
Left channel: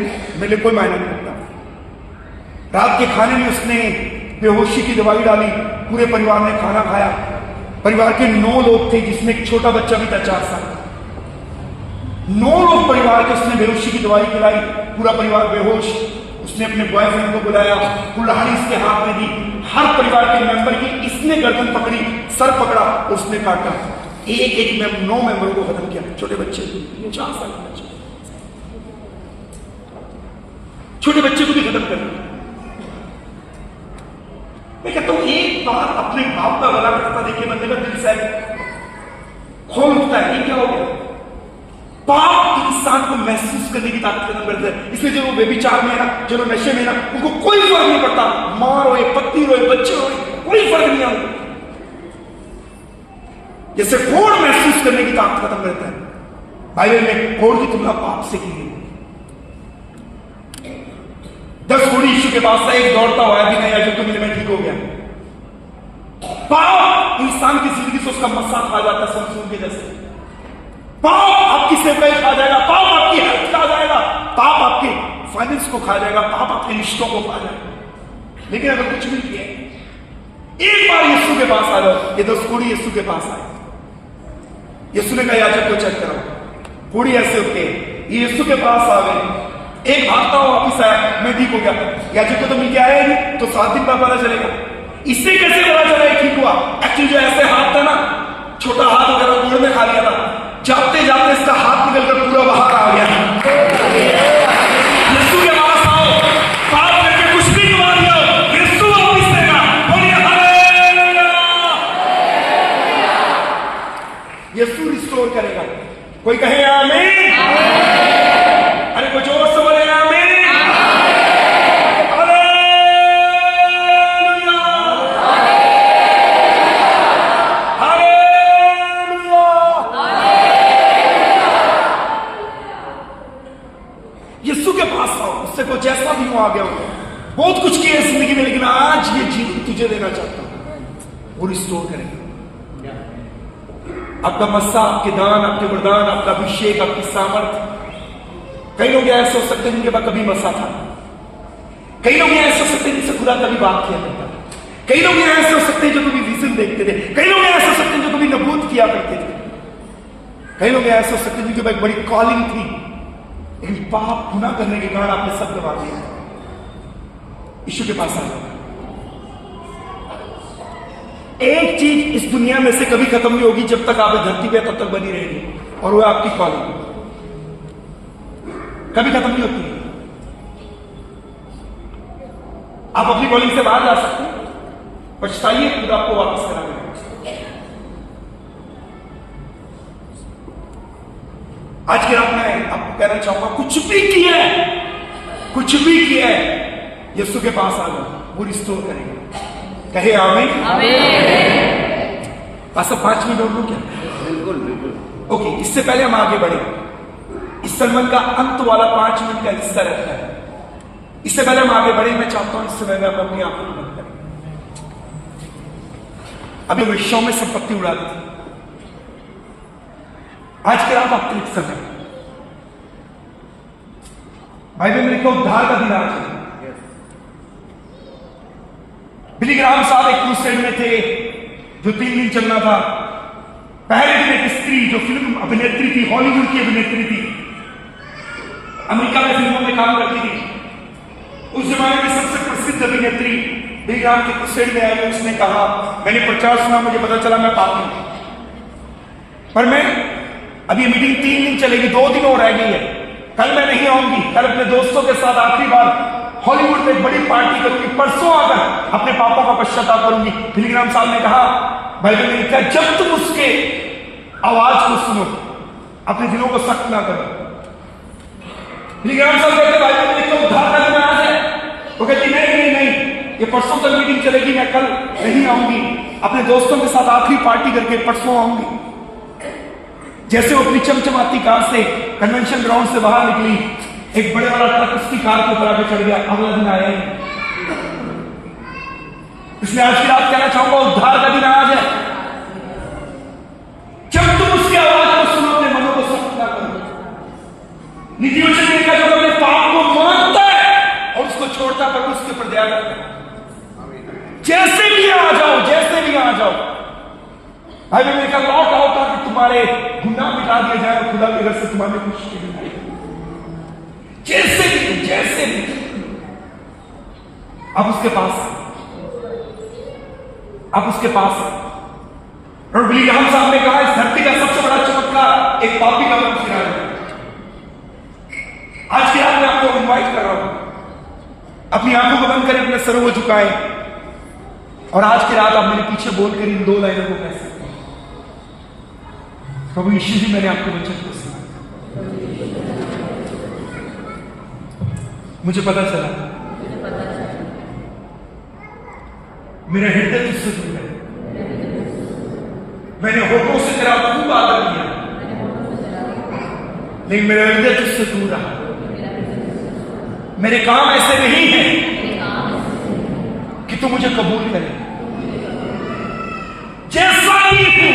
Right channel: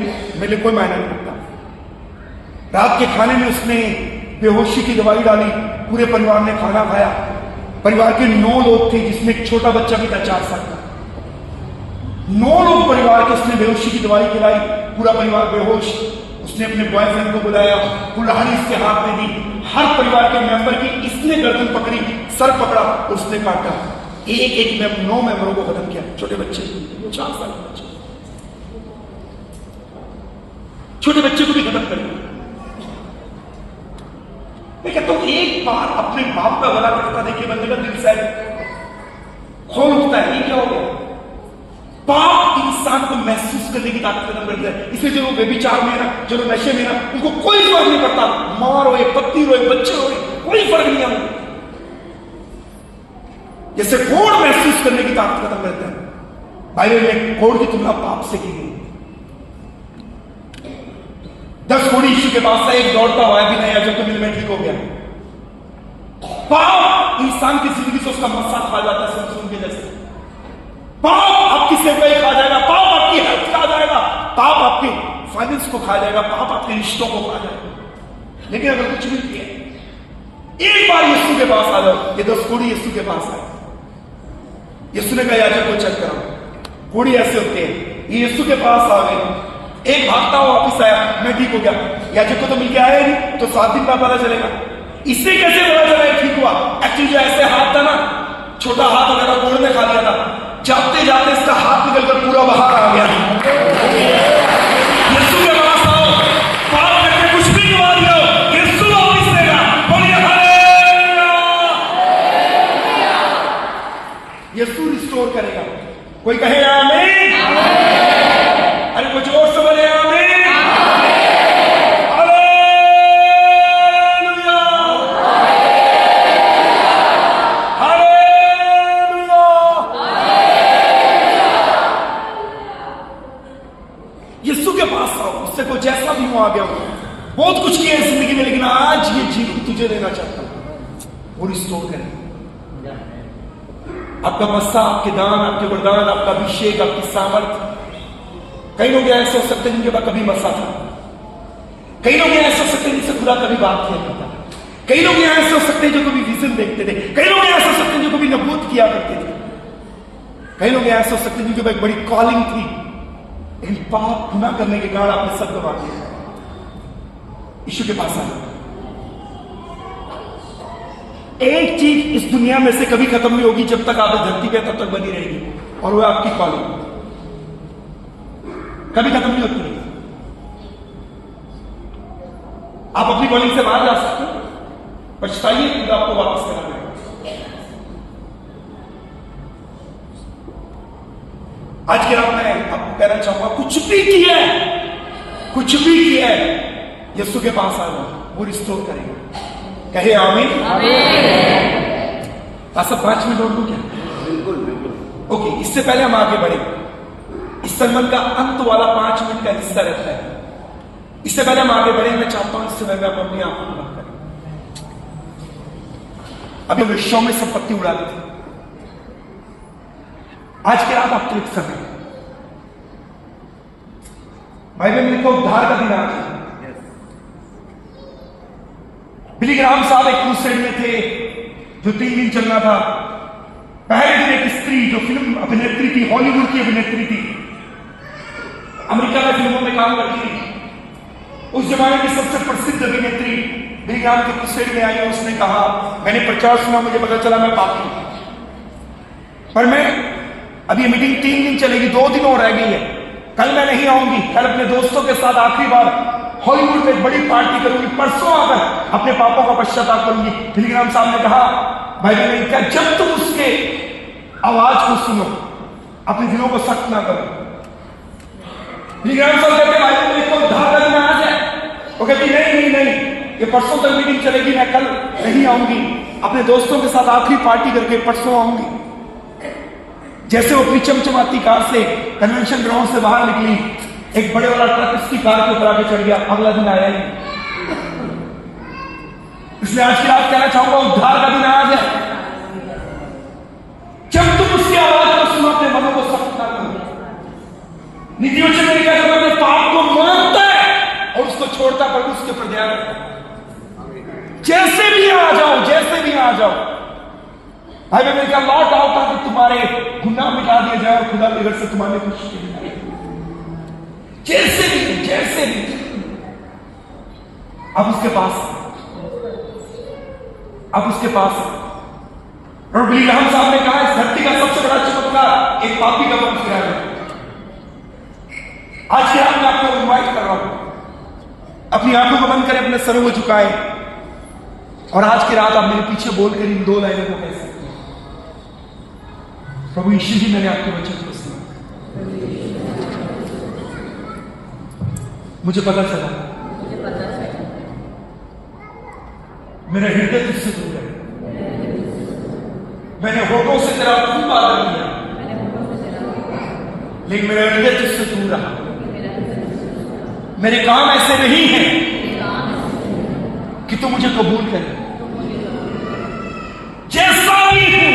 लिए कोई मायना नहीं रखता। रात के खाने में उसने बेहोशी की दवाई डाली, पूरे परिवार ने खाना खाया। परिवार के 9 लोग थे, जिसमें एक छोटा बच्चा भी था 4 साल का। 9 लोग परिवार के, उसने बेहोशी की दवाई खिलाई, पूरा परिवार बेहोश। उसने अपने बॉयफ्रेंड को बुलाया, कुल्हाड़ी इसके हाथ में दी, हर परिवार के मेंबर की इसने गर्दन पकड़ी, सर पकड़ा और उसने काटा। एक एक 9 मेंबरों को खत्म किया, छोटे बच्चे, 4 साल के बच्चे, छोटे बच्चे को भी खत्म कर दिया। मैं कहता हूं एक बार अपने बाप का गला कटता देखिए बंदे का दिल से खोल उठता है, ये क्या हो गया? पाप इंसान को महसूस करने की ताकत खत्म करता है। इसलिए जो व्यभिचार में है ना, जो नशे में है ना, उनको कोई फर्क नहीं पड़ता, मां रोए, पत्नी रोए, बच्चे रोए, कोई फर्क नहीं है उनको। जैसे कोड़ महसूस करने की ताकत खत्म करता है। बाइबल में कोड़ की तुलना पाप से की गई। 10 कोड़ी यीशु के पास था, एक दौड़ता हुआ बिना याजक को मिल में ठीक हो गया। पाप इंसान की जिंदगी से उसका मस्सा खा जाता है, सुन के जैसे। पाप आपकी सेवकाई खा जाएगा, पाप आपकी हेल्थ खा जाएगा, पाप आपके फाइनेंस को खा जाएगा, पाप आपके रिश्तों को खा जाएगा। लेकिन अगर कुछ भी किया, एक बार यीशु के पास आ जाओ। ये 10 कोड़ी यीशु के पास आए। यीशु ने कहा याजक को चेक कराओ। कोड़ी ऐसे होते हैं, ये यीशु के पास आ गए। एक भागता हुआ वापिस आया, मैं ठीक हो गया। याजक को तो मिलके आया ही नहीं, तो 7 दिन बाद पता चलेगा। इससे कैसे पता चला ठीक हुआ? एक्चुअली जो ऐसे हाथ था ना, छोटा हाथ हो गया था, गोड़ में खा लिया था। जाते जाते इसका हाथ निकलकर पूरा बाहर आ गया। यीशु के पास आओ, पाप करके कुछ भी दुआ दिया, यीशु वापिस देगा। बोलिए हालेलुया। यीशु रिस्टोर करेगा। कोई कहे आमीन। अरे कुछ और समझ रहे हैं? आमीन। यीशु के पास आओ, उससे कोई जैसा भी हो आ गया हो, बहुत कुछ किया है जिंदगी में, लेकिन आज ये जीवन तुझे देना चाहता हूं, वो रिस्टोर करेगा। आपका मस्सा, आपके दान, आपके वरदान, आपका अभिषेक, आपकी सामर्थ। कई लोग ऐसे हो सकते हैं जिनके पास कभी मस्सा था। कई लोग ऐसे हो सकते हैं जिनसे खुदा कभी बात किया करता था। कई लोग ऐसे हो सकते हैं जो कभी विजन देखते थे। कई लोग ऐसे हो सकते हैं जो कभी नबूत किया करते थे। कई लोग ऐसे हो सकते हैं जिनके पास एक बड़ी कॉलिंग थी, लेकिन पाप गुनाह करने के कारण आपने सब गवा दिया। यीशु के पास आ जाओ। एक चीज इस दुनिया में से कभी खत्म नहीं होगी, जब तक आप इस धरती पे तब तक बनी रहेगी, और वो आपकी कॉलिंग कभी खत्म नहीं होती है। आप अपनी कॉलिंग से बाहर जा सकते हैं, पछताइए, खुद आपको वापस करा देगा। आज की रात में आपको कहना चाहूंगा, कुछ भी किया है, कुछ भी किया है, यीशु के पास आ जाओ, वो रिस्टोर करेगा। कहे आमीन। पास 5 मिनट और क्या? बिल्कुल। ओके, इससे पहले हम आगे बढ़े, इस सरमन का अंत वाला 5 मिनट का हिस्सा रहता है। इससे पहले हम आगे बढ़े, मैं चाहता हूं इस समय में अपनी आंखों को बंद करें। अभी विश्व में संपत्ति उड़ा दी थी, आज के रात आपके लिए समय। बाइबल में लिखा उद्धार का दिन आज है। बिली ग्राहम साहब एक क्रूसेड में थे जो 3 दिन चलना था। पहले दिन एक स्त्री जो फिल्म अभिनेत्री थी, हॉलीवुड की अभिनेत्री थी, अमेरिका में फिल्मों में काम करती थी, उस जमाने की सबसे प्रसिद्ध अभिनेत्री बिली ग्राहम के क्रूसेड में आई और उसने कहा, मैंने प्रचार सुना, मुझे पता चला मैं पापी हूं, पर मैं अभी ये मीटिंग 3 दिन चलेगी, 2 दिन और रह गई है, कल मैं नहीं आऊंगी, कल अपने दोस्तों के साथ आखिरी बार हॉलीवुड में एक बड़ी पार्टी करूंगी, परसों आकर अपने पापों का पश्चाताप करूंगी। बिली ग्राहम साहब ने कहा, बाइबल में लिखा, जब तुम उसके आवाज को सुनो, अपने दिलों को सख्त ना करो। बिली ग्राहम साहब कहते, बाइबल में लिखा उद्धार का दिन आज है। वो कहती, नहीं, ये परसों तक मीटिंग चलेगी, मैं कल नहीं आऊंगी, अपने दोस्तों के साथ आखिरी पार्टी करके परसों आऊंगी। जैसे वो अपनी चमचमाती कार से कन्वेंशन ग्राउंड से बाहर निकली, एक बड़े वाला ट्रक उसकी कार के ऊपर आके चढ़ गया, अगला दिन आया ही। इसलिए आज की रात कहना चाहूंगा, उद्धार का दिन आज है। जब तुम उसकी आवाज को सुनो, अपने मनों को सख्त ना करो। नीति वचन ने कहा, जब अपने पाप को मानता है और उसको छोड़ता, पर उसके ऊपर ध्यान रखता है। जैसे भी आ जाओ, जैसे भी आ जाओ, अगर मेरे का लौट आओ ताकि तुम्हारे गुनाह मिटा दिए जाए और खुदा के घर से तुम्हारे कुछ नहीं आए। जैसे भी अब उसके पास, अब उसके पास और बिलीग्राम साहब ने कहा, इस धरती का सबसे बड़ा चमत्कार एक पापी का मन फिरा है। आज की रात मैं आपको इनवाइट कर रहा हूं, अपनी आंखों को बंद करें, अपने सरों को झुकाएं और आज की रात आप मेरे पीछे बोलकर इन 2 लाइनों को कह सकते हैं, प्रभु यीशु जी, मैंने आपके वचन को सुना, मुझे पता चला मेरा हृदय तुझसे दूर है। मैंने होठों से तेरा खूब आदर किया, लेकिन मेरा हृदय तुझसे दूर रहा। मेरे काम ऐसे नहीं हैं कि तू मुझे कबूल करे। जैसा भी हूं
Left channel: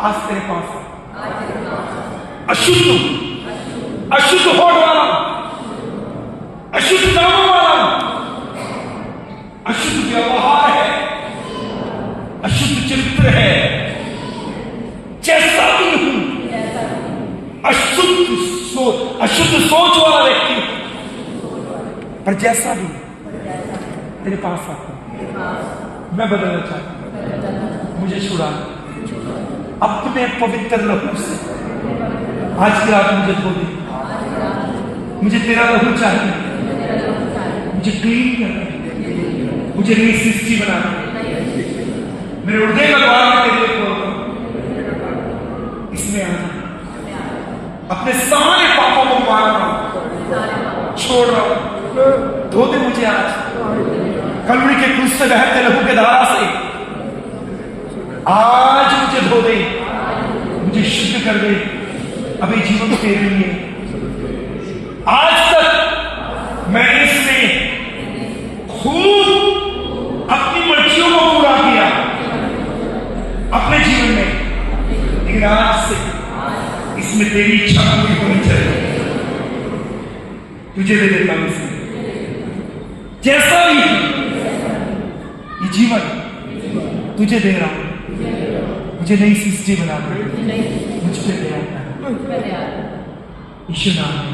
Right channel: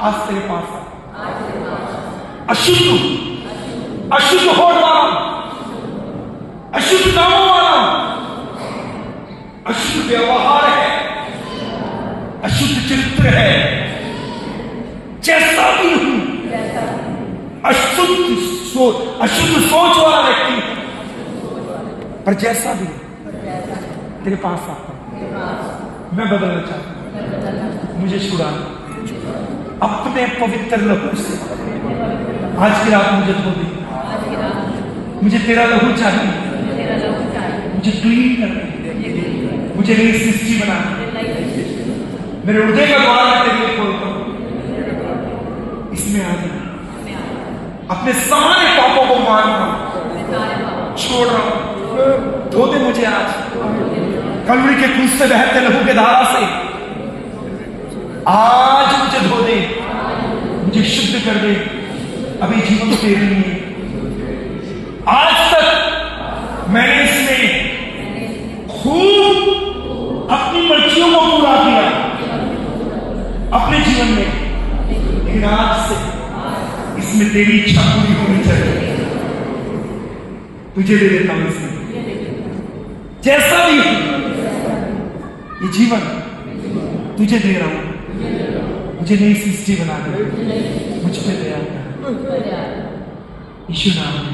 आज तेरे पास अशुद्ध, अशुद्ध होठ वाला, अशुद्ध नामों वाला, अशुद्ध व्यवहार है, अशुद्ध चरित्र है। जैसा भी हूं, अशुद्ध सोच वाला व्यक्ति हूं, पर जैसा भी तेरे पास आता मैं बदलना चाहता हूं। मुझे छुड़ा अपने पवित्र लहू से। आज की रात मुझे धो दे, मुझे तेरा लहू चाहिए, मुझे क्लीन करना, मुझे नई सृष्टि बनाना। मेरे हृदय का द्वार मैं तेरे लिए खोलता हूं, इसमें आ जा। अपने सारे पापों को मान रहा हूं, छोड़ रहा हूं, धो दे मुझे आज कलवरी के क्रूस से बहते लहू के धारा से। आज मुझे धो दे, मुझे शुद्ध कर दे। अभी जीवन तेरे लिए। आज तक मैंने इसमें खूब अपनी मर्जियों को पूरा किया अपने जीवन में, लेकिन आज से इसमें तेरी इच्छा पूरी होनी चाहिए। तुझे दे देता हूं इसमें, जैसा भी ये जीवन तुझे दे रहा हूं। मुझे नई सृष्टि बना दे, मुझ पे दया कर, यीशु नाम में,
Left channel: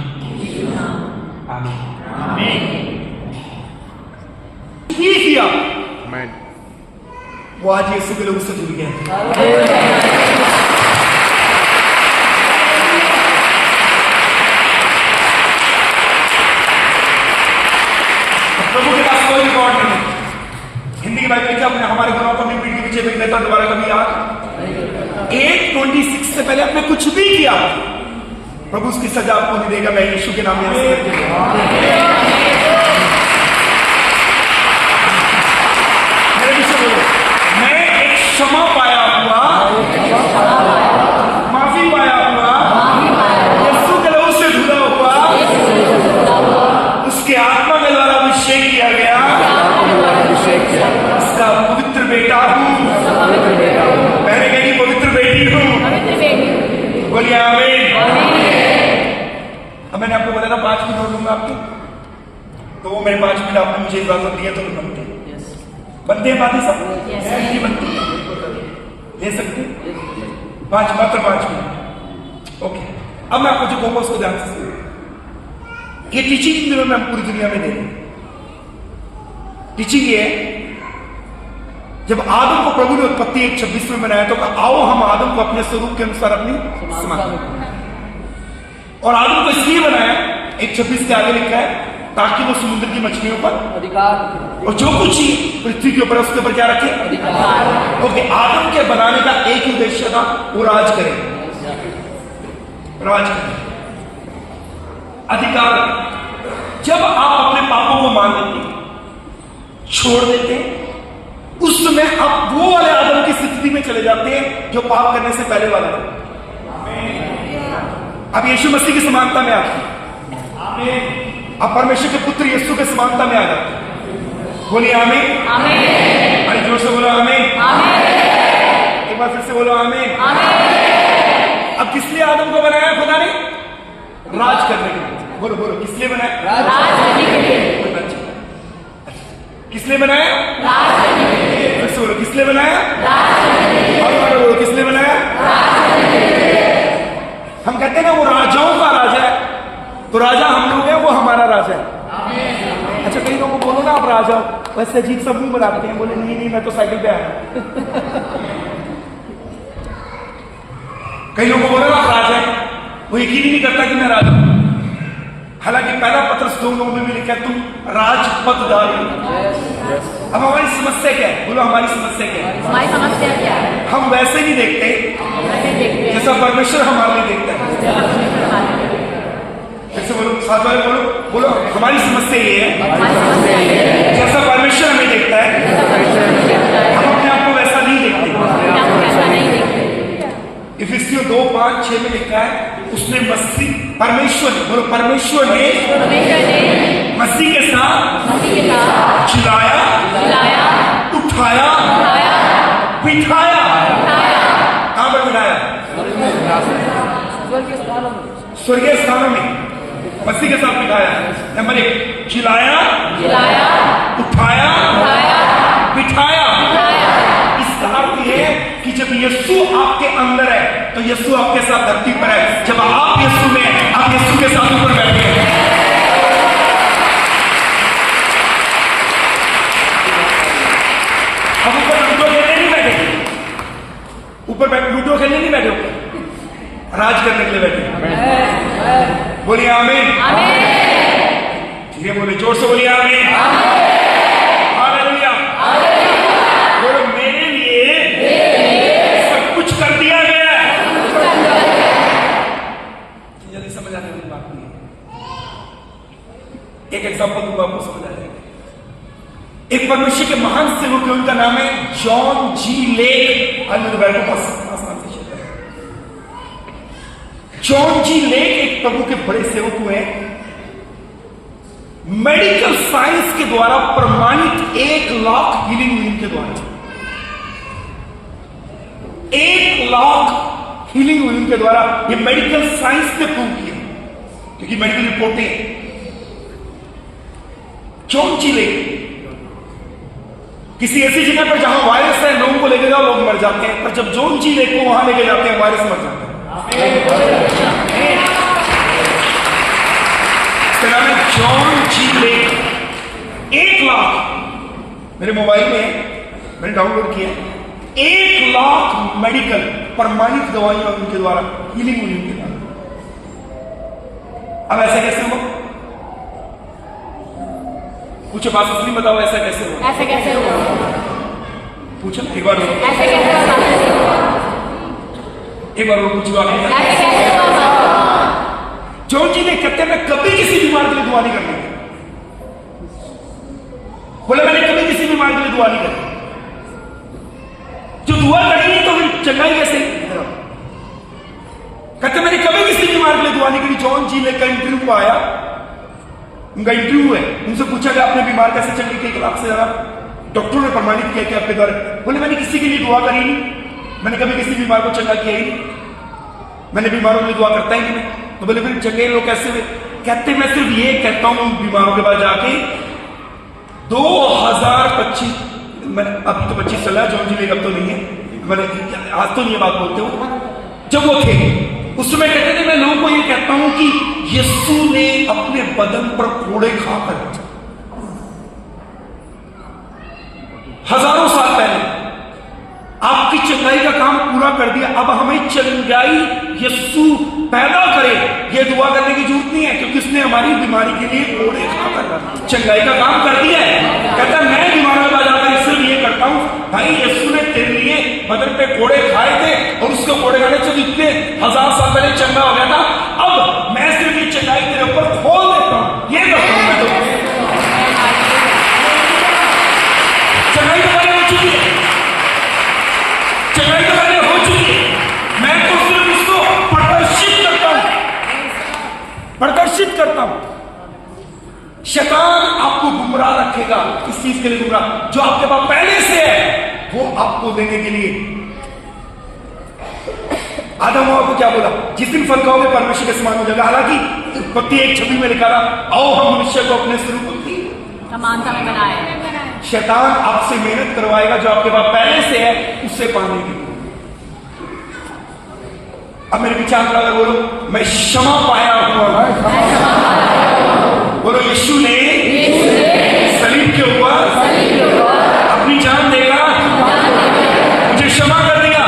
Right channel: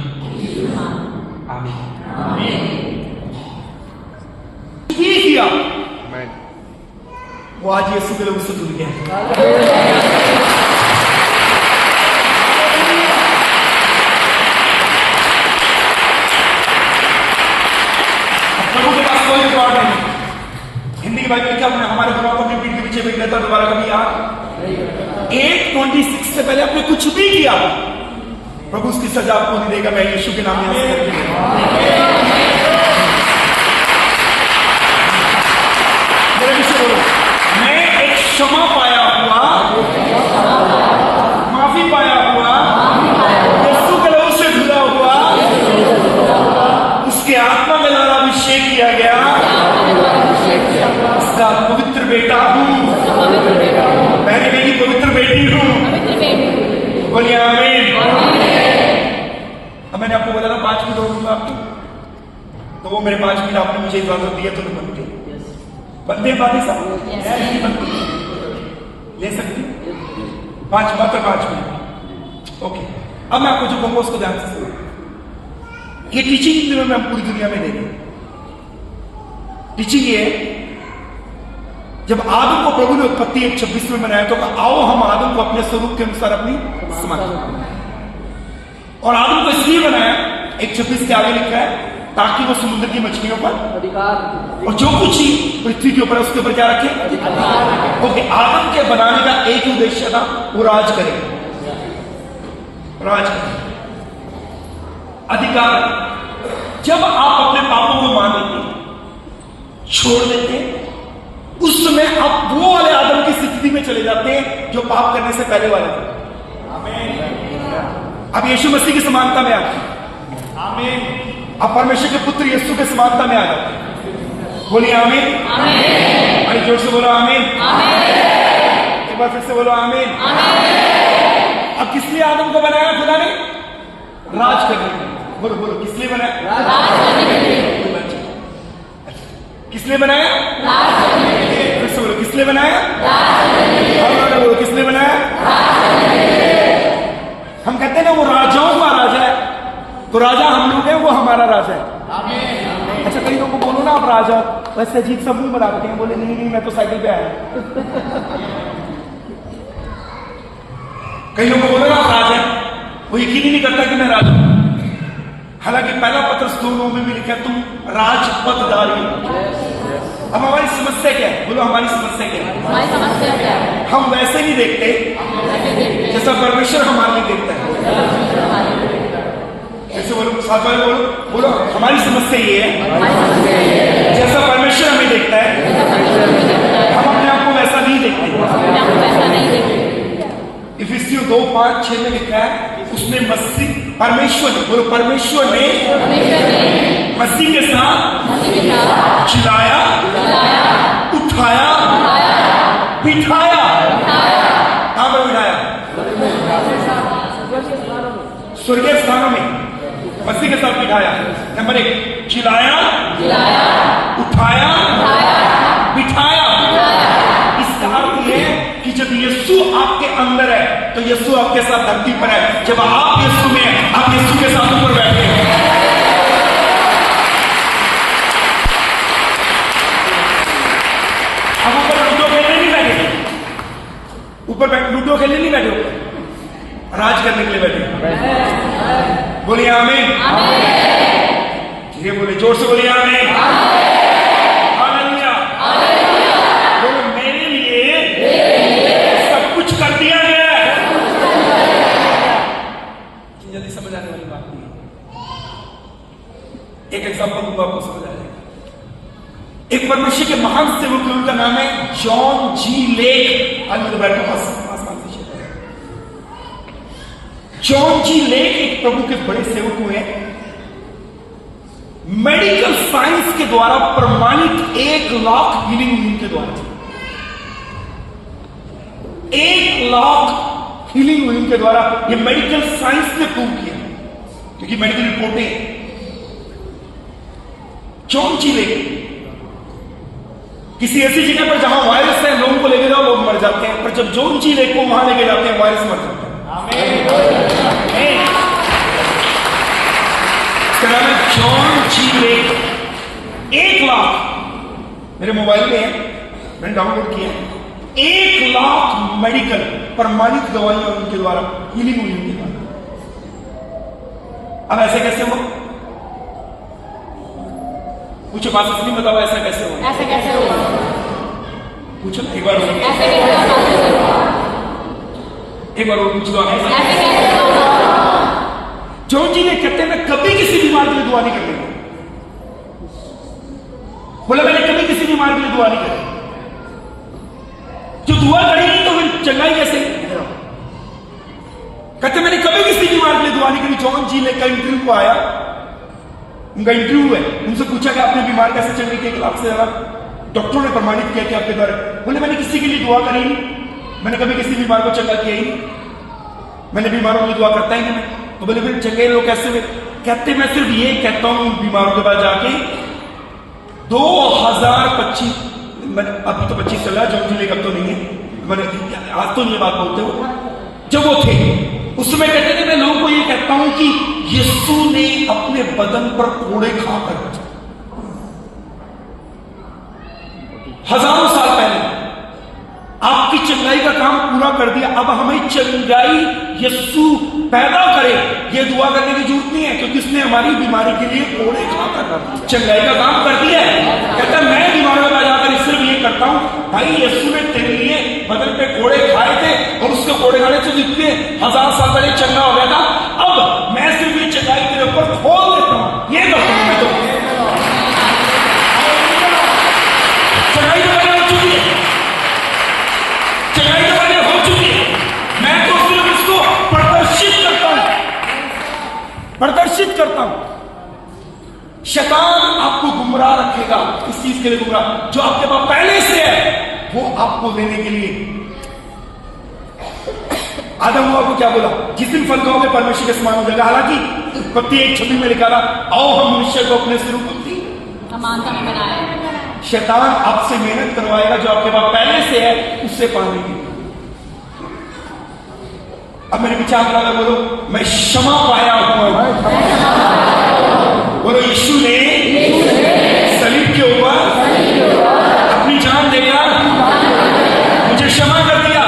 आमीन। ये किया वो आज यीशु के लोग से जुड़ गया। प्रभु के पास कोई रिकॉर्ड नहीं। हिंदी की बाइबल लिखा, हमारे गुनाहों को भी पीठ के पीछे फेंक लेता दोबारा कभी याद। 8:26 से पहले आपने कुछ भी किया, प्रभु उसकी सजा आपको नहीं देगा। मैं यीशु के नाम में यहां से करके मेरे पीछे बोलो, मैं एक क्षमा पाया हुआ, माफी पाया हुआ, यीशु के लहू से धुला हुआ, उसके आत्मा में लाल अभिषेक किया गया, उसका पवित्र बेटा हूं, मैंने मेरी पवित्र बेटी हूं। बोलिए आमीन। अब मैंने आपको बताया 5 मिनट और दूंगा आपको, तो वो मेरे 5 मिनट आपने मुझे इजाजत दी है तो नहीं बनते हैं बातें सब बनती ले सकते 5 मात्र 5 मिनट। ओके, अब मैं आपको जो कहूंगा उसको ध्यान से सुनिए। ये टीचिंग दिनों में हम पूरी दुनिया में देते हैं। टीचिंग ये है, जब आदम को प्रभु ने उत्पत्ति 1:26 में बनाया तो कहा आओ हम आदम को अपने स्वरूप के अनुसार अपनी समान। और आदम को इसलिए बनाया, 1:26 के आगे लिखा है, ताकि वो समुद्र की मछलियों पर अधिकार और जो कुछ ही पृथ्वी के ऊपर है उसके ऊपर क्या रखे अधिकार। ओके, आदम के बनाने का एक ही उद्देश्य था, वो राज करे, राज करे, अधिकार। जब आप अपने पापों को मान लेते, छोड़ देते, उस समय आप वो वाले आदम की स्थिति में चले जाते हैं जो पाप करने से पहले वाला है। अब यीशु मसीह की समानता में आते हैं, आप परमेश्वर के पुत्र यीशु के समानता में आ जाते हैं। बोलिए आमीन। अरे जोर से बोलो आमीन। एक बार फिर से बोलो आमीन। अब किस लिए आदम को बनाया खुदा ने? राज करने के लिए। बोलो बोलो, किस लिए बनाया? कोई बात नहीं। किस लिए बनाया? फिर से बोलो, किस लिए बनाया? बोलो, किस लिए बनाया? हम कहते हैं ना वो राजाओं का राजा है, तो राजा हम लोग हैं, वो हमारा राजा है। अच्छा, कई लोगों को बोलो ना आप राजा हो, वैसे अजीब सा मुंह बनाते हैं, बोले नहीं नहीं मैं तो साइकिल पे आया। कई लोगों को बोलो ना आप राजा है, वो यकीन ही नहीं करता कि मैं राजा हूं। हालांकि पहला पत्रस 2:9 में भी लिखा तुम राजपदधारी। अब हमारी समस्या क्या है? बोलो हमारी समस्या क्या है? हमारी समस्या क्या है? हम वैसे नहीं देखते जैसा परमेश्वर हमारे लिए देखता है। ऐसे बोलो, साथ वाले बोलो, बोलो हमारी समस्या ये है जैसा परमेश्वर हमें देखता है, हम अपने आप को वैसा नहीं देखते। इफिसियों 2:5-6 में लिखा है उसने मसीह परमेश्वर ने, बोलो परमेश्वर ने मसीह के साथ जिलाया, उठाया, बिठाया। कहां पर बिठाया? स्वर्गीय स्थानों में मसीह के साथ बिठाया। नंबर 1, जिलाया, उठाया, बिठाया। इसका अर्थ यह है कि जब यीशु आपके अंदर है तो यीशु आपके साथ धरती पर है। जब आप यीशु में हैं, आप यीशु के साथ ऊपर बैठे हैं। हम ऊपर लूडो खेलने नहीं बैठे, ऊपर लूडो खेलने नहीं बैठे, ऊपर राज करने के लिए बैठे। बोलिए आमीन। ये बोले जोर से, बोलिए आमीन। हालेलुया। बोलो मेरे लिए सब कुछ कर दिया गया है। जल्दी समझ आने वाली बात नहीं है। एक एग्जांपल दूंगा, आपको समझ आ जाएगा। एक परमेश्वर के महान सेवक, उनका नाम है जॉन जी लेक। जॉन जी लेक एक प्रभु के बड़े सेवक हुए। मेडिकल साइंस के द्वारा प्रमाणित 1 लाख हीलिंग हुई उनके द्वारा। 1 लाख हीलिंग हुई उनके द्वारा। ये मेडिकल साइंस ने प्रूव किया, क्योंकि मेडिकल रिपोर्टें। जॉन जी लेक किसी ऐसी जगह पर जहां वायरस है, लोगों को लेके जाओ, लोग मर जाते हैं। पर जब जॉन जी लेक को वहां लेके जाते हैं, वायरस मर जाता है। इसका नाम है जॉन जी लेक। 1 लाख मेरे मोबाइल में है, मैंने डाउनलोड किया है। 1 लाख मेडिकल प्रमाणित दवाइयां उनके द्वारा हीलिंग हुई उनके द्वारा। अब ऐसा कैसे हुआ? पूछो, बात असली बताओ, ऐसा कैसे हुआ? ऐसे कैसे हुआ? पूछो ना एक बार, ऐसे कैसे हुआ? एक बार वो पूछो। ऐसे कैसे हुआ? जॉन जी ने कहते मैं कभी किसी बीमार के लिए दुआ नहीं करती। बोला मैंने कभी किसी बीमार के लिए दुआ नहीं करती। जो दुआ करेंगे तो फिर चंगाई कैसे? कहते मैंने कभी किसी बीमार के लिए दुआ नहीं करी। जॉन जी ने का इंटरव्यू आया, उनका इंटरव्यू है, उनसे पूछा कि आपने बीमार कैसे चंगी की? 1 लाख से ज्यादा डॉक्टरों ने प्रमाणित किया कि आपके द्वारा। बोले मैंने किसी के लिए दुआ करी नहीं, मैंने कभी किसी बीमार को चंगा किया ही नहीं, मैंने बीमारों के लिए दुआ करता ही नहीं मैं। तो बोले फिर चंगे लोग कैसे हुए? कहते मैं सिर्फ ये कहता हूं बीमारों के पास जाके 2025, मैंने अभी तो 25 चल रहा है, जॉन जी लेक अब तो नहीं है, मैंने आज तो नहीं ये बात बोलते हो, जब वो थे उसमें कहते थे मैं लोगों को ये कहता हूं कि यीशु ने अपने बदन पर कोड़े खाकर हजारों साल पहले आपकी चंगाई का काम पूरा कर दिया। अब हमें चंगाई यीशु पैदा करे, ये दुआ करने की जरूरत नहीं है, क्योंकि उसने हमारी बीमारी के लिए कोड़े खाकर चंगाई का काम कर दिया है। कहता है मैं बीमारों के पास जाकर सिर्फ ये करता हूं, भाई यीशु ने तेरे लिए बदन पे कोड़े खाए थे और उसके कोड़े खाने से इतने 1000 साल पहले चंगा हो गया था। अब मैं सिर्फ ये चंगाई तेरे ऊपर खोल देता हूं, ये करता हूं मैं। तो चंगाई तो पहले हो चुकी है, चंगाई तो पहले हो चुकी है, मैं तो सिर्फ इसको प्रदर्शित करता हूं। शैतान आपको गुमराह रखेगा। इस चीज के लिए गुमराह जो आपके पास पहले से है वो आपको देने के लिए। आदम हवा को क्या बोला? जिस दिन फल खाओगे परमेश्वर के समान हो जाएगा। हालांकि उत्पत्ति 1:26 में लिखा था, आओ हम मनुष्य को अपने स्वरूप की समानता में बनाए। शैतान आपसे मेहनत करवाएगा जो आपके पास पहले से है उससे पाने के लिए। अब मेरे विचार लगा, बोलो मैं क्षमा पाया हुआ। बोलो यीशु ने सलीब के ऊपर अपनी जान देगा, मुझे क्षमा कर दिया।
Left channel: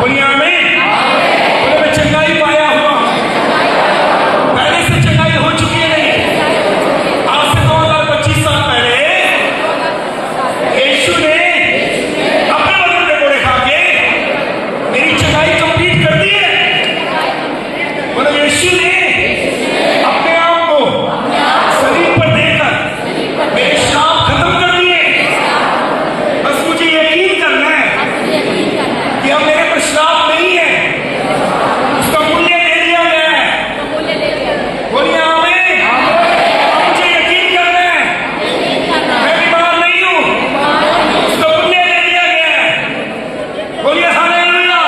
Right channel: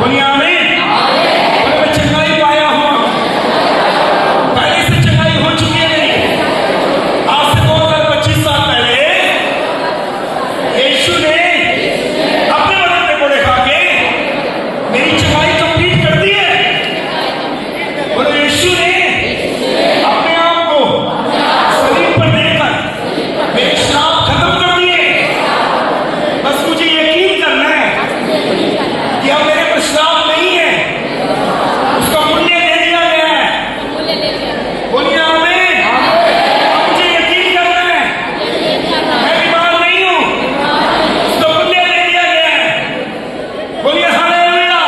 बोलिए आमीन। बोलो मैं चंगाई पाया हुआ। पहले से चंगाई हो चुकी है। नहीं, आज से 2025 साल पहले यीशु ने अपने बदन के कोड़े खा के मेरी चंगाई कंप्लीट कर दी है। बोलो यीशु ने अपने आप को सलीब पर देकर मेरे श्राप खत्म कर दिए। बस मुझे यकीन करना है कि अब मेरे पर श्राप नहीं है, उसका मूल्य दे दिया गया है। मूल्य ले लिया। बोलिए आमीन। अब मुझे यकीन करना है यकीन करना है। मैं बीमार नहीं हूं, उसका मूल्य दे दिया गया है। बोलिए हालेलुया।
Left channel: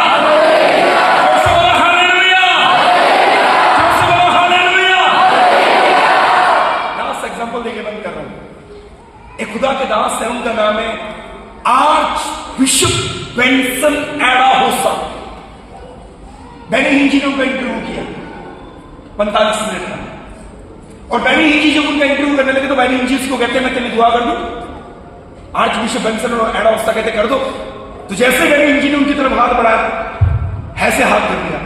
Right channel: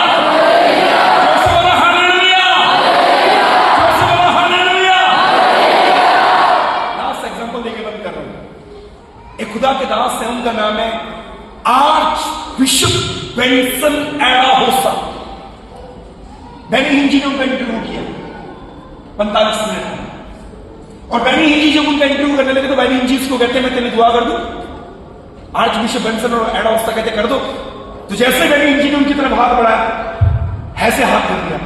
जोर से बोलो हालेलुया। जोर से बोलो हालेलुया। लास्ट एग्जांपल देके बंद कर रहा हूं। एक खुदा के दास है, उनका नाम है आर्च बिशप बेंसन एडा होसा। मैंने हिंदी ने उनका इंटरव्यू किया 45 मिनट का, और बैनी हिंदी जब उनका इंटरव्यू करने लगे तो बैनी हिंजी को कहते हैं मैं तेरे लिए दुआ कर दूं। आर्च बिशप बेंसन और एडा होसा कहते कर दो। तो जैसे बैनी हिंजी ने उनकी तरफ हाथ बढ़ाया, ऐसे हाथ धो दिया।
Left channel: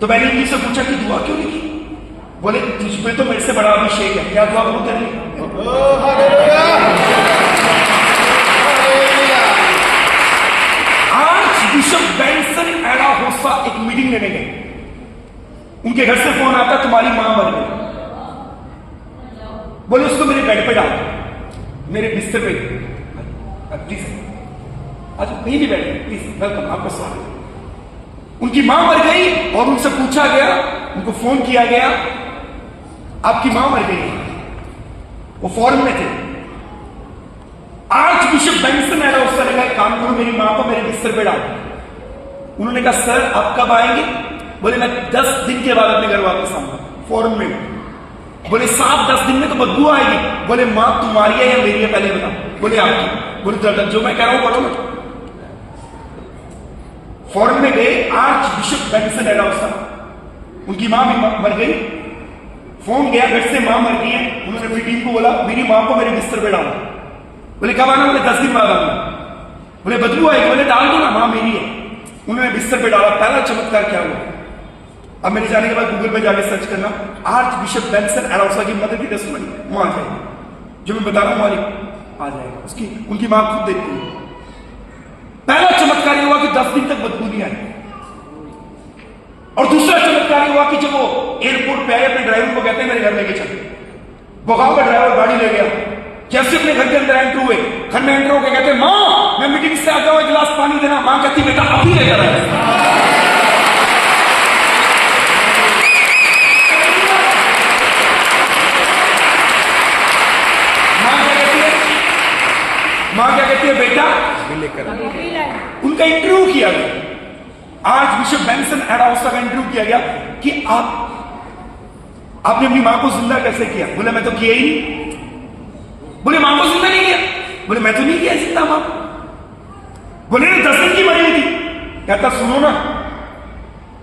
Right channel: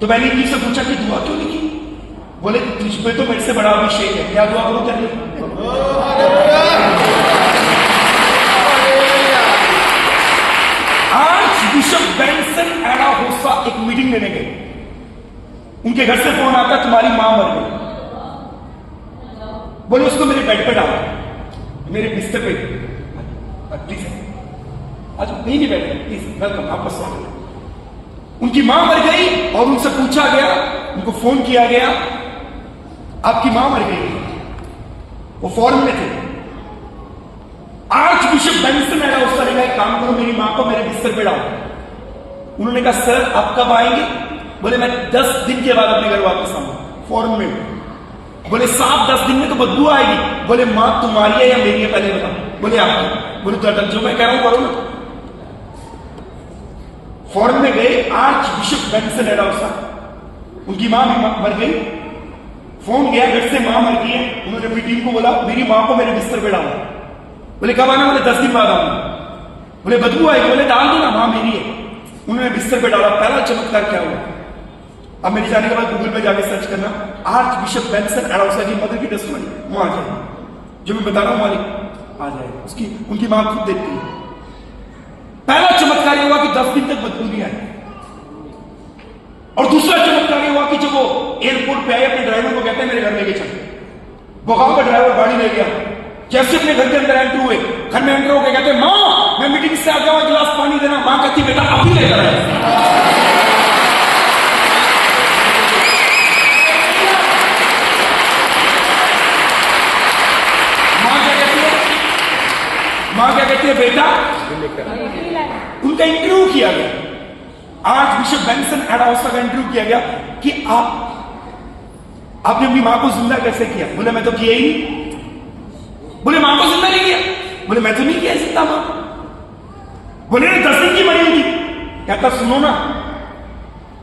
तो बैनी हिंजी से पूछा कि दुआ क्यों नहीं की? बोले तुझ पे तो मेरे से बड़ा अभिषेक है, क्या दुआ करूं तेरे लिए? आर्च बिशप बेंसन एडा होसा एक मीटिंग लेने गए। उनके घर से फोन आता, तुम्हारी मां मर गई। बोले उसको मेरे बेड पे डालो, मेरे बिस्तर पे। प्लीज आज कहीं भी बैठे, प्लीज वेलकम, आपका स्वागत है। उनकी मां मर गई और उनसे पूछा गया, उनको फोन किया गया, आपकी मां मर गई। वो फॉरेन में थे। आर्च बिशप बेंसन एडा होसा ने कहा काम करो, मेरी मां को मेरे बिस्तर पे डालो। उन्होंने कहा सर आप कब आएंगे? बोले मैं 10 दिन के बाद अपने घर वापस आऊंगा, फॉरेन में हूं। बोले 7-10 दिन में तो बदबू आएगी। बोले मां तुम्हारी है या मेरी है पहले बताओ। बोले आपकी। बोले तो जो मैं कह रहा हूं करो ना। फॉरेन में गए आर्च बिशप बेंसन एडा होसा, उनकी मां भी मर गई। फोन गया घर से, मां मर गई है। उन्होंने अपनी टीम को बोला मेरी मां को मेरे बिस्तर पे डालो। बोले कब आना? बोले 10 दिन बाद आना। बोले बदबू आएगी? बोले डाल दो ना, मां मेरी है। उन्होंने बिस्तर पे डाला। पहला चमत्कार क्या हुआ? अब मेरे जाने के बाद गूगल पे जाके सर्च करना, आर्च बिशप बेंसन एडा होसा की मदर की टेस्टिमनी, वहां आ जाएगी। जो मैं बता रहा हूं मालिक आ जाएगा। उसकी उनकी मां खुद देखती है। पहला चमत्कार हुआ कि 10 दिन तक बदबू नहीं आई। और दूसरा चमत्कार हुआ कि जब वो एयरपोर्ट पे आए, अपने ड्राइवर को कहते हैं मेरे घर लेके चल। बुखार का ड्राइवर गाड़ी ले गया। जैसे अपने घर के अंदर एंटर हुए, घर में एंटर होकर कहते मां मैं मीटिंग से आ गया हूं, एक गिलास पानी देना। मां कहती बेटा अभी लेकर आए। मां क्या कहती है बेटा लेकर। उनका इंटरव्यू किया गया। आज बिशप बेंसन एडा होसा का इंटरव्यू किया गया कि आपने अपनी मां को जिंदा कैसे किया? बोले मैं तो किया ही नहीं। बोले मां को जिंदा नहीं किया? बोले मैं तो नहीं किया जिंदा मां। बोले ना 10 दिन की मरी हुई थी। कहता सुनो ना,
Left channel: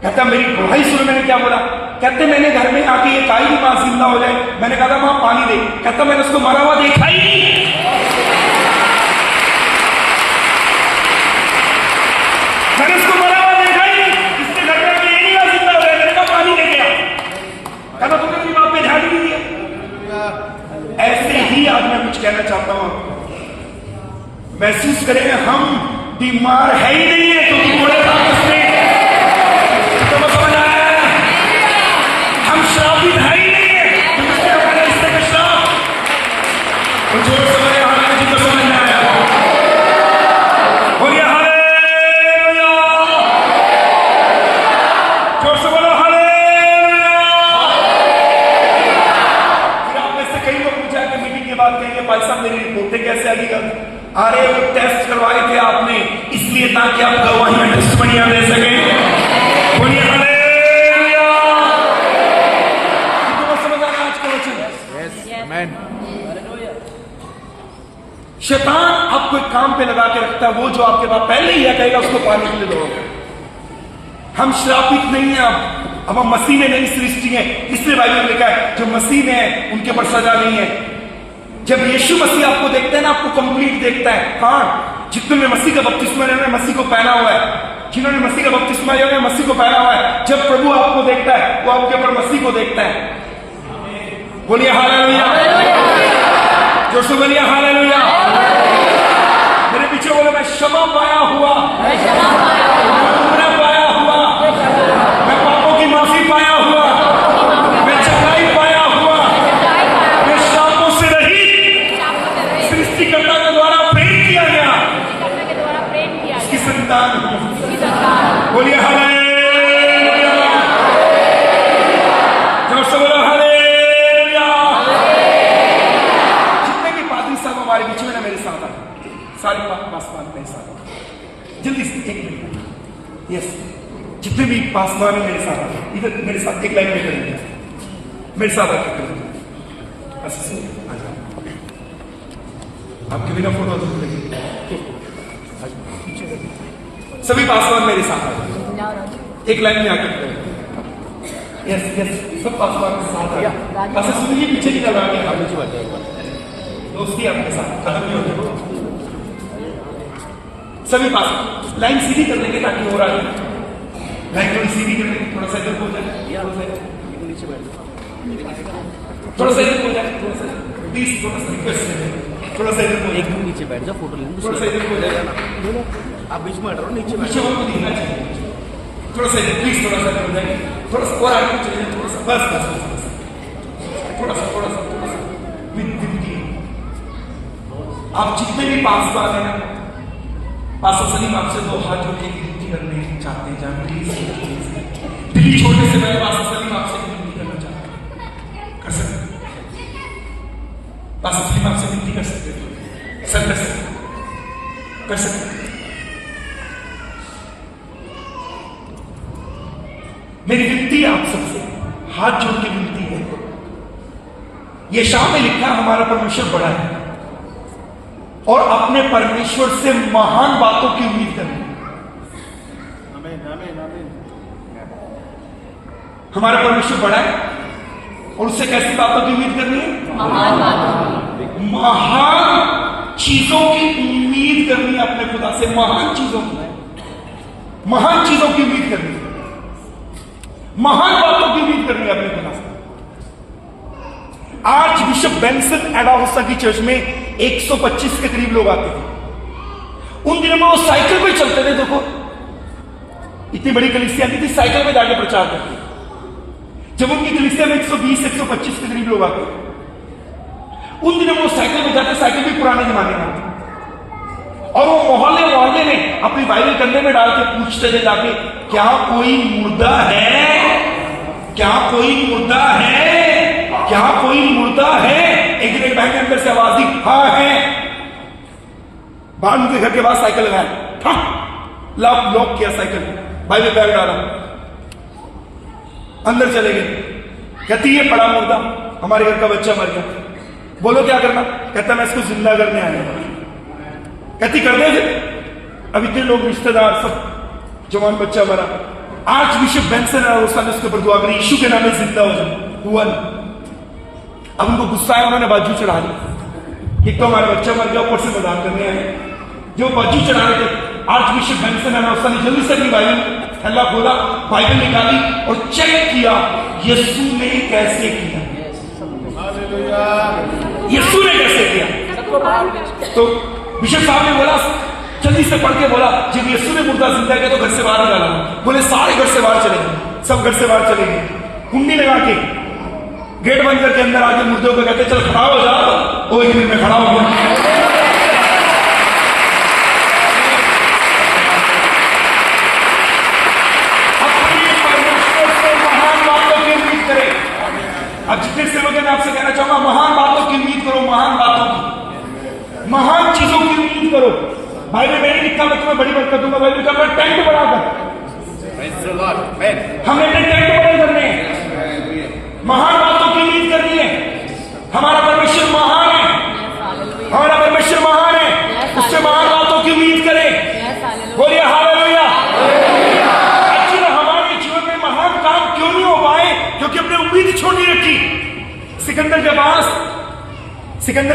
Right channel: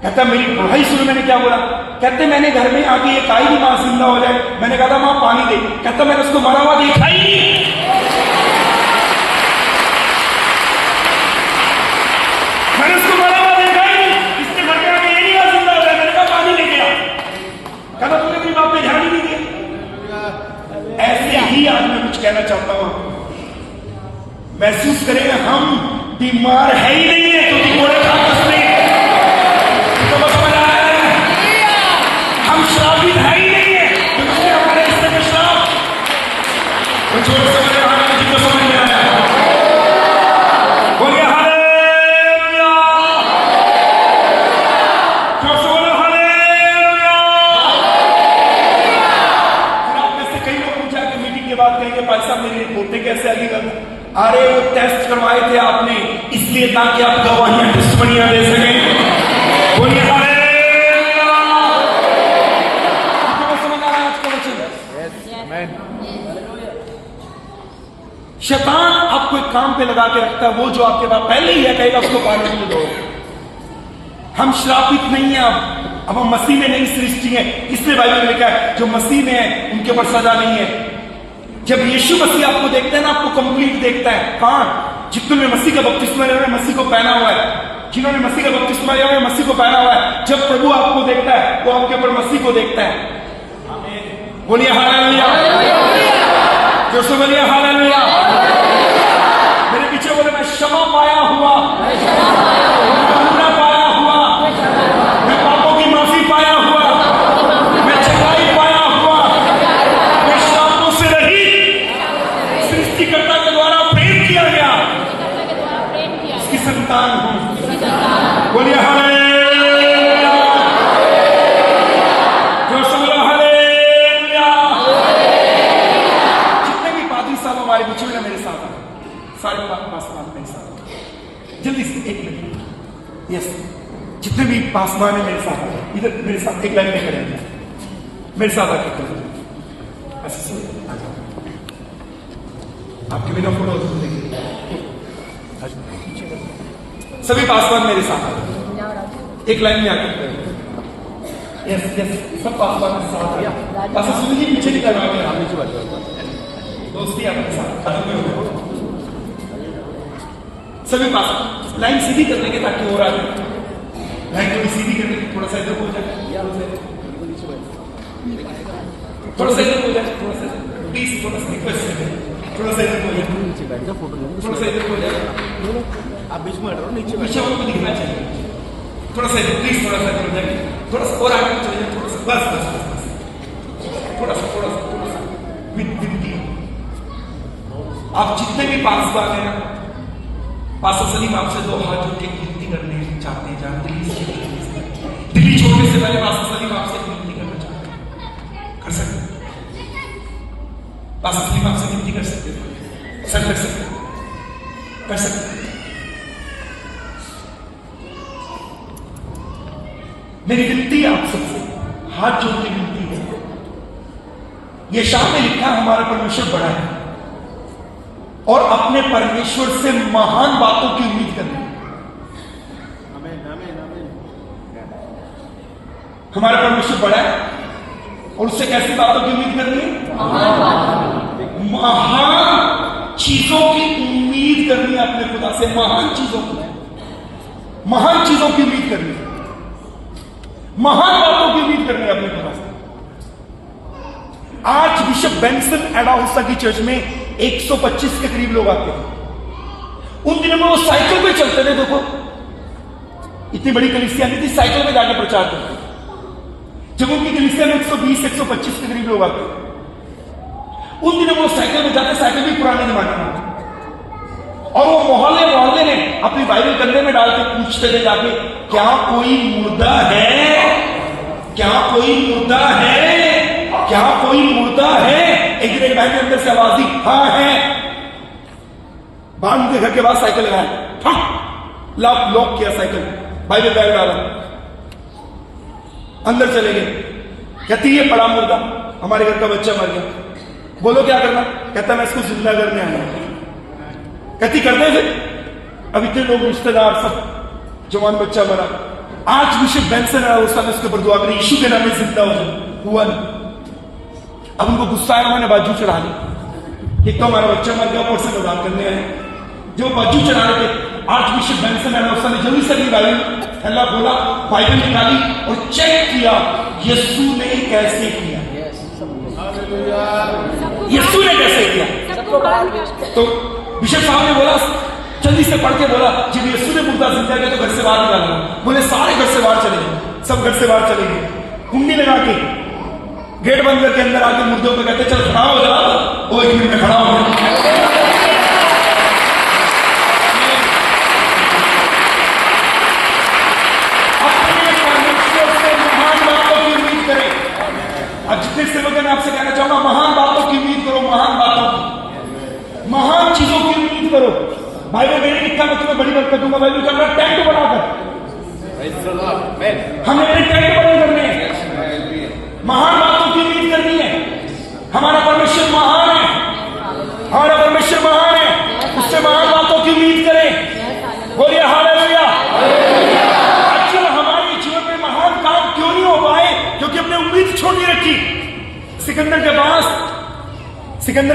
कहता मेरी पढ़ाई सुनो मैंने क्या बोला। कहते मैंने घर में आके ये कहा ही मां जिंदा हो जाए। मैंने कहा था मां पानी दे। कहता मैंने उसको मरा हुआ देखा ही नहीं। मैंने उसको मरा हुआ देखा ही नहीं। इसके घर में आके ये नहीं कहा जिंदा हो जाए। मैंने कहा पानी लेके आ। कहता तूने अपनी मां पे ध्यान ही नहीं दिया। ऐसे ही आज मैं कुछ कहना चाहता हूं, महसूस करें हम बीमार है ही नहीं है क्योंकि घोड़े वापस नहीं। तो समझ आया है? हम श्रापित है ही नहीं है क्योंकि हमारे हिस्से में श्राप। कुछ और समझ आ रहा है, जिनको समझ में आया बोलिए हालेलुया। जोर से बोलो हालेलुया। बात कहेंगे भाई साहब मेरी रिपोर्टें कैसे आगे कर, अरे वो टेस्ट करवाए थे आपने इसलिए ताकि आप गवाहियां टेस्टमनियां ले सकें। बोलिए हालेलुया। कितने को समझ आ रहा है आज का वचन? शैतान आपको एक काम पे लगा के रखता है, वो जो आपके पास पहले ही है कहेगा उसको पाने के लिए दो। हम श्रापित नहीं है, अब हम मसीह में नई सृष्टि है, इसलिए बाइबल में लिखा है जो मसीह में है उनके ऊपर सजा नहीं है। जब यीशु मसीह आपको देखता है ना, आपको कंप्लीट देखता है। हाँ, जितने मसीह का बपतिस्मा लिया मसीह को पहना हुआ है, जिन्होंने मसीह का बपतिस्मा लिया मसीह को पहना हुआ है। जब प्रभु आपको देखता है तो आपके ऊपर मसीह को देखता है। बोलिए हालेलुया, जो सो बोलिए हालेलुया। मेरे पीछे बोले मैं क्षमा पाया हुआ, पाया हुआ, मैं पापों की माफी पाया हुआ, मैं चंगाई पाया हुआ, मैं श्रापों से रहित सृष्टिकर्ता के द्वारा प्रेम किया गया, उसकी संतान हूं। बोलिए हालेलुया, जोर से बोलो हालेलुया। जितने भी पादरी साहब हमारे बीच में ना मेरे साथ आए, सारे पासवान मेरे साथ, जल्दी से एक मिनट। यस, जितने भी पासवान है मेरे साथ आए, इधर मेरे साथ एक लाइन में करेंगे, मेरे साथ आके करेंगे। आपके बिना फोटो सभी पासवान मेरे साथ आए, एक लाइन में आकर करेंगे। यस यस, सब पासवान के साथ आया। पास सुनिए, पीछे की तरफ दोस्ती आपके साथ सभी पास लाइन सीधी कर लेंगे ताकि हो रहा है। लाइन थोड़ी सीधी कर लेंगे, थोड़ा सा इधर हो जाए, थोड़ा सा इधर हो जाए, थोड़ा सा प्लीज, थोड़ा सा रिक्वेस्ट है, थोड़ा सा इधर हो जाए, नीचे बैठ जाओ, फोटो लेंगे। थोड़ा सा इधर हो जाए, आप बीच में बैठ रहो, नीचे बैठ पीछे और दिखना चाहिए, थोड़ा सा इधर प्लीज, थोड़ा सा इधर हो जाए, थोड़ा सा और आगे चलिए, थोड़ा सा बस थोड़ा सा थोड़ा सा थोड़ा सा विद आप जितने भी पासवान हैं, पास्टर सलीम आपसे दो हाथ जोड़ के विनती करने चाहते हैं, जानते हैं दिल्ली छोड़ने से पहले पास्टर सलीम आपसे विनती करना चाहते हैं, कर सकते? पास्टर सलीम आपसे विनती कर सकते हैं, सर कर सकते, कर सकते। मेरी विनती आप सबसे हाथ जोड़ के विनती है, ये शाम में लिखा हमारा परमेश्वर बड़ा है और अपने परमेश्वर से महान बातों की उम्मीद करनी। हमारा परमेश्वर बड़ा है और उससे कैसी बातों की उम्मीद करनी है? महान चीजों की उम्मीद करनी है अपने खुदा से, महान चीजों की, महान चीजों की उम्मीद करनी है, महान बातों की उम्मीद करनी है अपने खुदा से। आज बिशप बेंसन एडाहुस्ता की चर्च में 125 के करीब लोग आते हैं। उन दिनों में वो साइकिल पे चलते थे, देखो इतनी बड़ी कलीसिया नहीं थी, साइकिल में जाके प्रचार करते। जब उनकी कलीसिया में 120-125 के करीब लोग आते, उन दिनों में वो साइकिल में जाते, साइकिल भी पुराने जमाने में आते, और वो मोहल्ले में अपनी बाइबल कंधे में डाल के पूछते थे जाके, क्या कोई मुर्दा है? क्या कोई मुर्दा है? क्या कोई मुर्दा है? एक दिन एक भाई के अंदर से आवाज दी, हाँ है। बाहर मुझे घर के बाद साइकिल लगाया, लॉक किया साइकिल, भाई ने बैग डाला, अंदर चले गए। कहती ये पड़ा मुर्दा, हमारे घर का बच्चा मर गया, बोलो क्या करना? कहता मैं इसको जिंदा करने आया। कहती करते थे, अब इतने लोग रिश्तेदार सब, जवान बच्चा मरा। आज बिशप बेंसन है, उसके ऊपर दुआ करी, यीशु के नाम में जिंदा हो जाए, हुआ नहीं। अब उनको गुस्सा आया, उन्होंने बाजू चढ़ा ली, एक तो हमारा बच्चा मर गया, ऊपर से मजाक करने आए। जो बाजू चढ़ा रहे थे, आज बिशप बेंसन है, उसने जल्दी से अपनी बाइबल अल्लाह खोला, बाइबल निकाली और चेक किया यीशु ने कैसे किया, यीशु ने कैसे किया। तो बिशप साहब ने बोला, जल्दी से पढ़ के बोला, जब यीशु ने मुर्दा जिंदा किया तो घर से बाहर निकाला। बोले सारे घर से बाहर चले गए, सब घर से बाहर चले गए, कुंडी लगा के गेट बंद करके अंदर आके मुर्दों को कहते चल खड़ा हो जा, वो एक मिनट में खड़ा हो गया। अपने परमेश्वर से महान बातों की उम्मीद करें। अब जितने सेवक मैं आपसे कहना चाहूंगा, महान बातों की उम्मीद करो, महान बातों की, महान चीजों की उम्मीद करो। बाइबल में नहीं लिखा मैं तुम्हें बड़ी बरकत दूंगा, बाइबल का अपना टेंट बनाकर हमें अपने टेंट बड़े करने हैं, महान बातों की उम्मीद करनी है। हमारा परमेश्वर महान है, हमारा परमेश्वर महान है, उससे महान बातों की उम्मीद करें। बोलिए हालेलुया। अच्छा, हमारे जीवन में महान काम क्यों नहीं हो पाए? क्योंकि हमने उम्मीद छोटी रखी। सिकंदर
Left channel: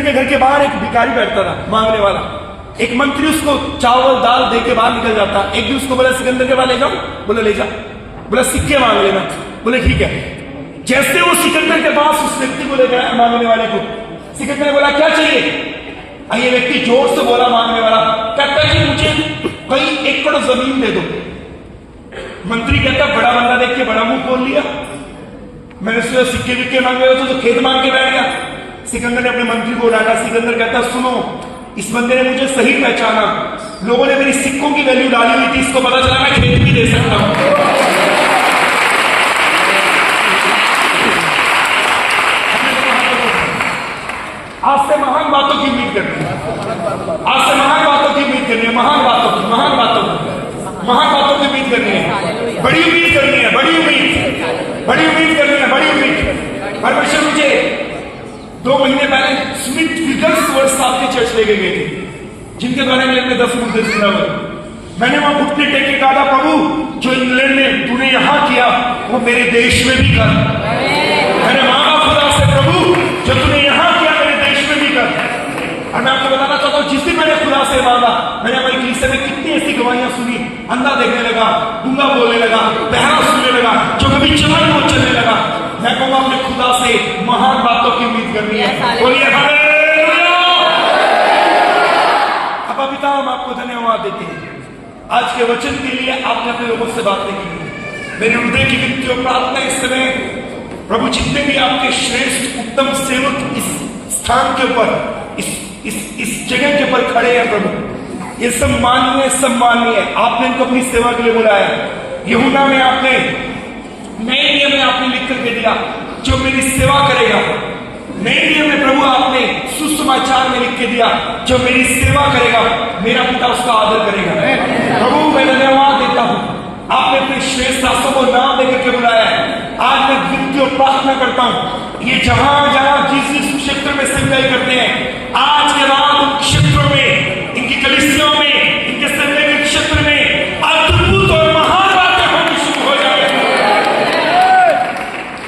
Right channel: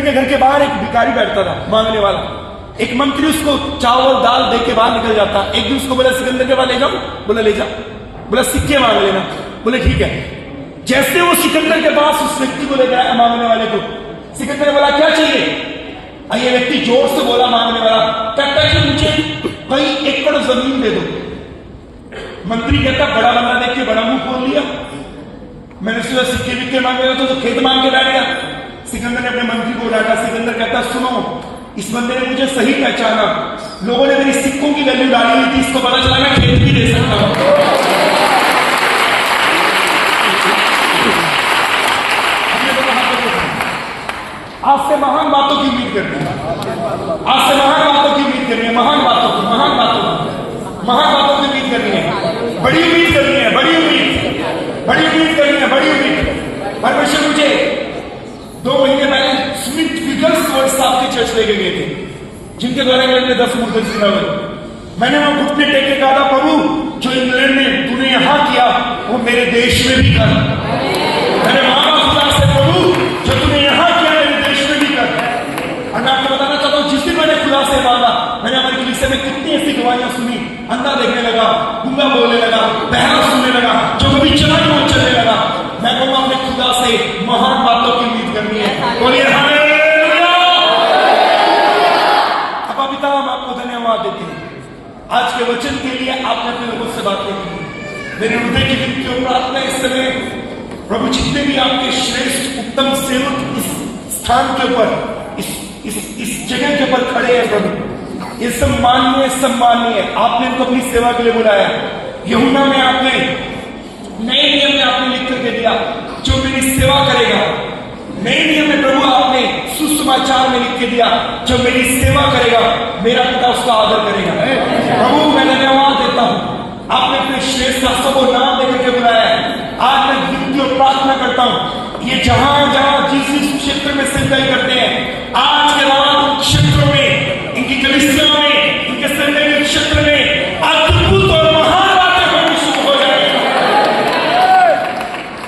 के घर के बाहर एक भिखारी बैठता था, मांगने वाला। एक मंत्री उसको चावल दाल दे के बाहर निकल जाता। एक दिन उसको बोला सिकंदर के पास ले जाओ, बोला ले जा, बोला सिक्के मांग लेना, बोले ठीक है। जैसे वो सिकंदर के पास उस व्यक्ति को ले गया, मांगने वाले को, सिकंदर ने बोला क्या चाहिए? ये व्यक्ति जोर से बोला, मांगने वाला, कहता है कि मुझे कहीं 1 एकड़ जमीन दे दो। मंत्री कहता बड़ा बंदा देख के बड़ा मुंह खोल लिया, मैंने सोचा सिक्के विक्के मांगे तो खेत मांग के बैठ गया। सिकंदर ने अपने मंत्री को डाला। सिकंदर कहता सुनो, इस बंदे ने मुझे सही पहचाना, लोगों ने मेरी सिक्कों की वैल्यू डाली हुई थी, इसको पता चला मैं खेत भी दे सकता हूं। आज से महान बातों की उम्मीद करनी है, आज से महान बातों की उम्मीद करनी है, महान बातों की उम्मीद करनी है, बड़ी उम्मीद करनी है, बड़ी उम्मीद करनी है, बड़ी उम्मीद। परमेश्वर मुझे 2 महीने पहले स्मिथ विगर्सवर्थ साहब के चर्च लेके गए थे, जिनके द्वारा इंग्लैंड में 10 मुद्दे जिला हुआ। मैंने वहां घुटने टेक के कहा था, प्रभु जो इंग्लैंड में तूने यहां किया वो मेरे देश में भी कर। मैंने मांगा खुदा से, प्रभु जो तूने यहां किया मेरे देश में भी कर। और मैं आपको बताना चाहता हूं, जिस दिन मैंने खुदा से मांगा, मैंने हमारी कलीसिया में कितनी ऐसी गवाहियां सुनी। अंधा देखने लगा, गूंगा बोलने लगा, बहरा सुनने लगा, जो कभी चला वो चलने लगा। मैं कहूंगा अपने खुदा से महान बातों की उम्मीद करनी है। बोलिए हालेलुया। अब पिता हम आपको धन्यवाद देते हैं आज के वचन के लिए। आपने अपने लोगों से बातें की, मेरे हृदय की विनती और प्रार्थना इस समय प्रभु, जितने भी आपके श्रेष्ठ उत्तम सेवक इस स्थान के ऊपर, इस जगह के ऊपर खड़े हैं प्रभु, ये सम्माननीय आपने इनको अपनी सेवा के लिए बुलाया। यूहन्ना में आपने नए नियम में आपने लिख करके दिया, जो मेरी सेवा करेगा। नए नियम में प्रभु आपने सुसमाचार में लिख के दिया, जो मेरी सेवा करेगा मेरा पिता उसका आदर करेगा। प्रभु मैं धन्यवाद देता हूं, आपने अपने श्रेष्ठ दासों को नाम लेकर के बुलाया है। आज मैं विनती और प्रार्थना करता हूं, ये जहां जिस क्षेत्र में सेवाई करते हैं, आज के रात उन क्षेत्रों में, इनकी कलीसियाओं में, इनके सेवा के क्षेत्र में अद्भुत और महान बातें होनी शुरू हो जाए।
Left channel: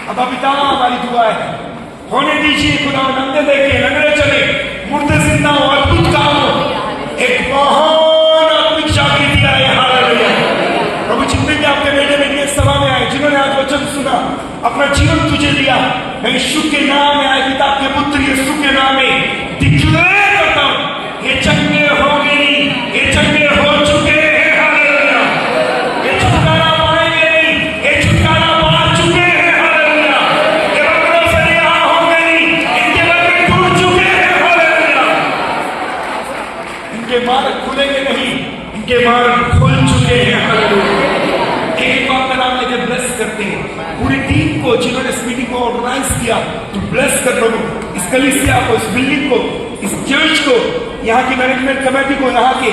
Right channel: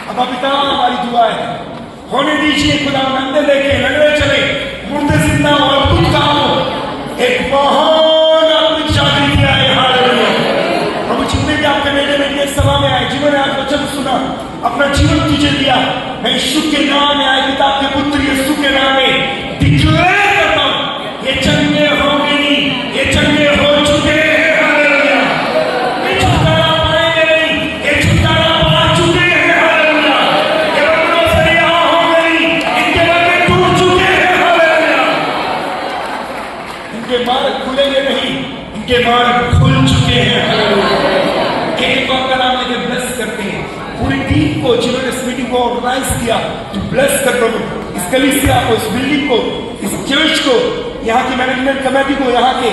अब पिता हमारी दुआ है, होने दीजिए खुदा, नंगे देखे, नंगे चले, मुर्दे जिंदा हो, अद्भुत काम हो, एक महान आत्मिक जागृति आए। हालेलुया। प्रभु जितने भी आपके बेटे बेटियां सभा में आए, जिन्होंने आज वचन सुना, अपना जीवन तुझे दिया, मैं यीशु के नाम में, आए पिता के पुत्र यीशु के नाम में डिक्लेयर करता हूं, ये चंगे होंगे नहीं, ये चंगे हो चुके हैं। हालेलुया। ये छुटकारा पाएंगे नहीं, ये छुटकारा पा चुके हैं। हालेलुया। ये बंधनों से रिहा होंगे नहीं, इनके बंधन टूट चुके हैं। हालेलुया। इनके मार्ग खुलेंगे नहीं, इनके मार्ग खुल चुके हैं। हालेलुया। एक बात का नाम लेकर ब्लेस करते हैं पूरी टीम को, जिन्होंने इस मीटिंग को ऑर्गेनाइज किया। तो ब्लेस कर प्रभु इस कलीसिया को, इस बिल्डिंग को, इस चर्च को, यहाँ की मैनेजमेंट कमेटी को, यहाँ के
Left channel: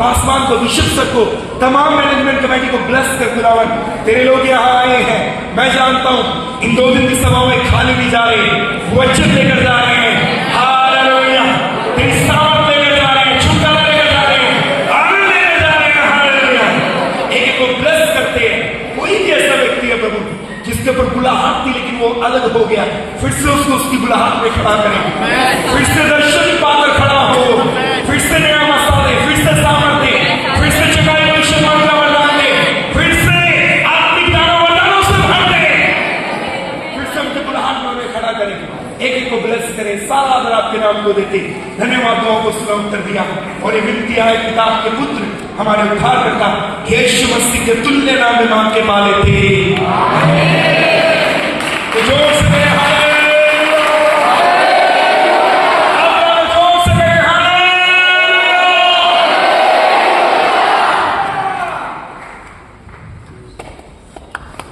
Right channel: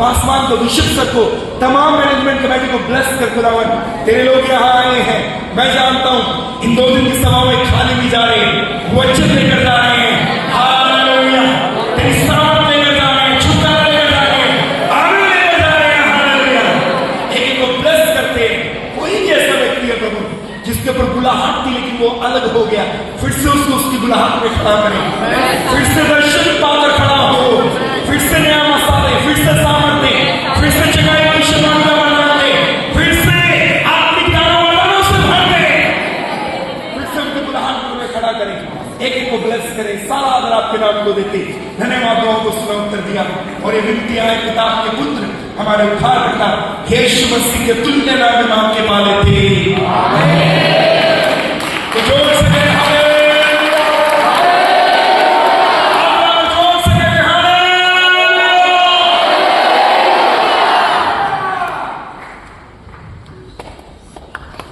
पासवान को, बिशप सर को, तमाम मैनेजमेंट कमेटी को ब्लेस कर खुदावन। तेरे लोग यहाँ आए हैं, मैं जानता हूँ इन 2 दिन की सभाओं में खाली भी जा रहे हैं, वचन लेकर जा रहे हैं। हालेलुया। तेरी साथ लेकर जा रहे हैं, छुटकारा लेकर जा रहे हैं, आनंद लेकर जा रहे हैं। हालेलुया। एक को ब्लेस करते हैं। कोई भी ऐसा व्यक्ति है प्रभु जिसके ऊपर बुलाहट थी लेकिन वो अलग हो गया, फिर से उसको उसकी बुलाहट में खड़ा करें, फिर से दर्शन पाकर खड़ा हो, फिर से नया मसाले, फिर से सामर्थ्य, फिर से जगाए हुए शैतान का वरदान दे, फिर से आत्मिक दानों से भर दे, फिर से उनकी बुलाहट में खड़ा करें। एक को ब्लेस करें। सारा आदर आपके नाम को देते, धन्यवाद दुआओं को सुना उत्तर दिया। और ये विनती है किताब के पुत्र हमारे उद्धार करता यीशु मसीह के तुल्य नाम में मांग के माले थे। तो जोर से हालेलुया, जोर से हालेलुया।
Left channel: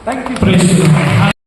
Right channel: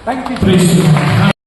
Thank you.